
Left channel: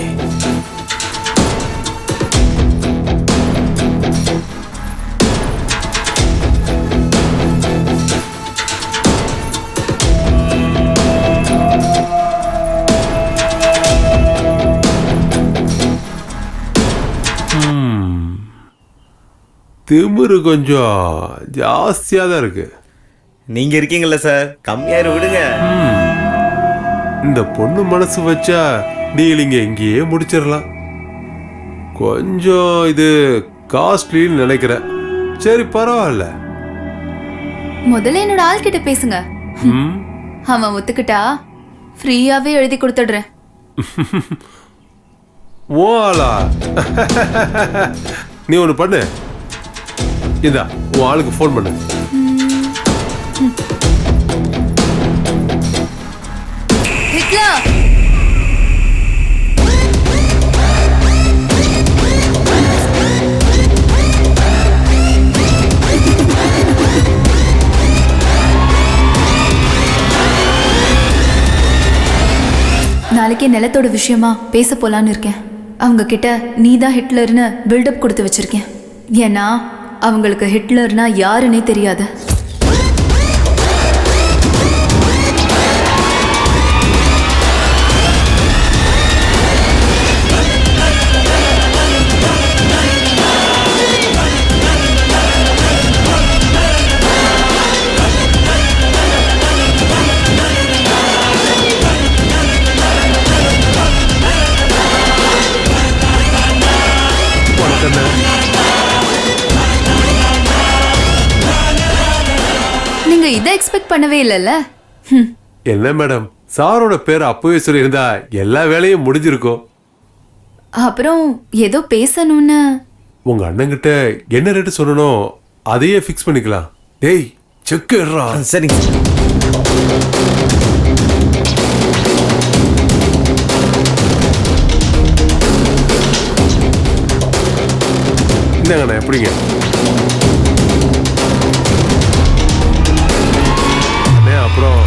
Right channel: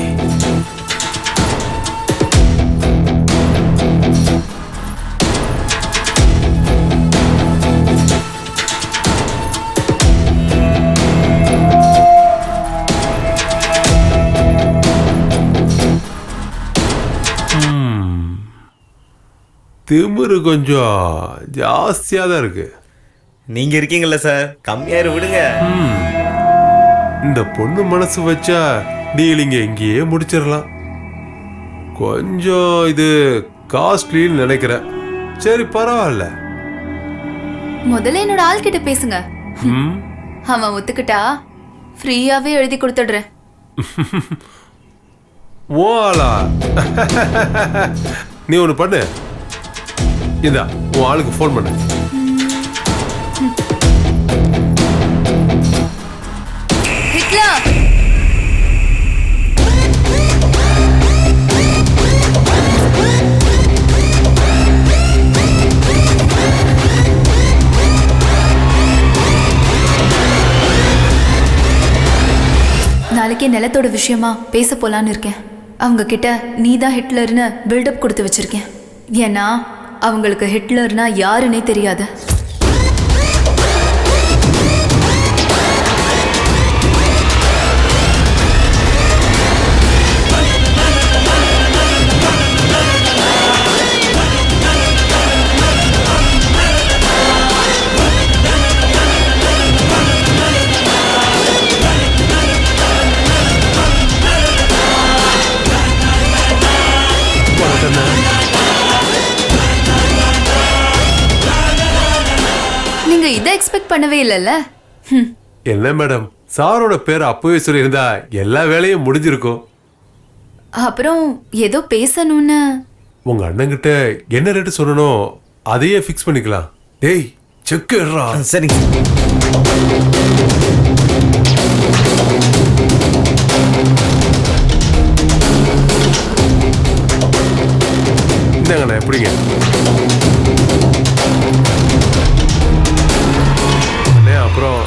திமிரு கொஞ்சம் ஜாஸ்தியா தான் இருக்கு. நீங்க இருக்கீங்கல்ல சார், கம்மியாயிரு விடுங்க. இந்த பொண்ணு மனசு வச்சா டீலிங்க இங்கேயே முடிச்சிடலாம். கொஞ்சம் இது காஸ்ட்லின்னு நினைக்கிறேன். சரி பரவாயில்ல. முதல்ல என்னோட ஆள் கிட்ட பேசுங்க. அவன் ஒத்துக்கிட்டா ஃப்ரீயாவே எழுதி கொடுத்துடுறேன். ஓ ஆளா? நீ ஒன்று பண்ணு, இதா உன் ஆளுக்கு ஃபோன் பண்ணு. ஹிட்லர், நாளைக்கே நிலத்தோட விஷயமா பேச போலான்னு இருக்கேன். அவங்க கிட்ட நீ தான் ஹிட்லர்னு பில்டப் கொடுத்து வச்சிருக்கேன். ஏன்னா அவங்களுக்கு ஹிட்லர்னா யாருன்னே தெரியாது. நீங்க இதை எக்ஸ்பெக்ட் பண்ணவே இல்லைல்ல? என்ன மேடம், சாரோட பேர் அப்பவே சொல்லியிருந்தா எல்லா வேலையும் முடிஞ்சிருக்கும். அப்புறம் ஏதோ பேசணும்னு. உங்க அண்ணங்கிட்ட என்ன ரேட்டு சொல்லணும் அதையே ஃபிக்ஸ் பண்ணிக்கலாம். டேய் செக் எடுறா. சரிங்க. இந்தாங்கண்ணே எப்படிங்க அண்ணே அப்புறம்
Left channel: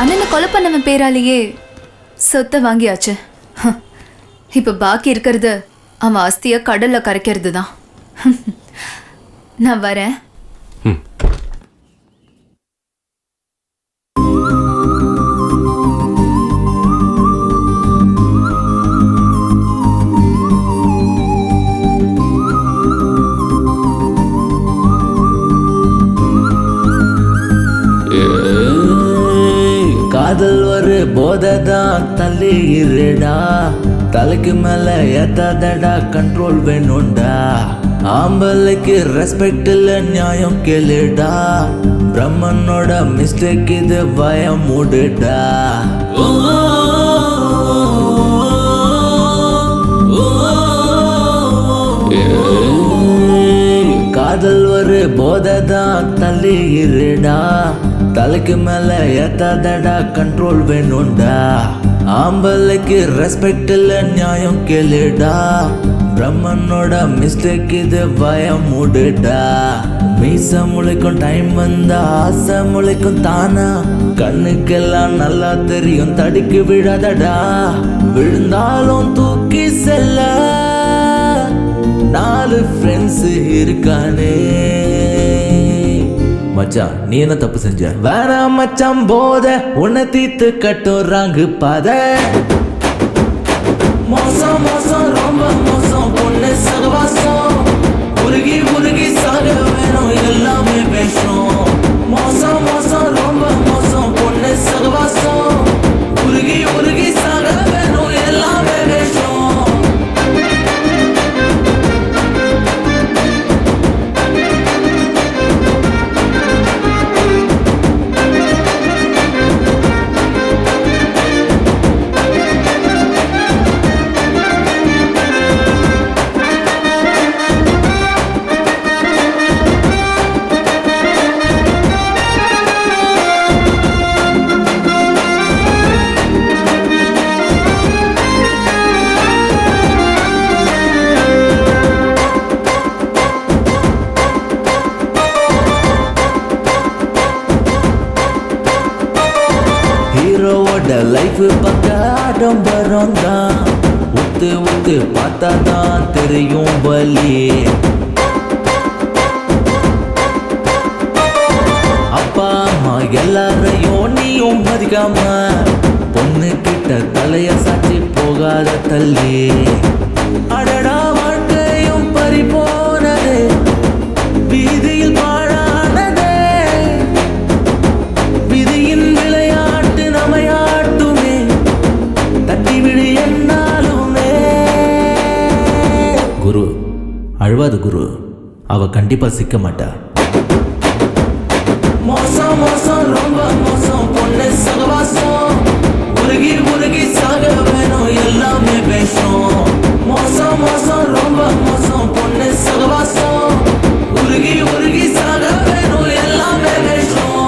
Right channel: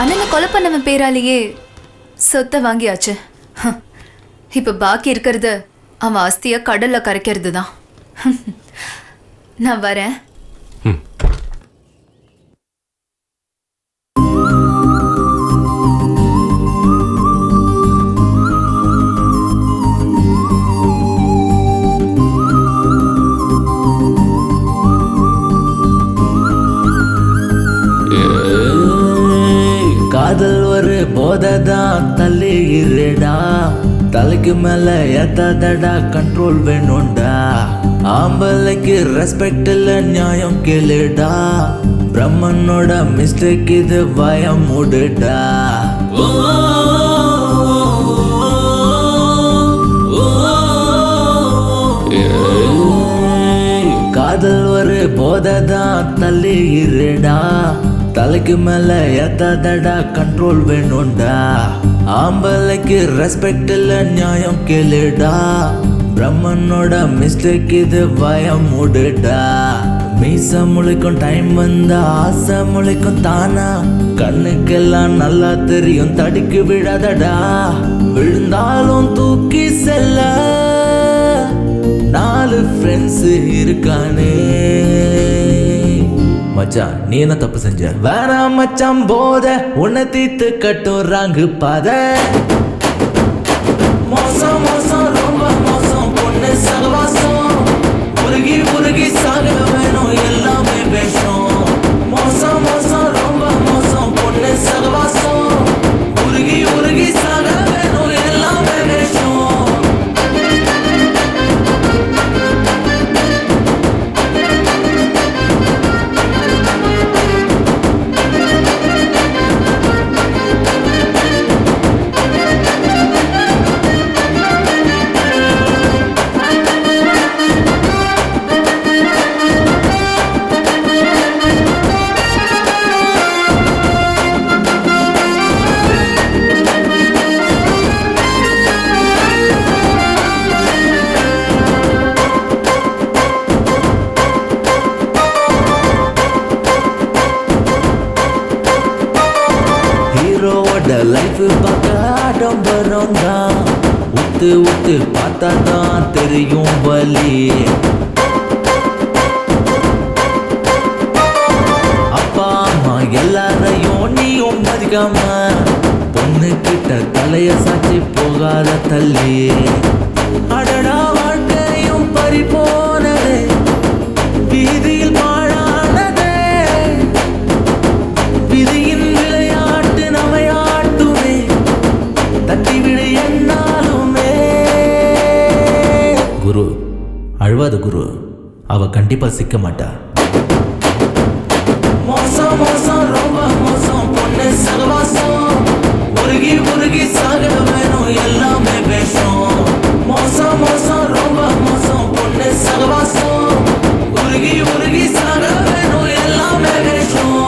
அண்ணனை கொலை பண்ணவன் பேராலேயே சொத்தை வாங்கியாச்சு. இப்ப பாக்கி இருக்கிறது அவன் ஆஸ்திய கடல்ல கரைக்கிறது தான். நான் வரேன். காதல் ஒரு போதைதான் தள்ளி இருடா, தலைக்கு மேல ஏத்தாதடா, கண்ட்ரோல் வேணும்டா. ஆம்பளைக்கு ரெஸ்பெக்ட் இல்ல நியாயம் கேளுடா, பிரம்மனோட மிஸ்டேக் இது பயம் மூடுடா. காதல் ஒரு போதைதான் தள்ளி இருடா, தலைக்கு மேல ஏத்தாதடா, கண்ட்ரோல் வேணும்டா. ஆம்பளைக்கு ரெஸ்பெக்ட் இல்ல நியாயம் கேளுடா, பிரம்மனோட மிஸ்டேக் இது பயம் மூடுடா. மீச முளைக்கும் டைம் வந்தா ஆசை முளைக்கும் தானா, கண்ணுக்கெல்லாம் நல்லா தெரியும் தடுக்கி விடாதடா. விழுந்தாலும் தூக்கி செல்ல 4 ஃப்ரெண்ட்ஸ் இருக்கானே. மச்சான் நீ என்ன தப்பு செஞ்ச? வேணாம் மச்சான் போத உன்னை தீத்து கட்டும் ராங்கு பாத. மோசம் மோசம் ரொம்ப மோசம் பொண்ணு சகவாசம், உருகி உருகி சாக வேணும் எல்லாமே வேஷம். மோசம் மோசம் ரொம்ப மோசம் பொண்ணு சகவாசம், உருகி உருகி சாக வேணும் எல்லாமே வேஷம். ஹீரோவோட லைஃப் பார்க்க ஆடம்பரம் தான், உத்து உத்து பார்த்தாதான் தெரியும் வலி. அப்பா அம்மா எல்லாரையும் நீயும் மதிக்காம, பொண்ணு கிட்ட தலைய சாட்சி போகாத தள்ளி. அடடா வாழ்க்கையும் பறி போனதே, வீதியில் பாழானதே. விதியின் விளையாட்டு நமையாட்டுமே, தட்டி விடு என்னாலுமே. குரு அழுவாத குரு, அவ கண்டிப்பா சிக்க மாட்டா. மோசம் மோசம் ரொம்ப மோசம் பொண்ணு சகவாசம், உருகி உருகி சாக வேணும் எல்லாமே வேஷம். மோசம் மோசம் ரொம்ப மோசம் பொண்ணு சகவாசம், உருகி உருகி சாக வேணும் எல்லாமே வேஷம்.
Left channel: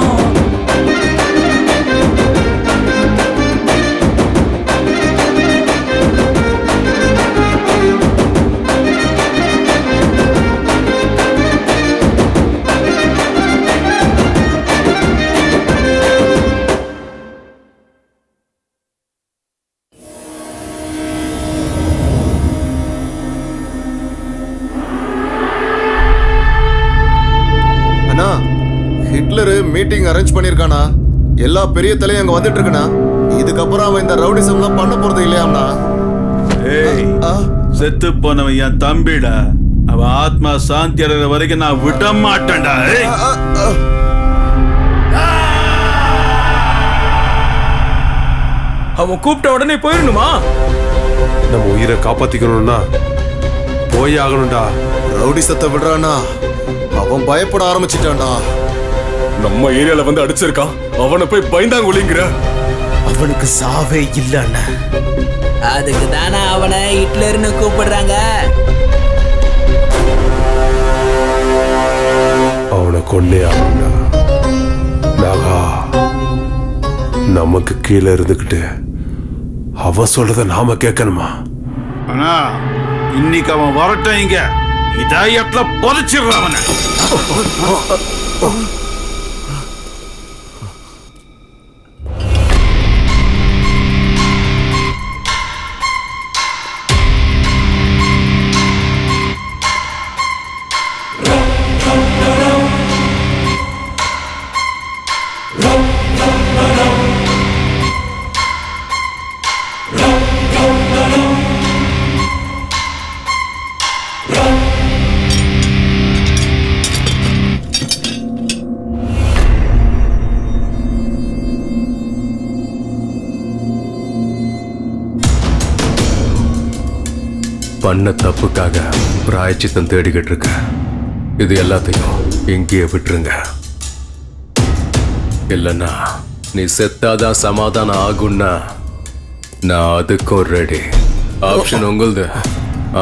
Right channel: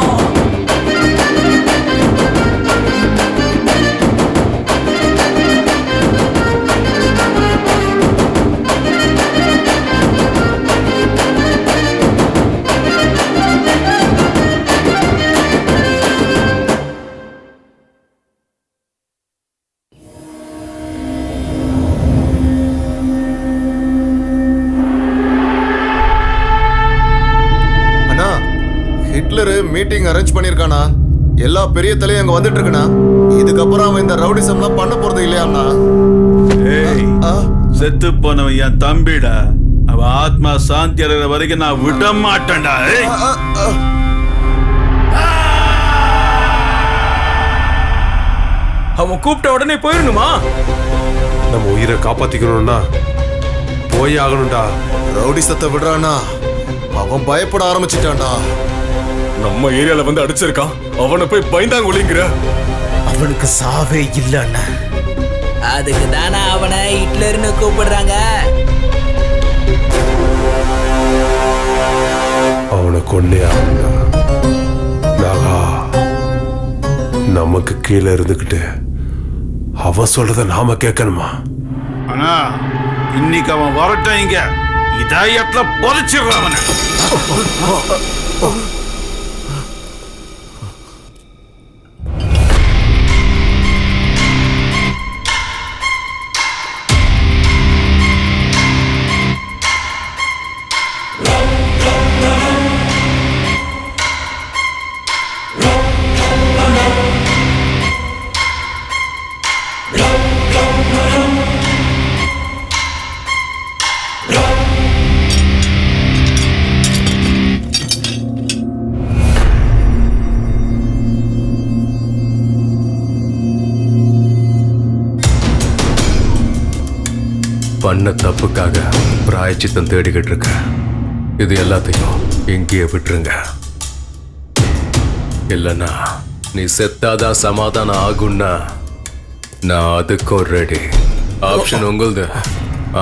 ஹிட்லர் மீட்டிங் அரேஞ்ச் பண்ணிருக்கானா? எல்லா பெரிய தலையும் அங்க வந்துட்டு இருக்கனா? இதுக்கப்புறம் அவன் இந்த ரவுடிசம்லாம் பண்ண போறது இல்லையாம்னா? ஏய், செத்து போனவன் என் தம்பிடா. அவன் ஆத்மா சாந்தி அடைகிற வரைக்கும் நான் விட மாட்டேன்டா. அவன் கூப்பிட்ட உடனே போயிடணுமா? நம்ம உயிரை காப்பாத்திக்கணும்னா போய் ஆகணும்டா. ரவுடிசத்தை விடுறானா? அவன் பயப்பட ஆரம்பிச்சிட்டான்டா. நம்ம ஏரியால வந்து அடிச்சிருக்கான், அவனை போய் பயந்தாங்க ஒளிங்கிற. அவனுக்கு சாவே இல்ல அண்ணா. அதுக்கு தானே அவனை ஹிட்லர்னு கூப்பிடுறாங்க. அவனை கொண்டே ஆகுண்டா. நாகா, நமக்கு கீழே இருந்துக்கிட்டு அவன் சொல்றத நாம கேட்கணுமா? ஆனா இன்னைக்கு அவன் வரட்டும், இங்க இதயத்துல புதைச்சிடுறான் அவனை. பண்ண தப்புக்காக பிராயச்சித்தம் தேடிக்கிட்டு இருக்க. இது எல்லாத்தையும் இங்கேயே விட்டுருங்க. இல்லைன்னா நீ செத்தாதான் சமாதானம் ஆகும்னா நான் அதுக்கும் ரெடி. ஆப்ஷன் உங்களுது.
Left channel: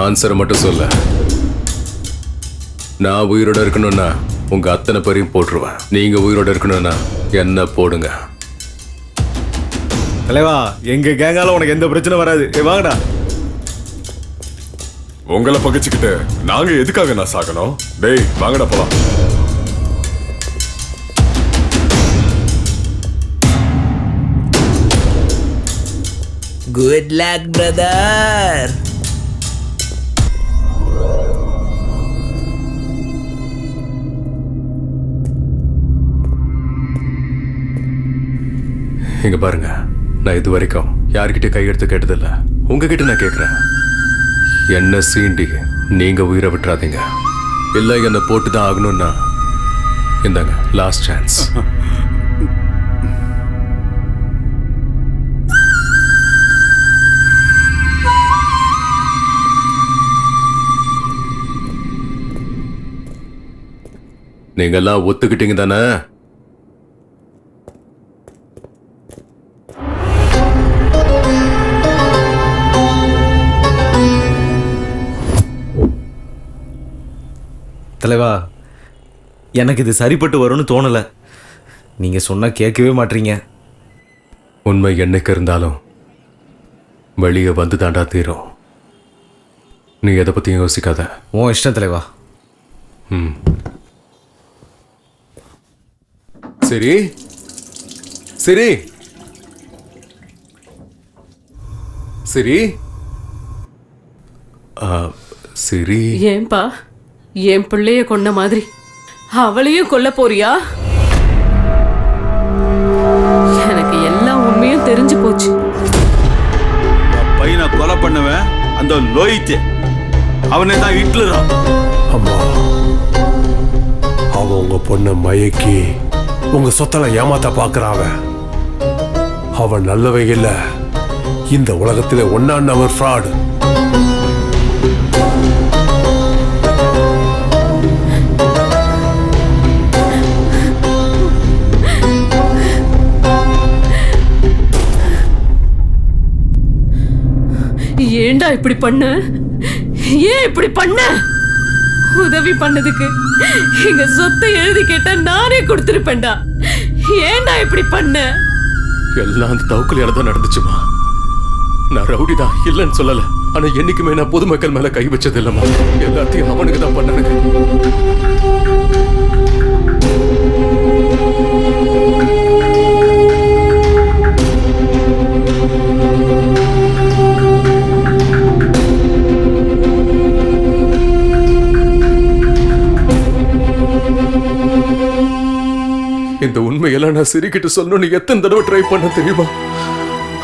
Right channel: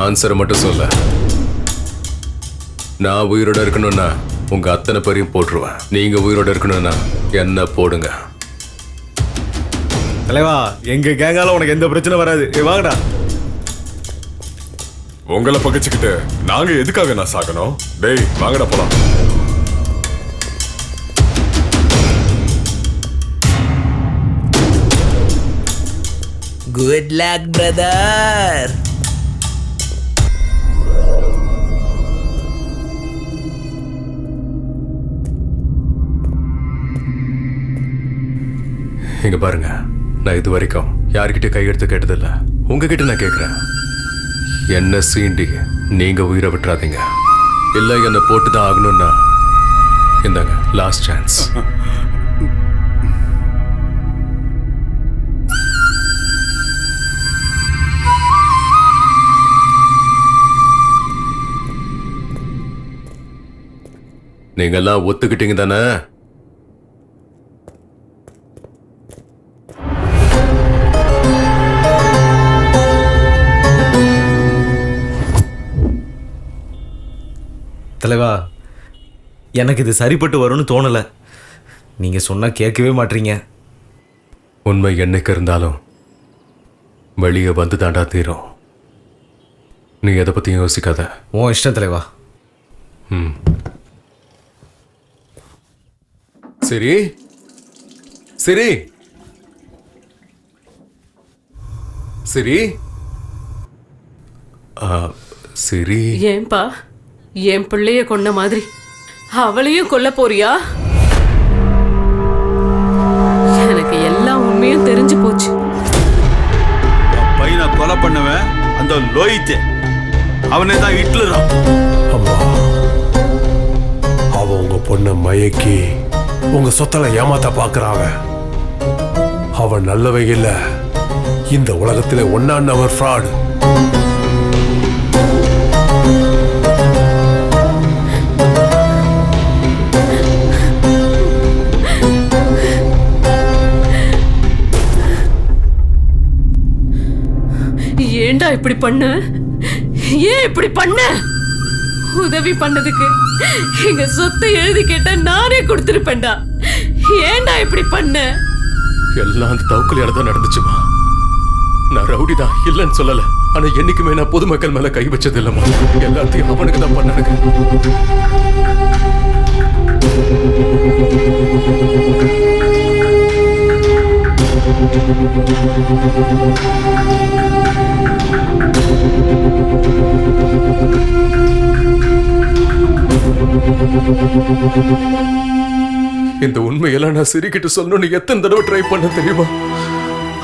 ஆன்சரை மட்டும் சொல்ல. நான் உயிரோட இருக்கணும்னா உங்க அத்தனை பேரையும் போட்டுருவேன். நீங்க உயிரோட இருக்கணும்னா என்ன போடுங்க. தலைவா, எங்க கேங்கால உனக்கு எந்த பிரச்சனை வராது. வாங்கடா. உங்களை பகைச்சுக்கிட்டு நாங்க எதுக்காக நான் சாகணும்? டேய் வாங்கடா போலாம். Good luck brother. இங்க பாருங்க, நான் இது வரைக்கும் யார்கிட்ட கையெடுத்து கேட்டதில்ல. உங்ககிட்ட நான் கேட்கிறேன், என்ன சீண்டி நீங்க உயிரை விட்டுறாதீங்க. இல்ல என்ன போட்டுதான் ஆகணும்னா இந்தாங்க லாஸ்ட் சான்ஸ். நீங்க எல்லாம் ஒத்துக்கிட்டீங்க தானே? தலைவா, எனக்கு இது சரிப்பட்டு வரும்னு தோணலை. நீங்கள் சொன்னால் கேட்கவே மாட்டீங்க. உண்மை என்னைக்கு இருந்தாலும் வெளியே வந்து தாண்டா தீரும். நீ எதை பற்றியும் யோசிக்காத. உன் இஷ்டம் தலைவா. ம், சரி சரி சரி. சரி, ஏன்பா என் பிள்ளைய கொன்ன மாதிரி அவளையும் கொல்ல போறியா? எனக்கு எல்லா உண்மையும் தெரிஞ்சு போச்சு. பையனை கொலை பண்ணுவேன் அந்த லோயித்து, அவனே தான் ஹிட்லரா. அம்மா, அவன் உங்க பொண்ணை மயக்கி உங்க சொத்தல ஏமாத்த பாக்குறான். அவன் நல்லவங்க இல்ல, இந்த உலகத்திலே ஒன்னான் நம்பர் ஃப்ராடு. ஏண்டா இப்படி பண்ண? ஏன் இப்படி பண்ண? உதவி பண்ணதுக்கு எங்க சொத்தை எழுதி கேட்டா நானே கொடுத்திருப்பேன்டா. ஏண்டா இப்படி பண்ண? எல்லாம் அந்த தவுக்கலையால தான் நடந்துச்சுமா. நான் ரவுடி தான் இல்லைன்னு சொல்லல. ஆனா என்னைக்குமே நான் பொதுமக்கள் மேல கை வச்சது இல்லம்மா. எல்லாத்தையும் அவனுக்கு தான் பண்ணனுங்க. இந்த உண்மையெல்லாம் நான் சிரிக்கிட்டு சொல்லணும்னு எத்தனை தடவை ட்ரை பண்ண தெரியுமா?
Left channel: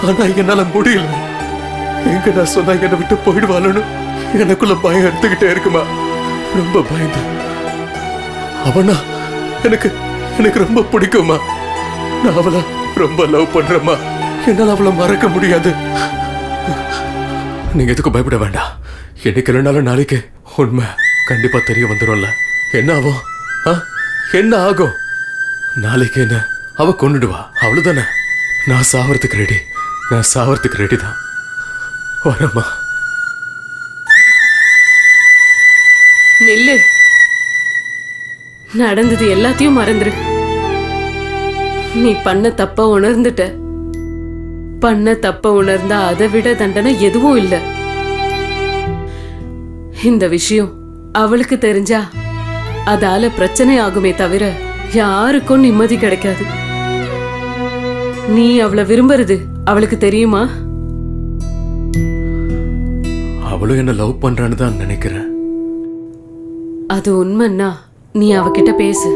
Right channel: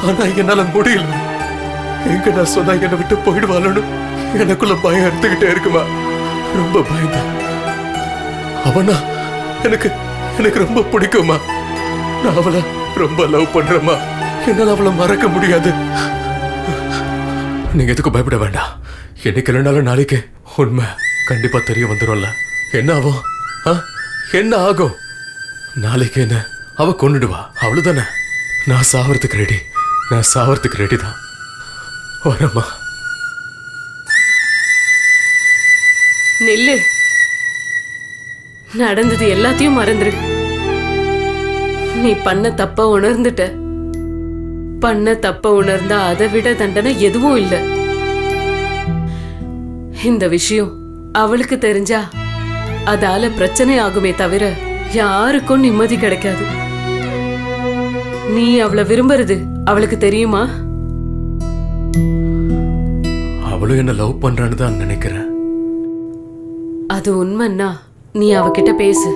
ஆனா என்னால முடியல. எங்க நான் சொன்னா என்னை விட்டு போயிடுவாளு எனக்குள்ள பயம் எடுத்துக்கிட்டே இருக்குமா. ரொம்ப பயந்தேன். அவனா எனக்கு எனக்கு ரொம்ப பிடிக்குமா. நான் அவளை ரொம்ப லவ் பண்றேம்மா. என்னால அவளை மறக்க முடியாது. நீங்க எதுக்கும் பயப்பட வேண்டாம். என்னைக்கு இல்லைனாலும் நாளைக்கு உண்மை கண்டிப்பா தெரிய வந்துடும்ல. என்ன ஆகும்? என்ன ஆகும்? நாளைக்கு என்ன அவ கொன்னுடுவா, அவ்வளவுதானே. நான் சாவறதுக்கு ரெடி. நான் சாவறதுக்கு ரெடி தான். வரமா. நில்லு. நடந்தது எல்லாத்தையும் மறந்துரு. நீ பண்ண தப்ப உணர்ந்துட்ட. பண்ண தப்ப உணர்ந்தா அதை விட தண்டனை எதுவும் இல்ல. இந்த விஷயம் அவளுக்கு தெரிஞ்சா அதால பிரச்சனை ஆகுமே தவிர யாருக்கும் நிம்மதி கிடைக்காது. நீ அவளை விரும்புறது அவளுக்கு தெரியுமா? அவளும் என்ன லவ் பண்றான்னு தான் நினைக்கிறேன். அது உண்மைன்னா நீ அவகிட்ட பேசு.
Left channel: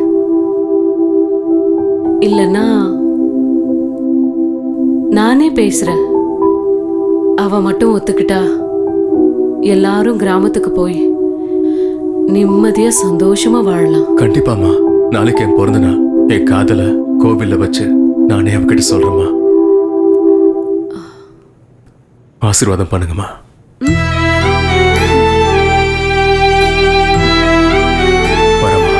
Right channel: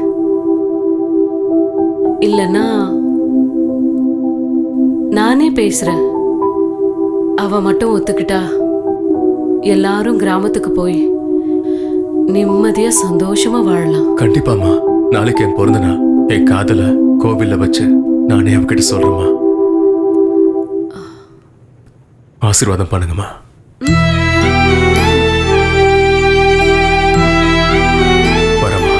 இல்லன்னா நானே பேசுறேன். அவ மட்டும் ஒத்துக்கிட்டா எல்லாரும் கிராமத்துக்கு போய் நிம்மதியா சந்தோஷமா வாழலாம். கண்டிப்பாமா. நாளைக்கு என் பிறந்த நாள். என் காதல கோவில்ல வச்சு நானே அவகிட்ட சொல்றேம்மா. ஆசீர்வாதம் பண்ணுங்கம்மா. வரமா.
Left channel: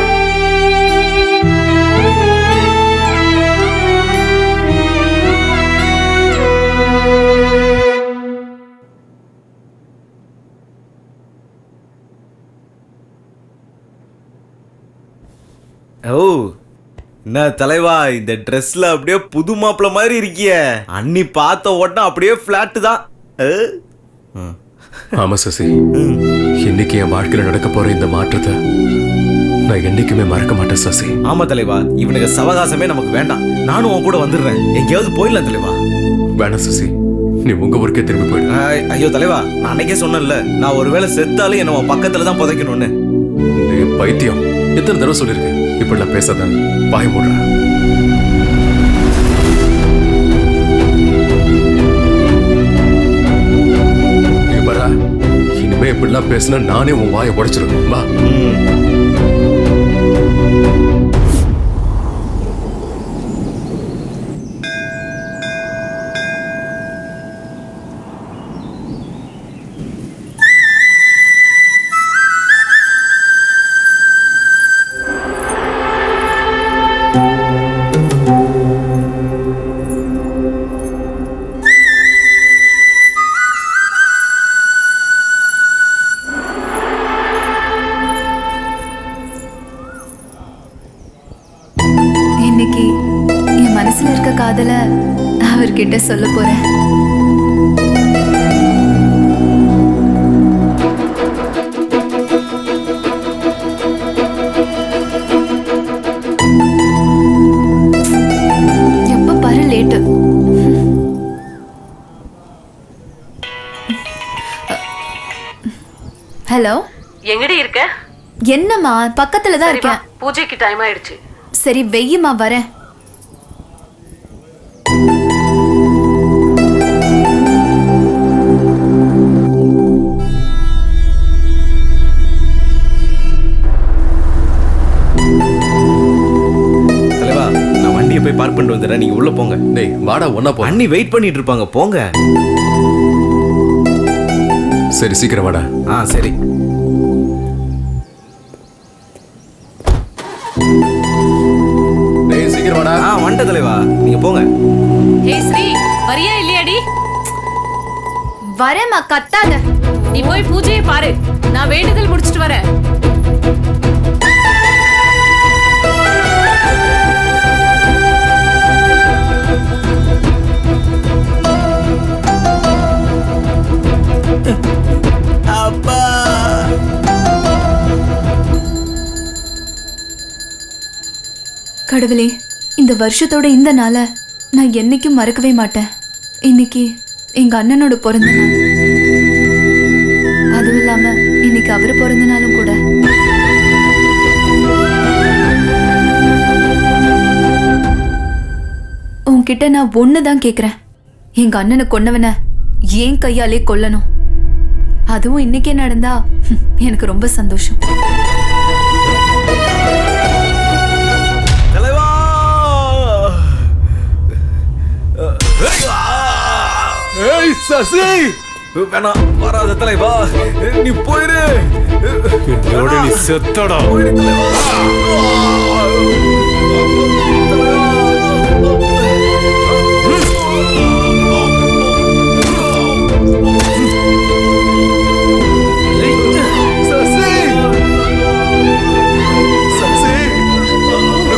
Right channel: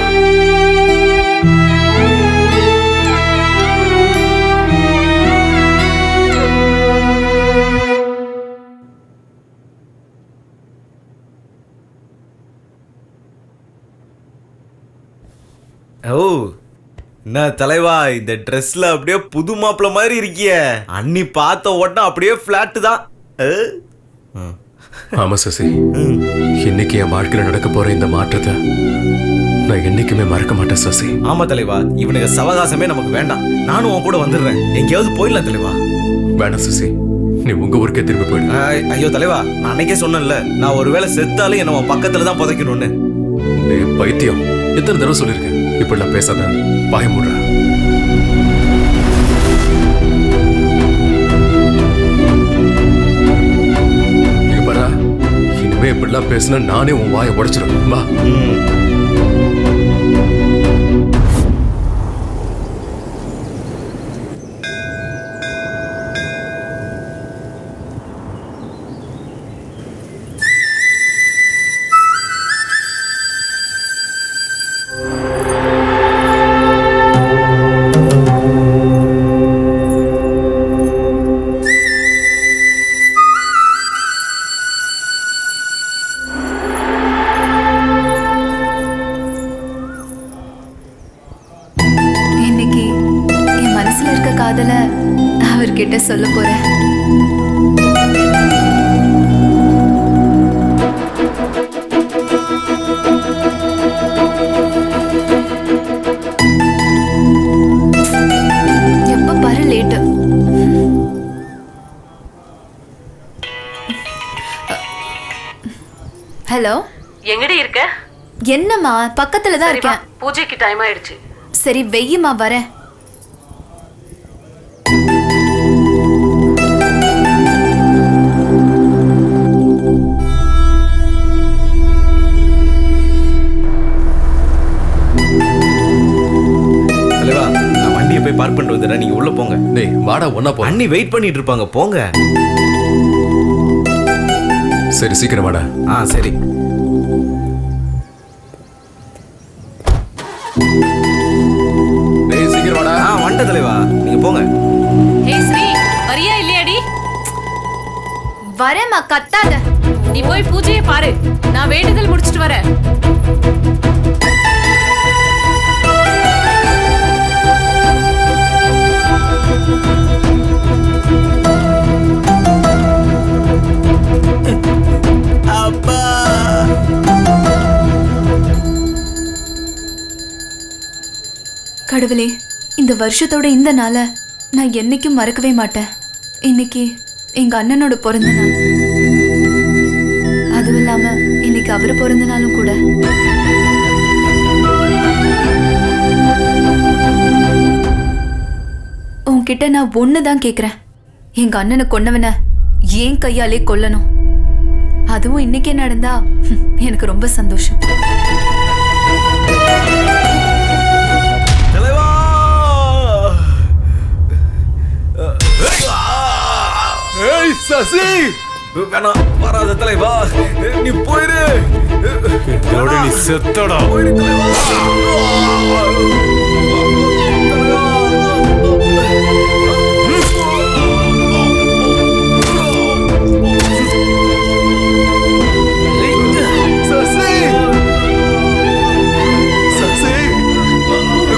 ஓ என்ன தலைவா, இந்த ட்ரெஸ்ல அப்படியே புது மாப்பிள்ள மாதிரி இருக்கிய. அன்னி பார்த்த உடனே அப்படியே பிளாட்டு தான். ஆமா சசி, இன்னைக்கு என் வாழ்க்கையில நடக்க போற இந்த மாற்றத்தை நான் என்னைக்குமே மறக்க மாட்டேன் சசி. ஆமா தலைவா, இவனுக்கு சவகாசமே நமக்கு வேண்டாம். நானும் உன் கூட வந்துடுறேன். எங்கேயாவது போயிடலாம் தலைவா. வேண்டாம் சசி, நீ உங்க ஊருக்கே திரும்பி போயிடு. ஐயோ தலைவா, நான் அன்னைக்கே சொன்னேன்ல, நான் ஒருவேளை செத்தாலும் என்ன உன் பக்கத்துல தான் புதைக்கணும்னு. பைத்தியம், எத்தனை தடவை சொல்லியிருக்கேன் இப்படிலாம் பேசாத. வாய மூடுற. நீங்க பாரா, இனிமே இப்படிலாம் பேசினா நானே உன் வாயை உடைச்சிடும். வா. இன்னைக்கு என் மனசுல இருக்க காதல அவர்கிட்ட சொல்ல போறேன். எப்ப பாரு லேட்டு. ஹலோ, எங்கடி இருக்க? என்னம்மா, பக்கத்துல தான் இருக்கேன். பூஜைக்கு டைம் ஆயிடுச்சு. சரி வெய்யுமா, வரேன். தலைவா, நான் வண்டியை போய் பார்க் பண்ணிட்டு வந்துடுறேன். நீங்க உள்ள போங்க. டேய் வாடா, ஒன்னா போ. அண்ணி வெயிட் பண்ணிட்டு இருப்பாங்க, போங்க. சரி சீக்கிரம் வாடா. சரி. டேய் சீக்கிரம் வாடா. வண்ட தலைவா, நீங்க போங்க. ஹே ஸ்ரீ, வரியா இல்லையாடி? வரேம்மா, கத்தாத. நீ போய் பூஜையை பாரு, நான் வேண்டுதல் முடிச்சிட்டு வரேன். அப்பா, கடவுளே, இந்த வருஷத்தோட இந்த நாளை நான் என்னைக்கும் மறக்கவே மாட்டேன். இன்னைக்கு எங்க அண்ணனோட பிறந்த நாள். அதுவும் இல்லாம இன்னைக்கு அவர் பிறந்த நாளும் கூட. உன்கிட்ட நான் ஒண்ணுதான் கேக்குறேன். எங்க அண்ணனை கொன்னவன ஏன் கையாலே கொல்லணும். அதுவும் இன்னைக்கே நடந்தா எனக்கு ரொம்ப சந்தோஷம். தலைவா, ஏய் சசி, வேணாம், வராத தலைவா. நீ போயிரு. என்னோட நீ செத்தடா. போயிரு தலைவா.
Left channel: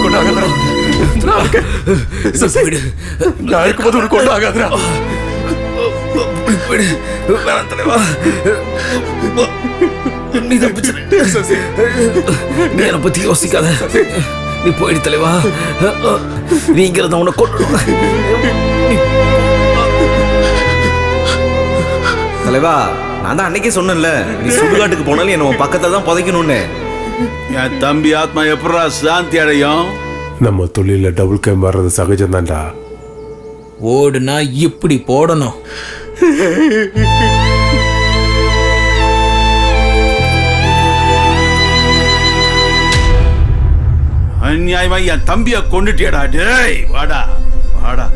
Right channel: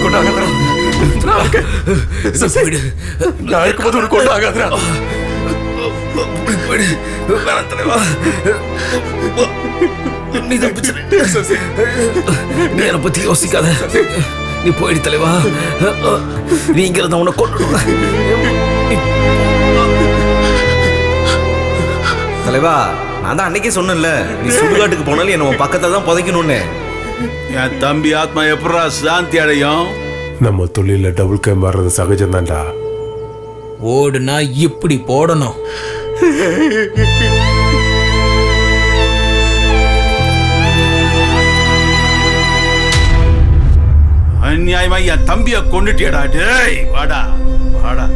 கொண்டாகாதரா நான் இருக்கும்போது உனக்கு கொண்டாகாதரா வேணாம் தலைவா, நீ தப்பிச்சிரு. நீ என்னை பத்தி யோசிக்காத, நீ போயிடு தலைவா. நீ இங்க இருந்த உன்னை கொண்டு தலைவா, நான் தான் அன்னைக்கே சொன்னேன்ல, நீ சுடுகாட்டுக்கு போனாலும் என்ன உன் பக்கத்தை தான் புதைக்கணும்னு. என் தம்பி ஆத்மா எப்படா சாந்தி அடையும்? நம்ம தொழில டபுள் கேம் வர்றது சகஜம் தான்டா. ஓடுனா இப்படி போடணும். அநியாயமா என் தம்பிய கொண்டுட்டியடா. டேய் வாடா வாடா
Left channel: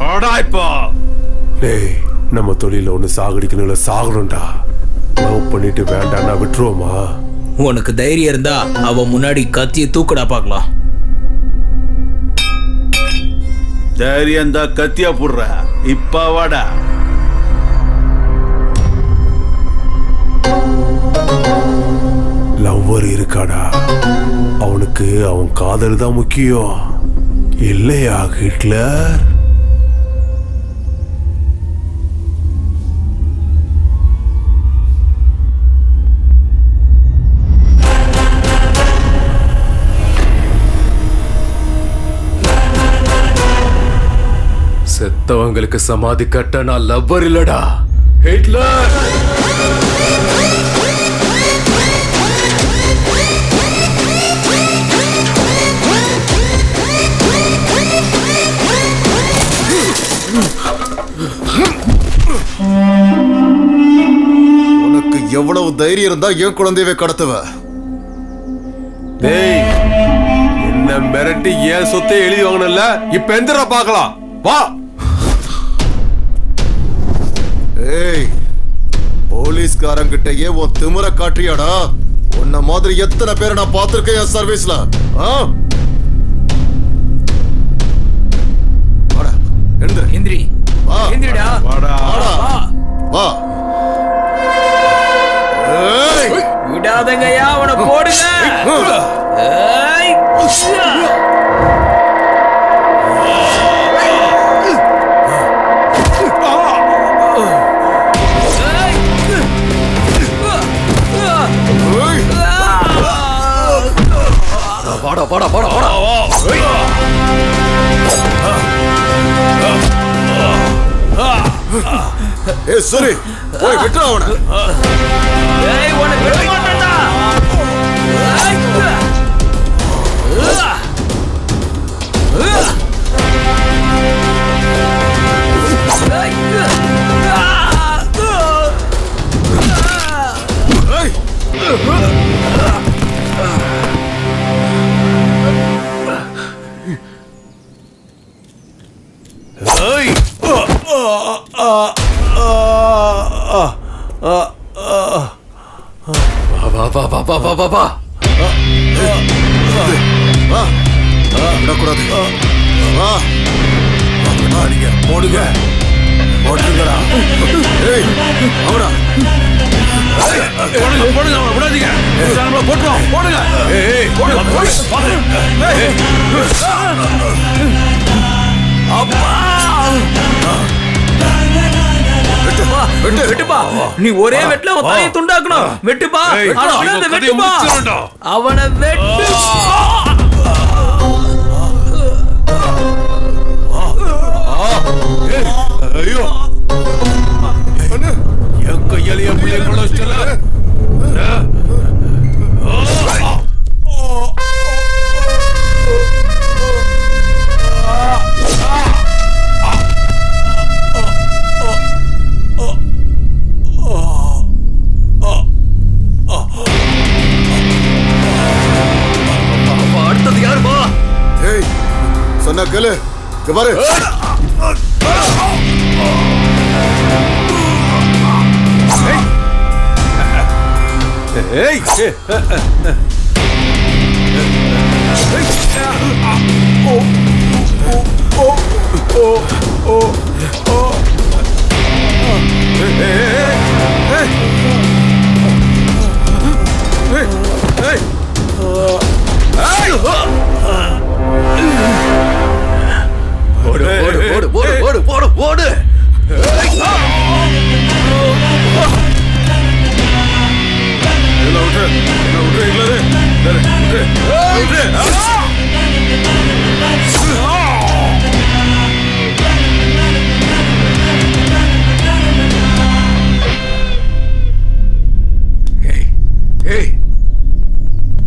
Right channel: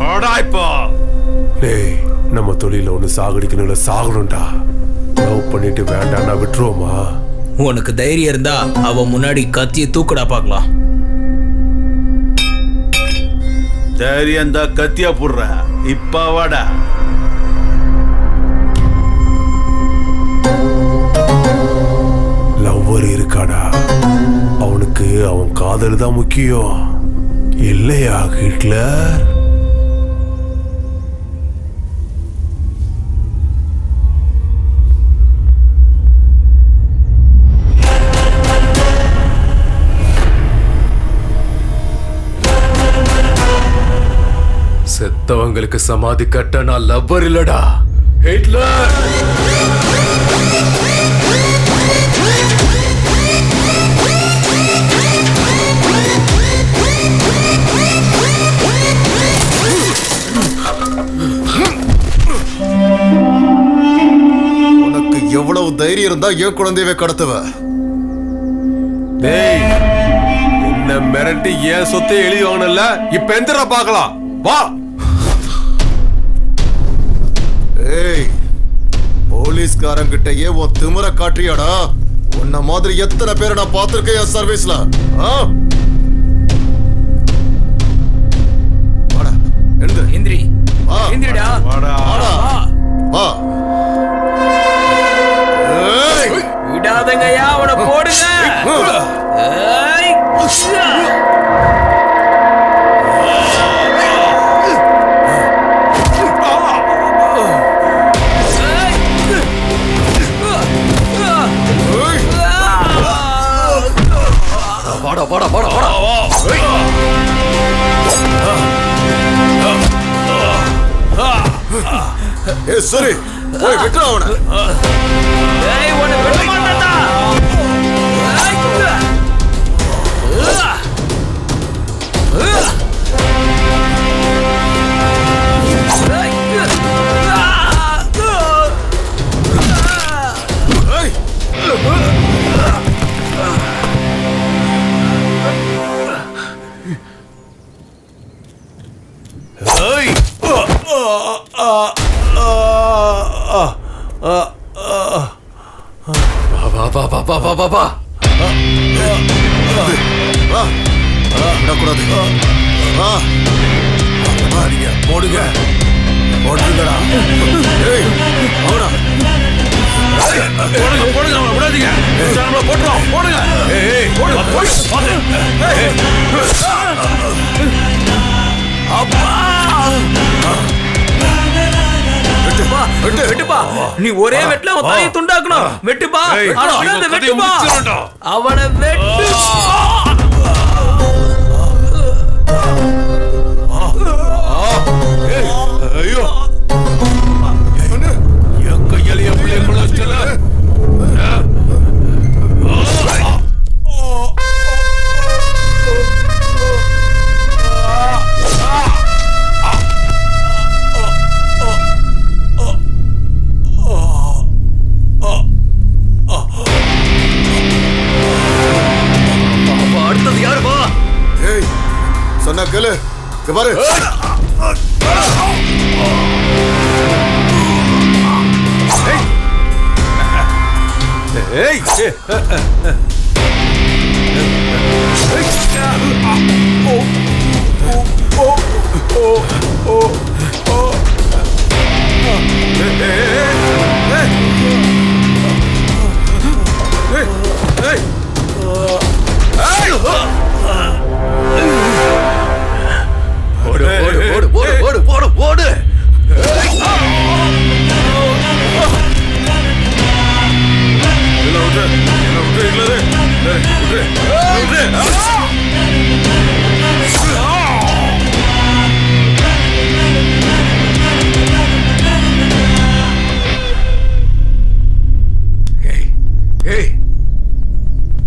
வாடா. இப்போ டேய், நம்ம தொழில ஒண்ணு சாகடிக்கணும்ல, சாகணும்டா. லவ் பண்ணிட்டு வேண்டாம்னா விட்டுருவோமா? உனக்கு தைரியம் இருந்தா அவ முன்னாடி கத்திய தூக்கடா பாக்கலாம். தைரியம் தான் கத்தியா போடுற. இப்ப வாடா. லவ்வர் இருக்காடா, அவனுக்கு அவன் காதல் தான் முக்கியம் இல்லையா ஹிட்லர்? செத்தவங்களுக்கு சமாதி கட்ட நான் லவ்வர் இல்லடா, ஹிட்லர். உனக்கு எவ்வளவு தைரியம் இருந்தா என் குழந்தையவே கடத்துவ? டேய், என்ன மிரட்டி ஏன் சொத்தை எழுதி வாங்கணும்ல, இப்ப எந்திரா பார்க்கலாம், வா. ஏய், போலீஸ்காரங்கிட்டயே உன் திமிர காட்டுறியாடா? உன்ன மாதிரி எத்தனை பேரை நான் பார்த்திருக்கேன் என் சர்வீஸ்ல. வாடா, எழுந்துரு. எந்திரி, வா. எந்திரிடா. வாடா வாடா, வா. ஏய், விடாதங்கய்யா, அவனை போடுங்க. ஏய், வாடா வாடா வாடா வாடா. ஏய் சரி, போய் விட்டுற அவனை. ஏய், உன்னை விட மாட்டேன்டா. ஏய், விடக்கூடாது. போடுங்க, போட்டுருங்கடா. ஏய், அவடா. போடுங்க போடுங்க, அவனை விடாதீங்க. நம்மள போட்டுறோம். போடுங்க. ஏய், அப்பா, வெட்டுப்பா, வெட்டுப்பா. நீ ஒரே வெட்டுல அவன் தலையை துண்டாக்கணும். வெட்டுப்பா, வெட்டுப்பா, அவனை வெட்டு. ஐயோ, என் கையால என் பிள்ளை கொலைச்சல. அடுத்தது யாருப்பா? ஏய், சொன்னா கேளு. இங்க பாரு. ஏய், Hey!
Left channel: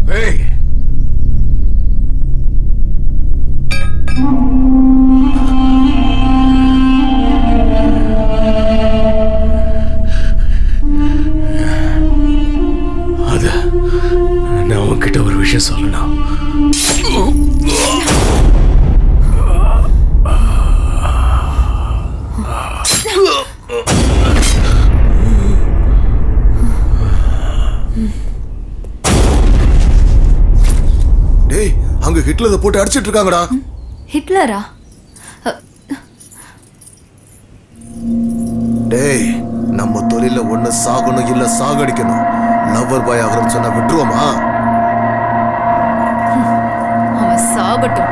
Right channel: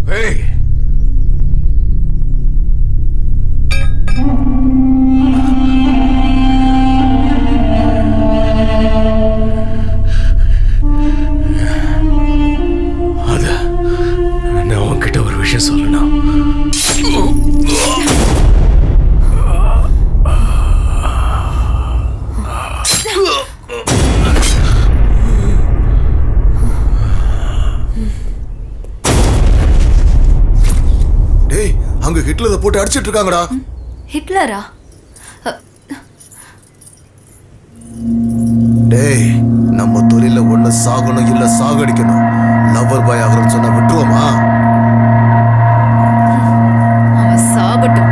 Hey! நான் உன்கிட்ட ஒரு விஷயம் சொல்லணும். டேய், அங்க ஹிட்லரை போட்டு அடிச்சிட்டு இருக்காங்கடா. ஹிட்லரா? டேய், நம்ம தொழில ஒண்ணு சாகணும் இல்ல சாகடிக்கணும். லவ்வர் பாய் ஆகிறன்னு சொன்னா விட்டுருவோமா? அவன் சாகட்டும்.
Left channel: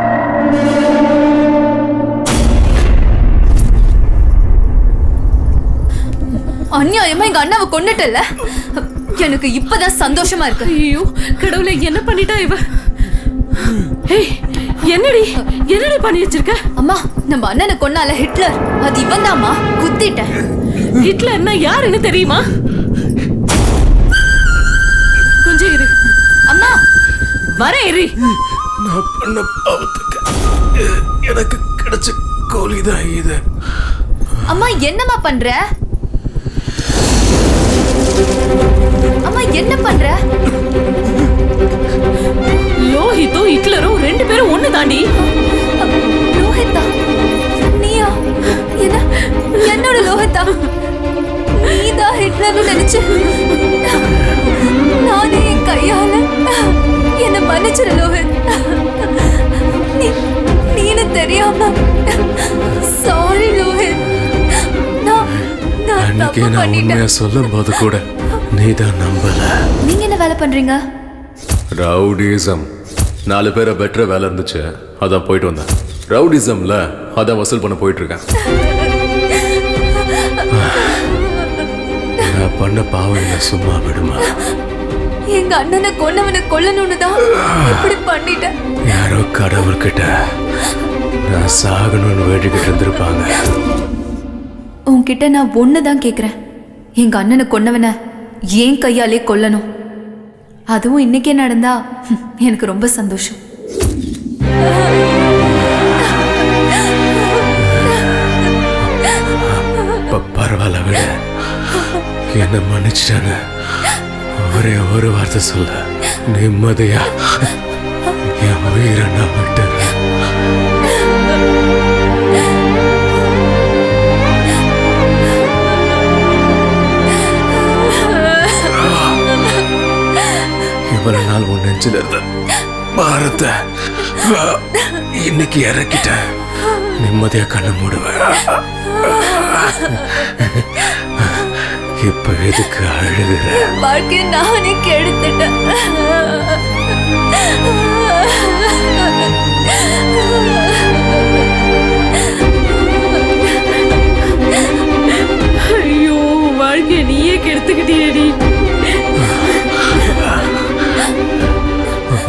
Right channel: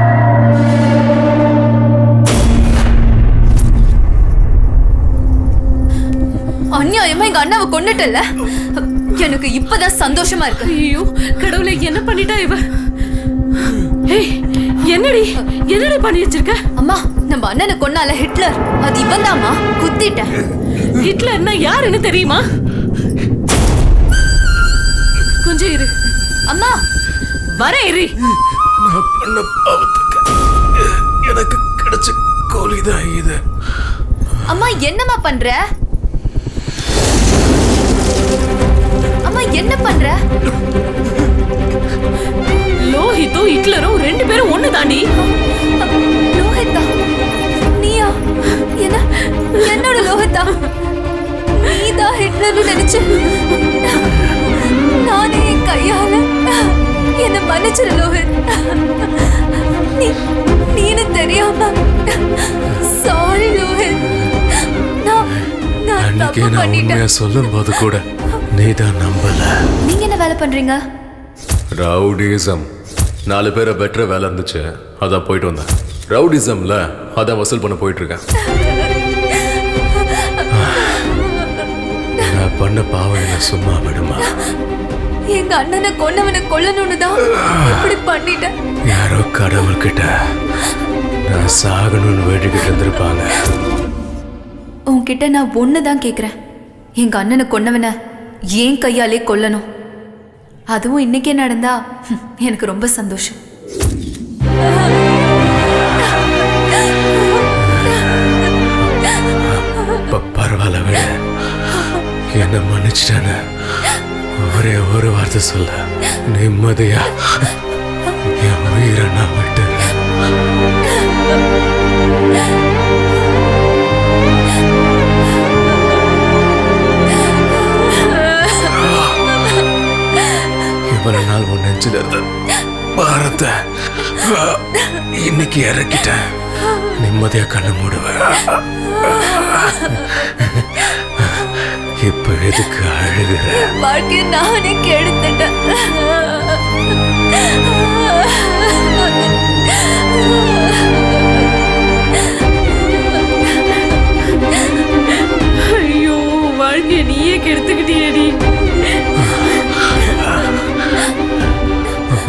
அநியாயமா எங்க அண்ணாவை கொன்னுட்டல. எனக்கு இப்பதான் சந்தோஷமா இருக்கு. ஐயோ கடவுளே, என்ன பண்ணிட்டா இவ? ஏய், என்னடி பண்ணி வச்சிருக்க? அம்மா, நம்ம அண்ணனை கொன்னால ஹிட்லர், அது இவன் தாமா. குத்திட்டேன். ஹிட்லர்னா யாருன்னு தெரியுமா? கொஞ்சம் இரு அம்மா. வர இரு. நான் பண்ண பாவத்துக்கு எனக்கு கிடைச்ச கூலிதான் இது. அம்மா, என்னம்மா பண்ற? அம்மா, என்ன பண்ற? லோஹித்தும் ஹிட்லரும் ரெண்டு பேரும் ஒண்ணு தாண்டி. லோஹித்தா? நீயா? என்னோட லோஹித்தா? நீதான் ஹிட்லர்னு நினைச்சு நானே என் கையால என்ன மன்னிச்சிரு லோஹித். நீனு தெரியாம சாரி லோஹித். அன்னைக்கு நான் உண்மையா சொல்லும் போது கூட நீதான் நம்பல. நீங்க என்ன வேலை பண்றீங்க? ரவுடிசம். 4 பேரை பெற்ற வேலை இருந்துச்சு, அதான் போயிட்டு வந்தேன். ரவுடிசம்ல அதான் வசூல் பண்ண போயிட்டு இருக்கேன். நான் பண்ண பாவம் என்ன சும்மா விடுமா? எங்க அண்ணனை கொன்னவனை கொல்லணும்னு தான் இப்படி பண்ணிட்டேன். யாரோ கடவுள்கிட்ட நான் சாகணும்னு வேண்டிக்கிட்டு இருந்திருப்பாங்க. உன்கிட்ட நான் ஒண்ணுதான் கேக்குறேன். எங்க அண்ணனை கொன்னவனை ஏன் கையாலே கொல்லணும். அதுவும் இன்னைக்கே நடந்தா எனக்கு ரொம்ப சந்தோஷம். பரவாயில்ல விட, என்ன மன்னிச்சிட்டான ஒரே ஒரு வார்த்தை சொல்ல நிம்மதியா என் உயிரை நான் விட்டுறேன். இவ்வளவு நாள் உன் நெஞ்சில இருந்த பாரத்தை இன்னைக்கு இறக்கிட்டேன். நிம்மதியா கண்ணு மூடுவேன். இப்ப எதுக்கு அழுகிற? வாழ்க்கைய நானே கெடுத்துட்டேன். ஐயோ, வாழ்க்கைய நீயே கெடுத்துக்கிட்டியேடி.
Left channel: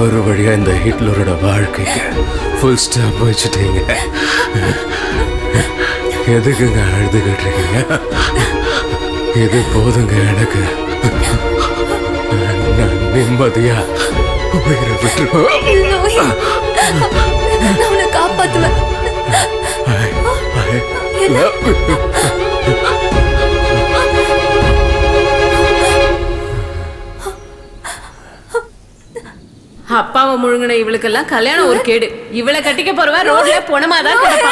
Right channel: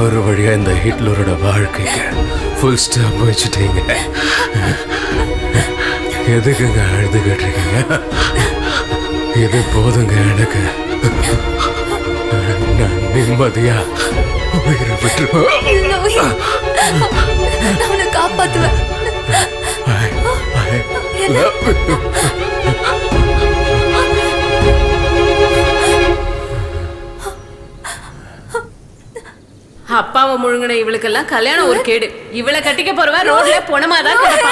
ஒரு வழியா இந்த ஹிட்லரோட வாழ்க்கைக்கு ஃபுல் ஸ்டாப் வச்சுட்டீங்க. எதுக்குங்க அழுதுகிட்டு இருக்கீங்க? இது போதுங்க எனக்கு. நான் நிம்மதியா உயிரை விட்டுருவேன். நான் உன்னை காப்பாத்துவேன். அப்பாவை முழுங்கின இவளுக்கெல்லாம் கல்யாணம் ஒரு கேடு. இவளை கட்டிக்க போறவ ரோட்ல பொணமாதான் கிடப்பா.